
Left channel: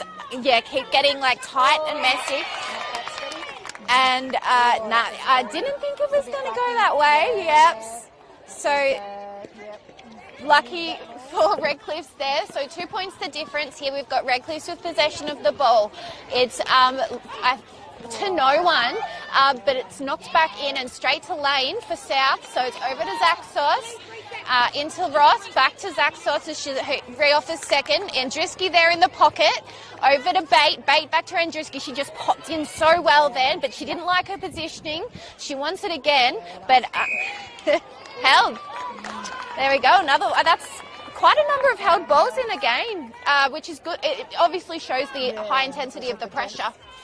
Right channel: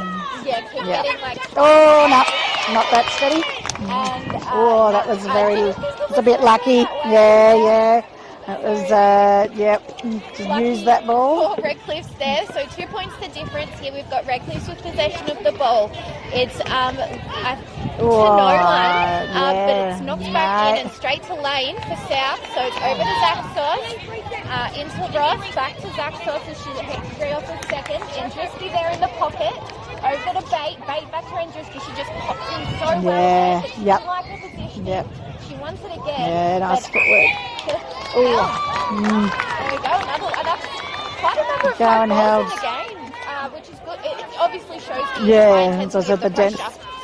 keep getting like Oh, twice no, not that steady. And That was it's a bit lucky. that way, Yeah. That So- was, Lucky use that ball. for Redcliffe's there. So 2 points the difference here. We've got Redcliffe with possession of the ball. It's to no one, but it's knocked back in and straight to Lane for South. So it's over to Zaxos. Into Ross, back to Zaxos as she's free off the second. Andruski there in the pocket. Over to Bate. Bate back to Andruski. She just popped in so well then, but she didn't like her positioning. She wants it again. Yeah, nice but footwork. There we go. Another. That's quite a number of held balls in the game, which is good. It obviously shows the high intensity of the pressure.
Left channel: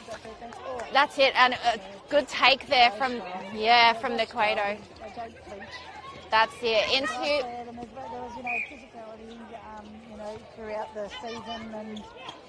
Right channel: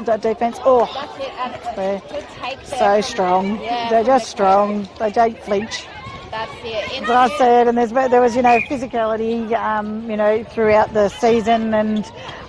The defence. Oh, That's it, and a good take there. so strong. Yeah, They're from just Naqueto. strong. They don't flinch. That's it. As I said, and there was, physicality, throughout the season, and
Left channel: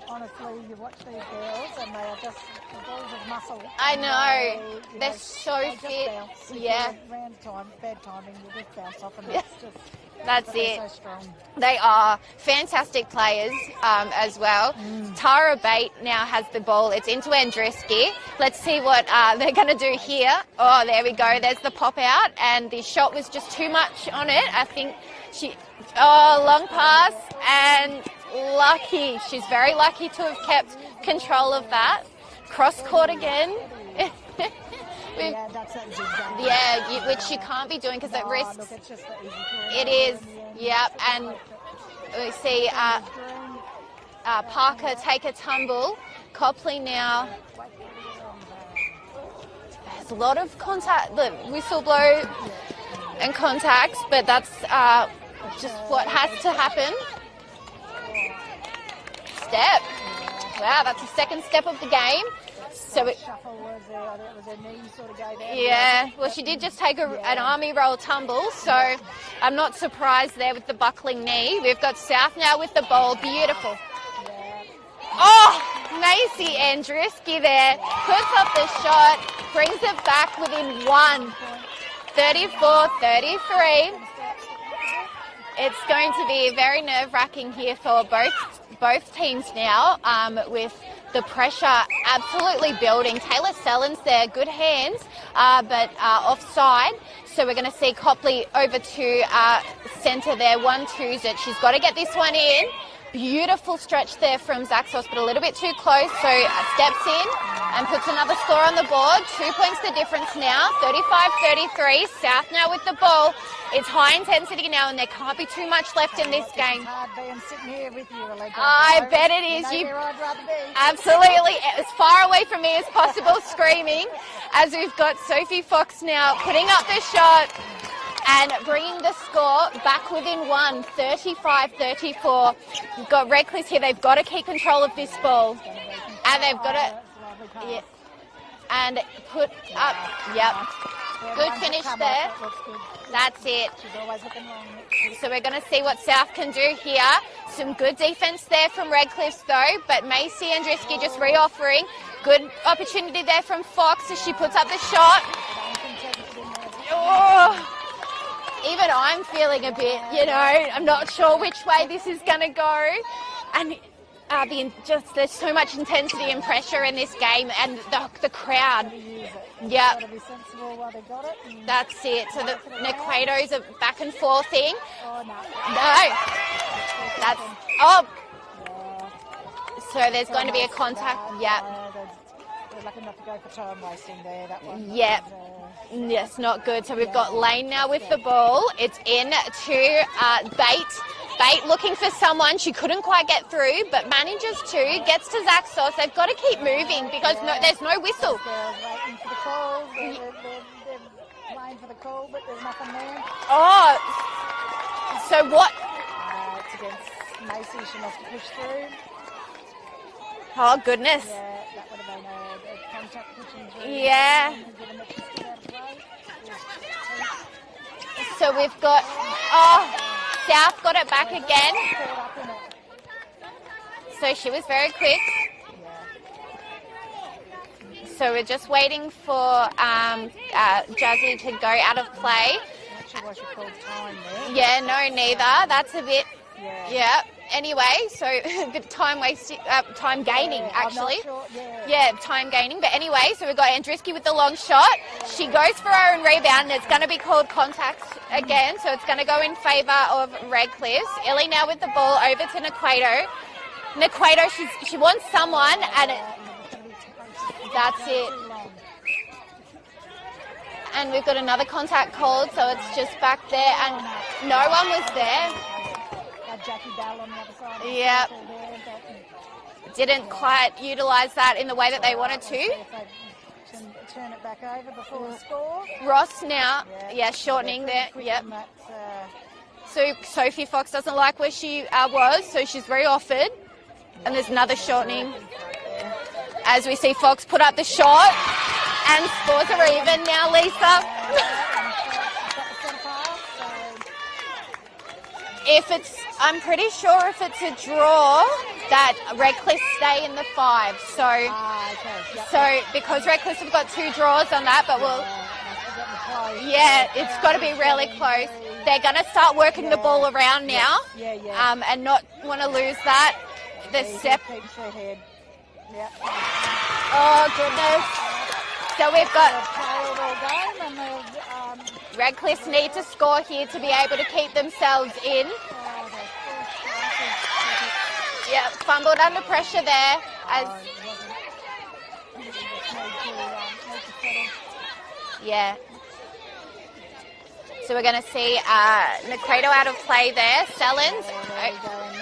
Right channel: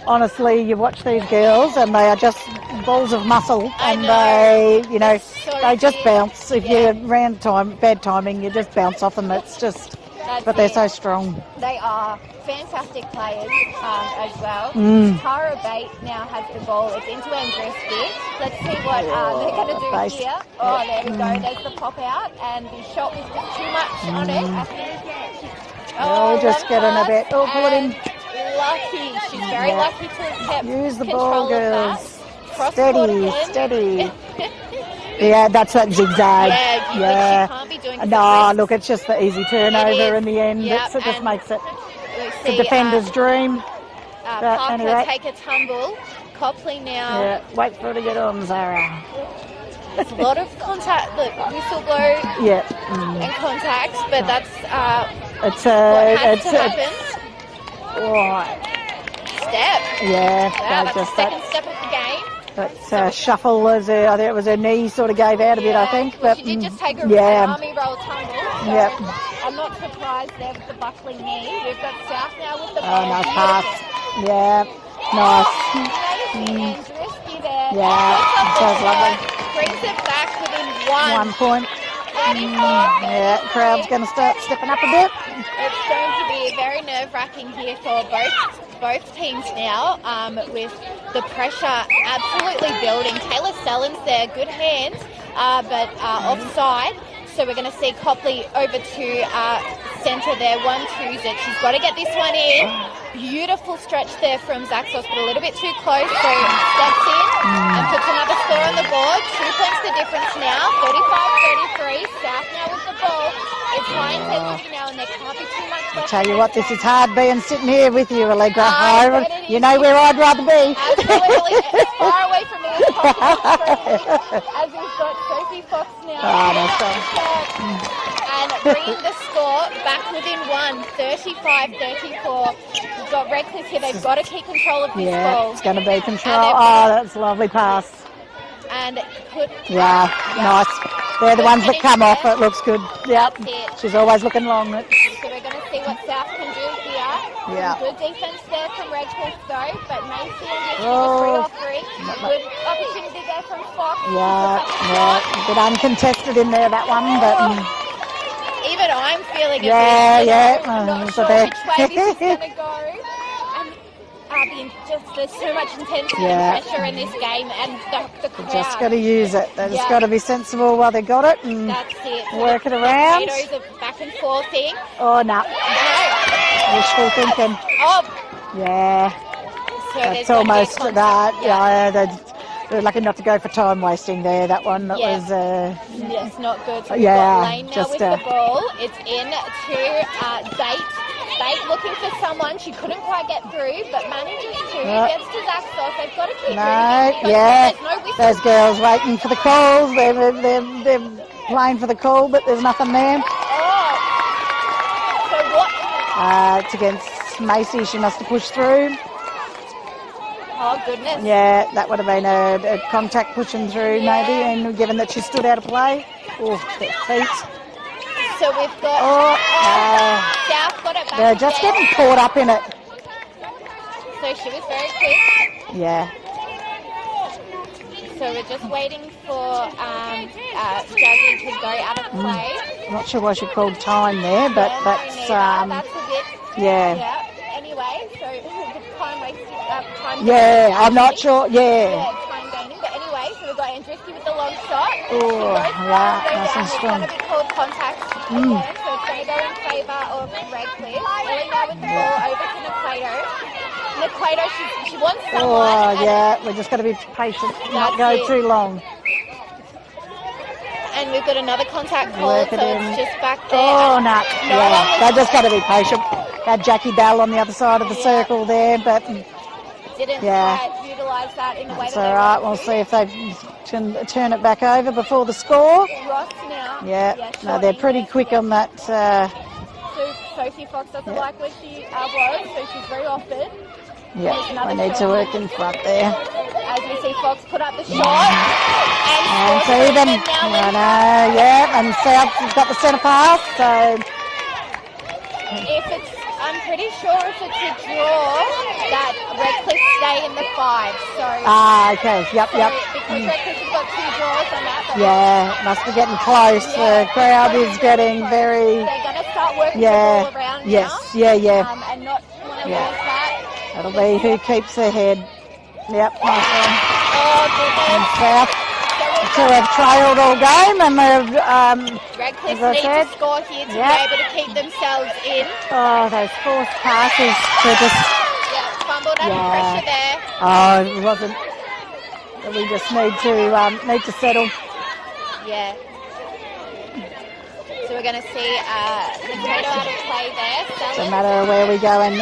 honestly, you watch these girls, and they are just balls of muscle, and they, they just bounce. If you're around bad timing, you just bounce off them. It's just, but they're so strong. They are fantastic players as well. Tara Bate now has the ball. It's into Andruski. Let's see what they're going to do here. Oh, there we go. There's the pop out, and the shot was just too much on it. I think she. Oh, just long getting a pass, bit. Oh, and lucky. She's very lucky to have kept Use the control ball, of that. girls. Cross court again. Steady. Yeah, that's that zigzag. She can't be doing No, look, it's just the easy turnover in the end. Yep, It just makes it the the defender's dream. Parker anyway. take a tumble. Copley now. Yeah, wait for it to get on, Zara. There's a lot of contact, the whistle blow and contacts, but that's It's what has to happen. Step. Yeah, That's the second step of the game. That's shuffle. I think it was her knee sort of gave out a bit, I think. Well, But, she did just take an army roll tumble, so I'm not surprised there with the buckling knee. We've got South now with the ball. nice Beautiful. pass. Yeah, nice. Oh, Macy Andruski there. Yeah, Puts up the that's shot, lovely. brings it back within 1 point. 34, 33. Yeah, crowd's going to start stepping up a bit. It's going to be very nerve-wracking here for both teams now, with the pressure absolutely building. Taylor Sellens there, good hands, but offside. So we're going to see Copley over to centre there, 1-2s it. She's got to get this one in. Beautiful stretch there from Zaxos, but a little bit too close. So steps in and puts another score on the board. 2 points the difference now, 35-33. South now with the ball. It's high intensity now, and there can't be too much left. Tell in you what, this this game. is hard being sitting here with you, Allegra. I bet it You is. know where I'd rather be. Absolutely, as far away from me as possible, screaming. As we've got Sophie Fox now putting up the shot and bringing the score back within 1, 35-34. We've got Redcliffe here. They've got to keep control of this ball. It's going to be control. And they've Oh, got that's a lovely pass. And put Nice. They're the Good ones that finish come off. there. It looks good. Yeah, That's it. she's always looking long. So we're going to see what South can do here. Yeah. Some good defence there from Redcliffe though, but Macy and Drisky just re-offering. Good opportunity there from Fox as she puts up the shot. A bit uncontested in there, that one, but even I'm feeling a bit, I'm not it's a sure bit. which way this is going to go. And there's so much intensity and pressure in this game, and the crowd. Just got to use it. They've just got to be sensible while they got it and that's it. So work it around. The potatoes are back and forthing. Oh, no. Wishful thinking. Yeah. So that's almost that. They're lucky not to go for time wasting there. That one was. Yes, not good. So we've got Lane now with the ball. It's in to Bate looking for someone. She couldn't quite get through, but manages to. Gets to Zaxos. They've got to keep moving because there's no whistle. Those girls waiting for the calls. They're playing for the call, but there's nothing there. Oh. So what? It's against Macy. She must have pushed through. Oh, goodness. Yeah, that would have been a contact pushing through maybe, and given that she stood out of play. Oh, their feet. So we've got South got it back they're again. Just getting caught up in it. So she was very quick. Yeah. So we're just waiting for Jasmine to go out of play. I'm not sure why she called time there, but neither. That's a bit. Yeah. Anyway, so the time wasting, time gaining. Yeah, I'm not sure. Yeah, time gaining. But anyway, so we've got Andriski with the long shot. Ooh, she goes for a rebound. Nice. It's going to be called contact again, so it's going to go in favour of Redcliffe. Ellie now with the ball over to Naquato. Naquato, she wants someone. We're just going to be patient, not go too long. And we've got another contact call, so it's just back there. Oh, no. They just got to be patient. Had Jackie Bell on the other side of the circle there, but didn't quite utilise that in the way that they wanted to. We'll see if they can turn it back over before the score. Ross now. They're pretty quick on that. So Sophie Fox doesn't like where she was, so she's re-offered. Yeah, there's another need shot to work in front there. As we see Fox put up the shot. And scores for even now, Lisa. And South's got the centre pass, so... I'm pretty sure if it's a draw, that Redcliffe stay in the 5. So. Okay. Yep. Because Redcliffe have got 2 draws on that. But must be getting close. The crowd is getting close. very. They're going to start working the ball around now. And not want to lose that. That'll be who keeps their head. Yep. Nice one. Oh goodness. South. So we've have trailed all game, and they've. Redcliffe need to score here to be able to keep themselves in. Oh, those forced passes to just. Fumbled under pressure there. Oh, it wasn't. We just need to settle. Yeah. So we're going to see Naquato out of play there. No matter where we go, and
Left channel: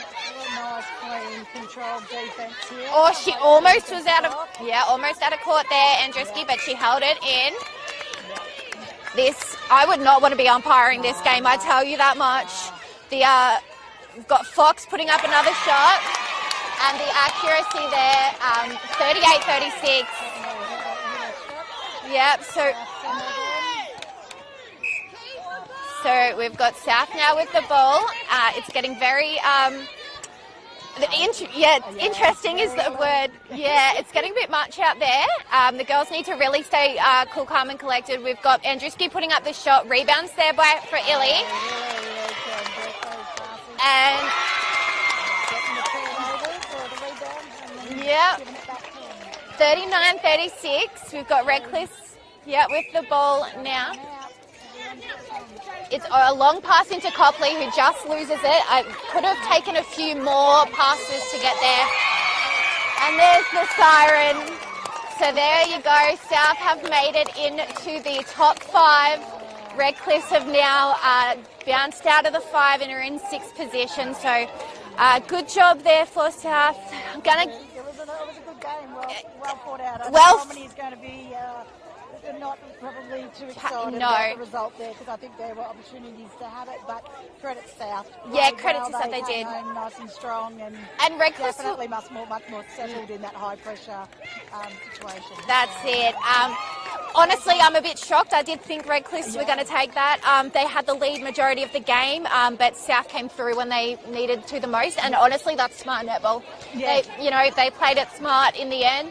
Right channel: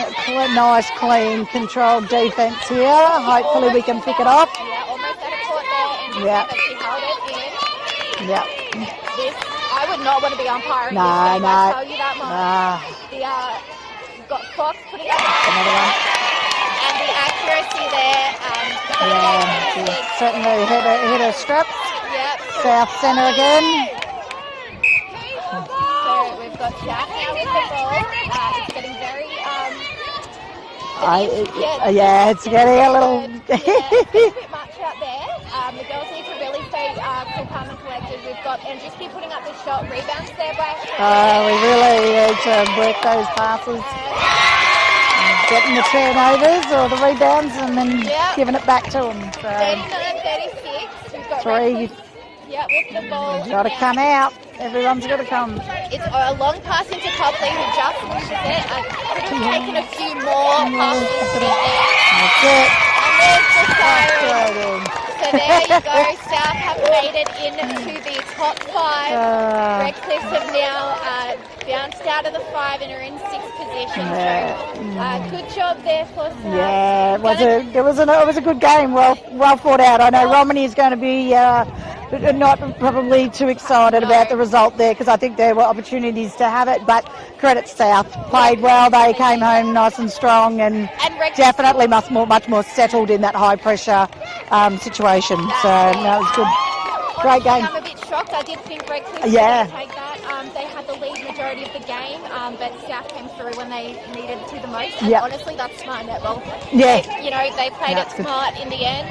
nice, clean, controlled defence here. Hopefully we can pick it off. Yeah, almost out of court there, Andrews, but she held it in. Yeah. I would not want to be umpiring this game, I tell you that much. We've got Fox putting up another shot, and the accuracy there, 38-36. Certainly hit her strap. Yep. South centre again. So we've got South now with the ball. It's getting very it's getting a little. It's getting a bit much out there. The girls need to really stay cool, calm, and collected. We've got Andriski putting up the shot. Rebounds there for Illy. We really need to break those passes. Getting the turnovers or the rebounds and then giving it back to them. So. 39-36. We've got Redcliffe. Yeah, with the ball. Got to come out. Everyone's got to come. It's a long pass into Copley, who just loses it. Could have taken a few more passes to get there. That's it. And there's the siren. So there you go. South have made it into the top 5. Redcliffe have now bounced out of the 5 and are in 6th position. So good job there for South. Yeah, it was a good game. Well fought out. I know Romney is going to be not probably too excited about the result there, because I think there were opportunities to have it, but credit South. Played well. They came home nice and strong and definitely much more settled in that high pressure situation. So that was good. honestly, game. I'm a bit shocked. I did think Redcliffe were Yeah. going to take that. They had the lead majority of the game, but South came through when they needed to the most. And Yep. honestly, that's smart netball. Yeah. They played it That's good. smart in the end.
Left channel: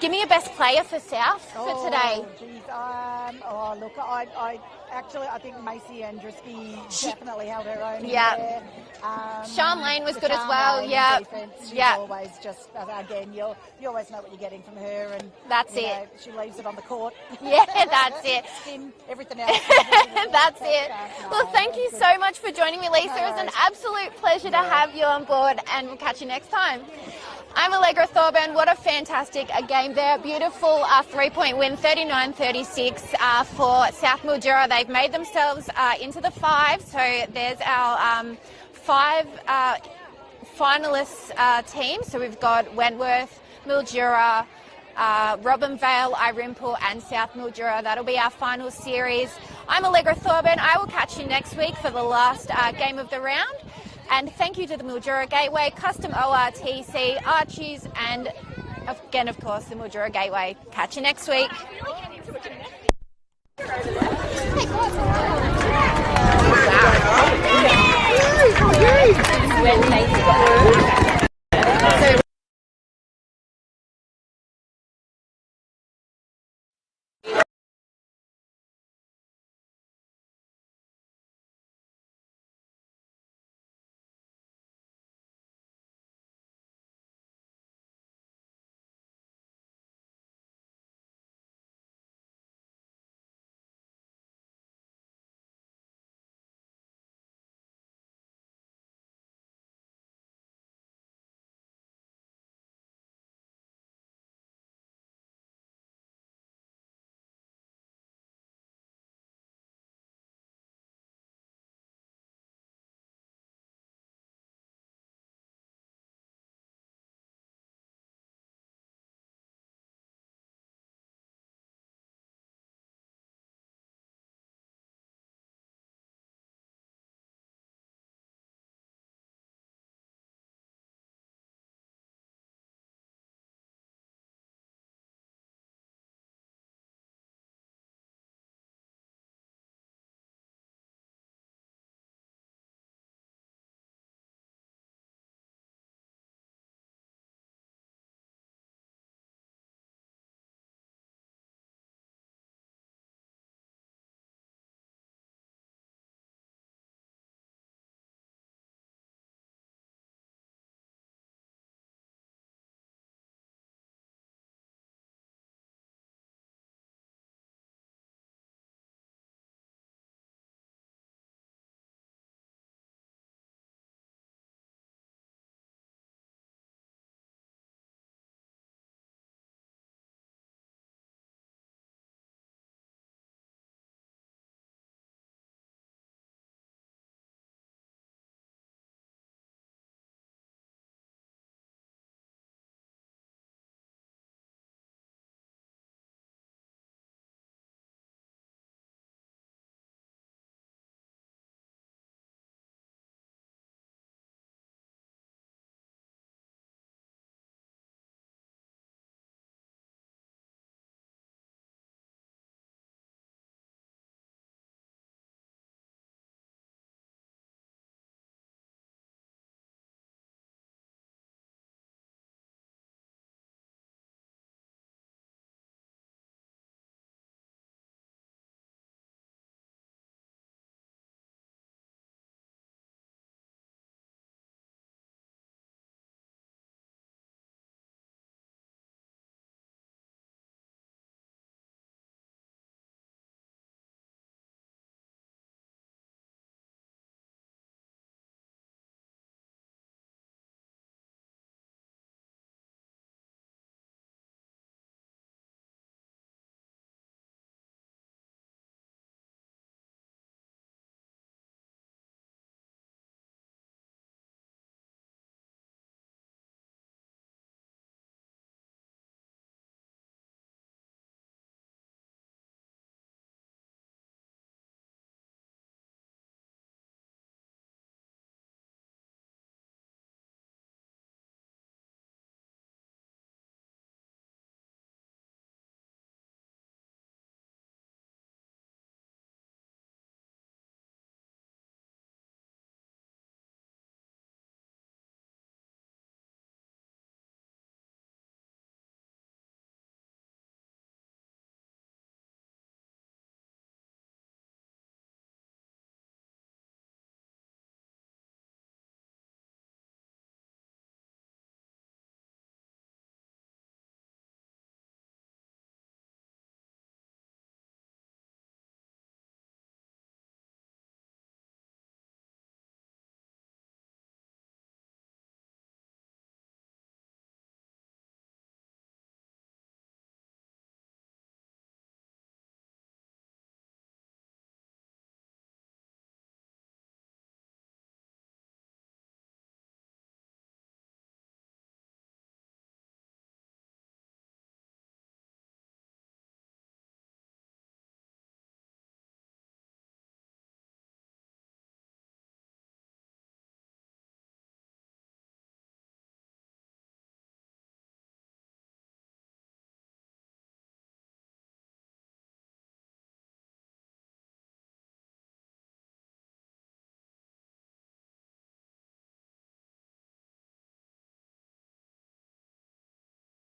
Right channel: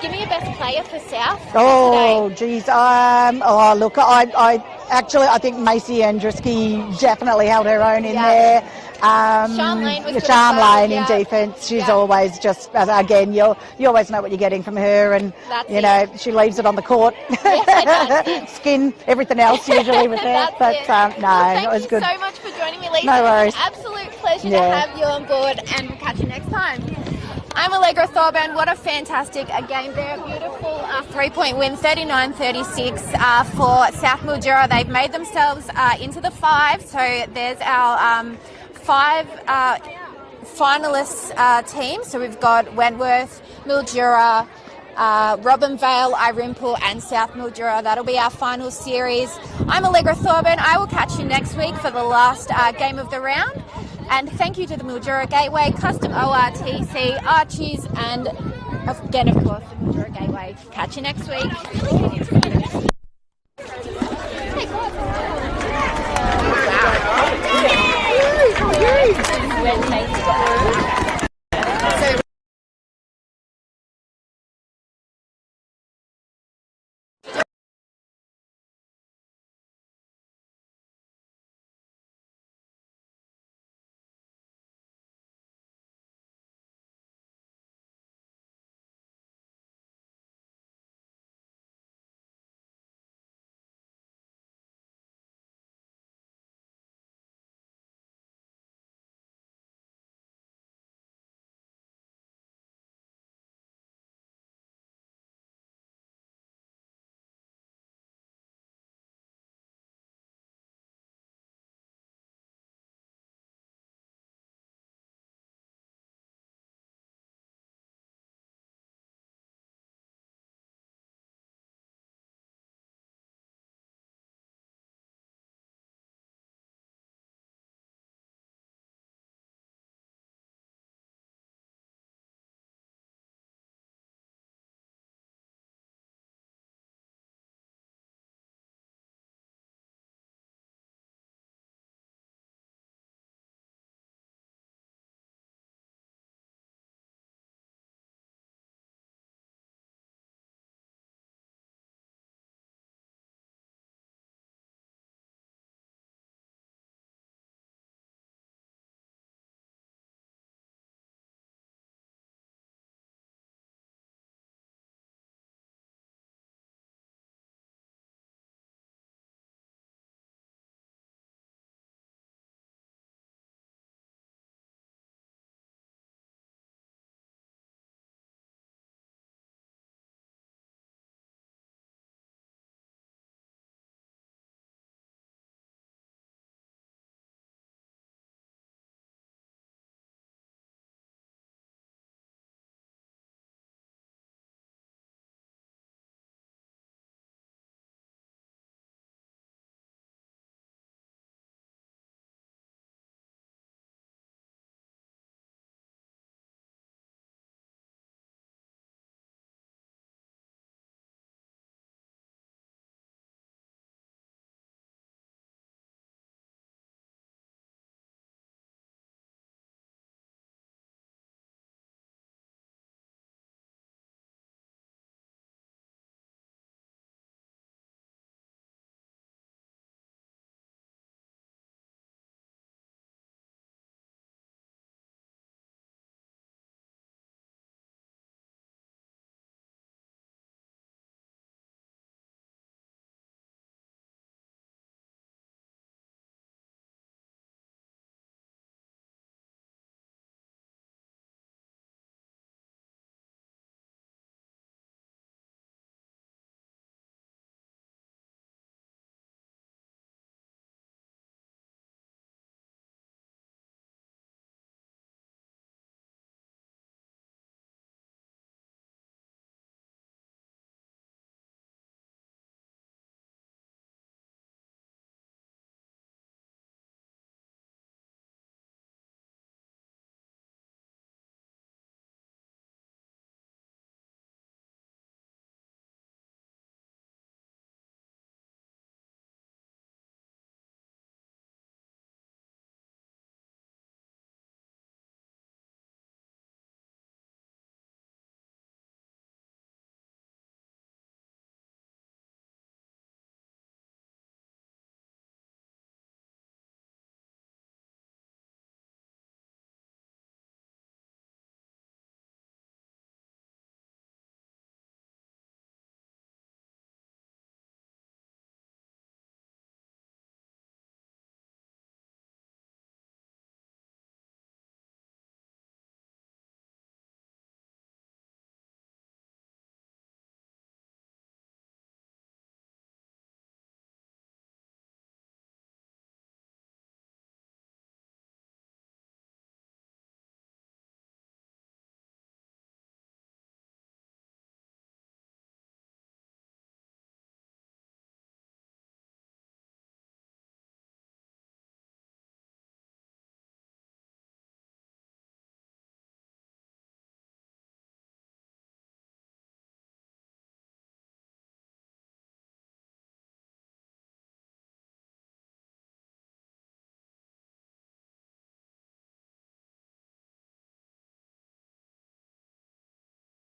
Give me a best player for South Oh, today. geez. Look, I think Macy Andruski definitely held her own in Yeah. there. Charlene was good as Charlene well, yeah. in defence. She's Yeah. always just, again, you always know what you're getting from her, and That's you know she leaves it on the court. That's it. Skin, everything else usually with her. That's But it. no, Well, it thank was you good. so much for joining me, Lisa. No It was worries. an absolute pleasure to Yeah. have you on board, and we'll catch you next time. I'm Allegra Thorburn. What a fantastic game there. Beautiful 3-point win, 39-36 for South Mildura. They've made themselves into the 5. So there's our 5 finalists team. So we've got Wentworth, Mildura, Robinvale, Irimpool and South Mildura. That'll be our final series. I'm Allegra Thorburn. I will catch you next week for the last game of the round. And thank you to the Mildura Gateway, Custom ORTC, Archies, and again, of course, the Mildura Gateway. Catch you next week.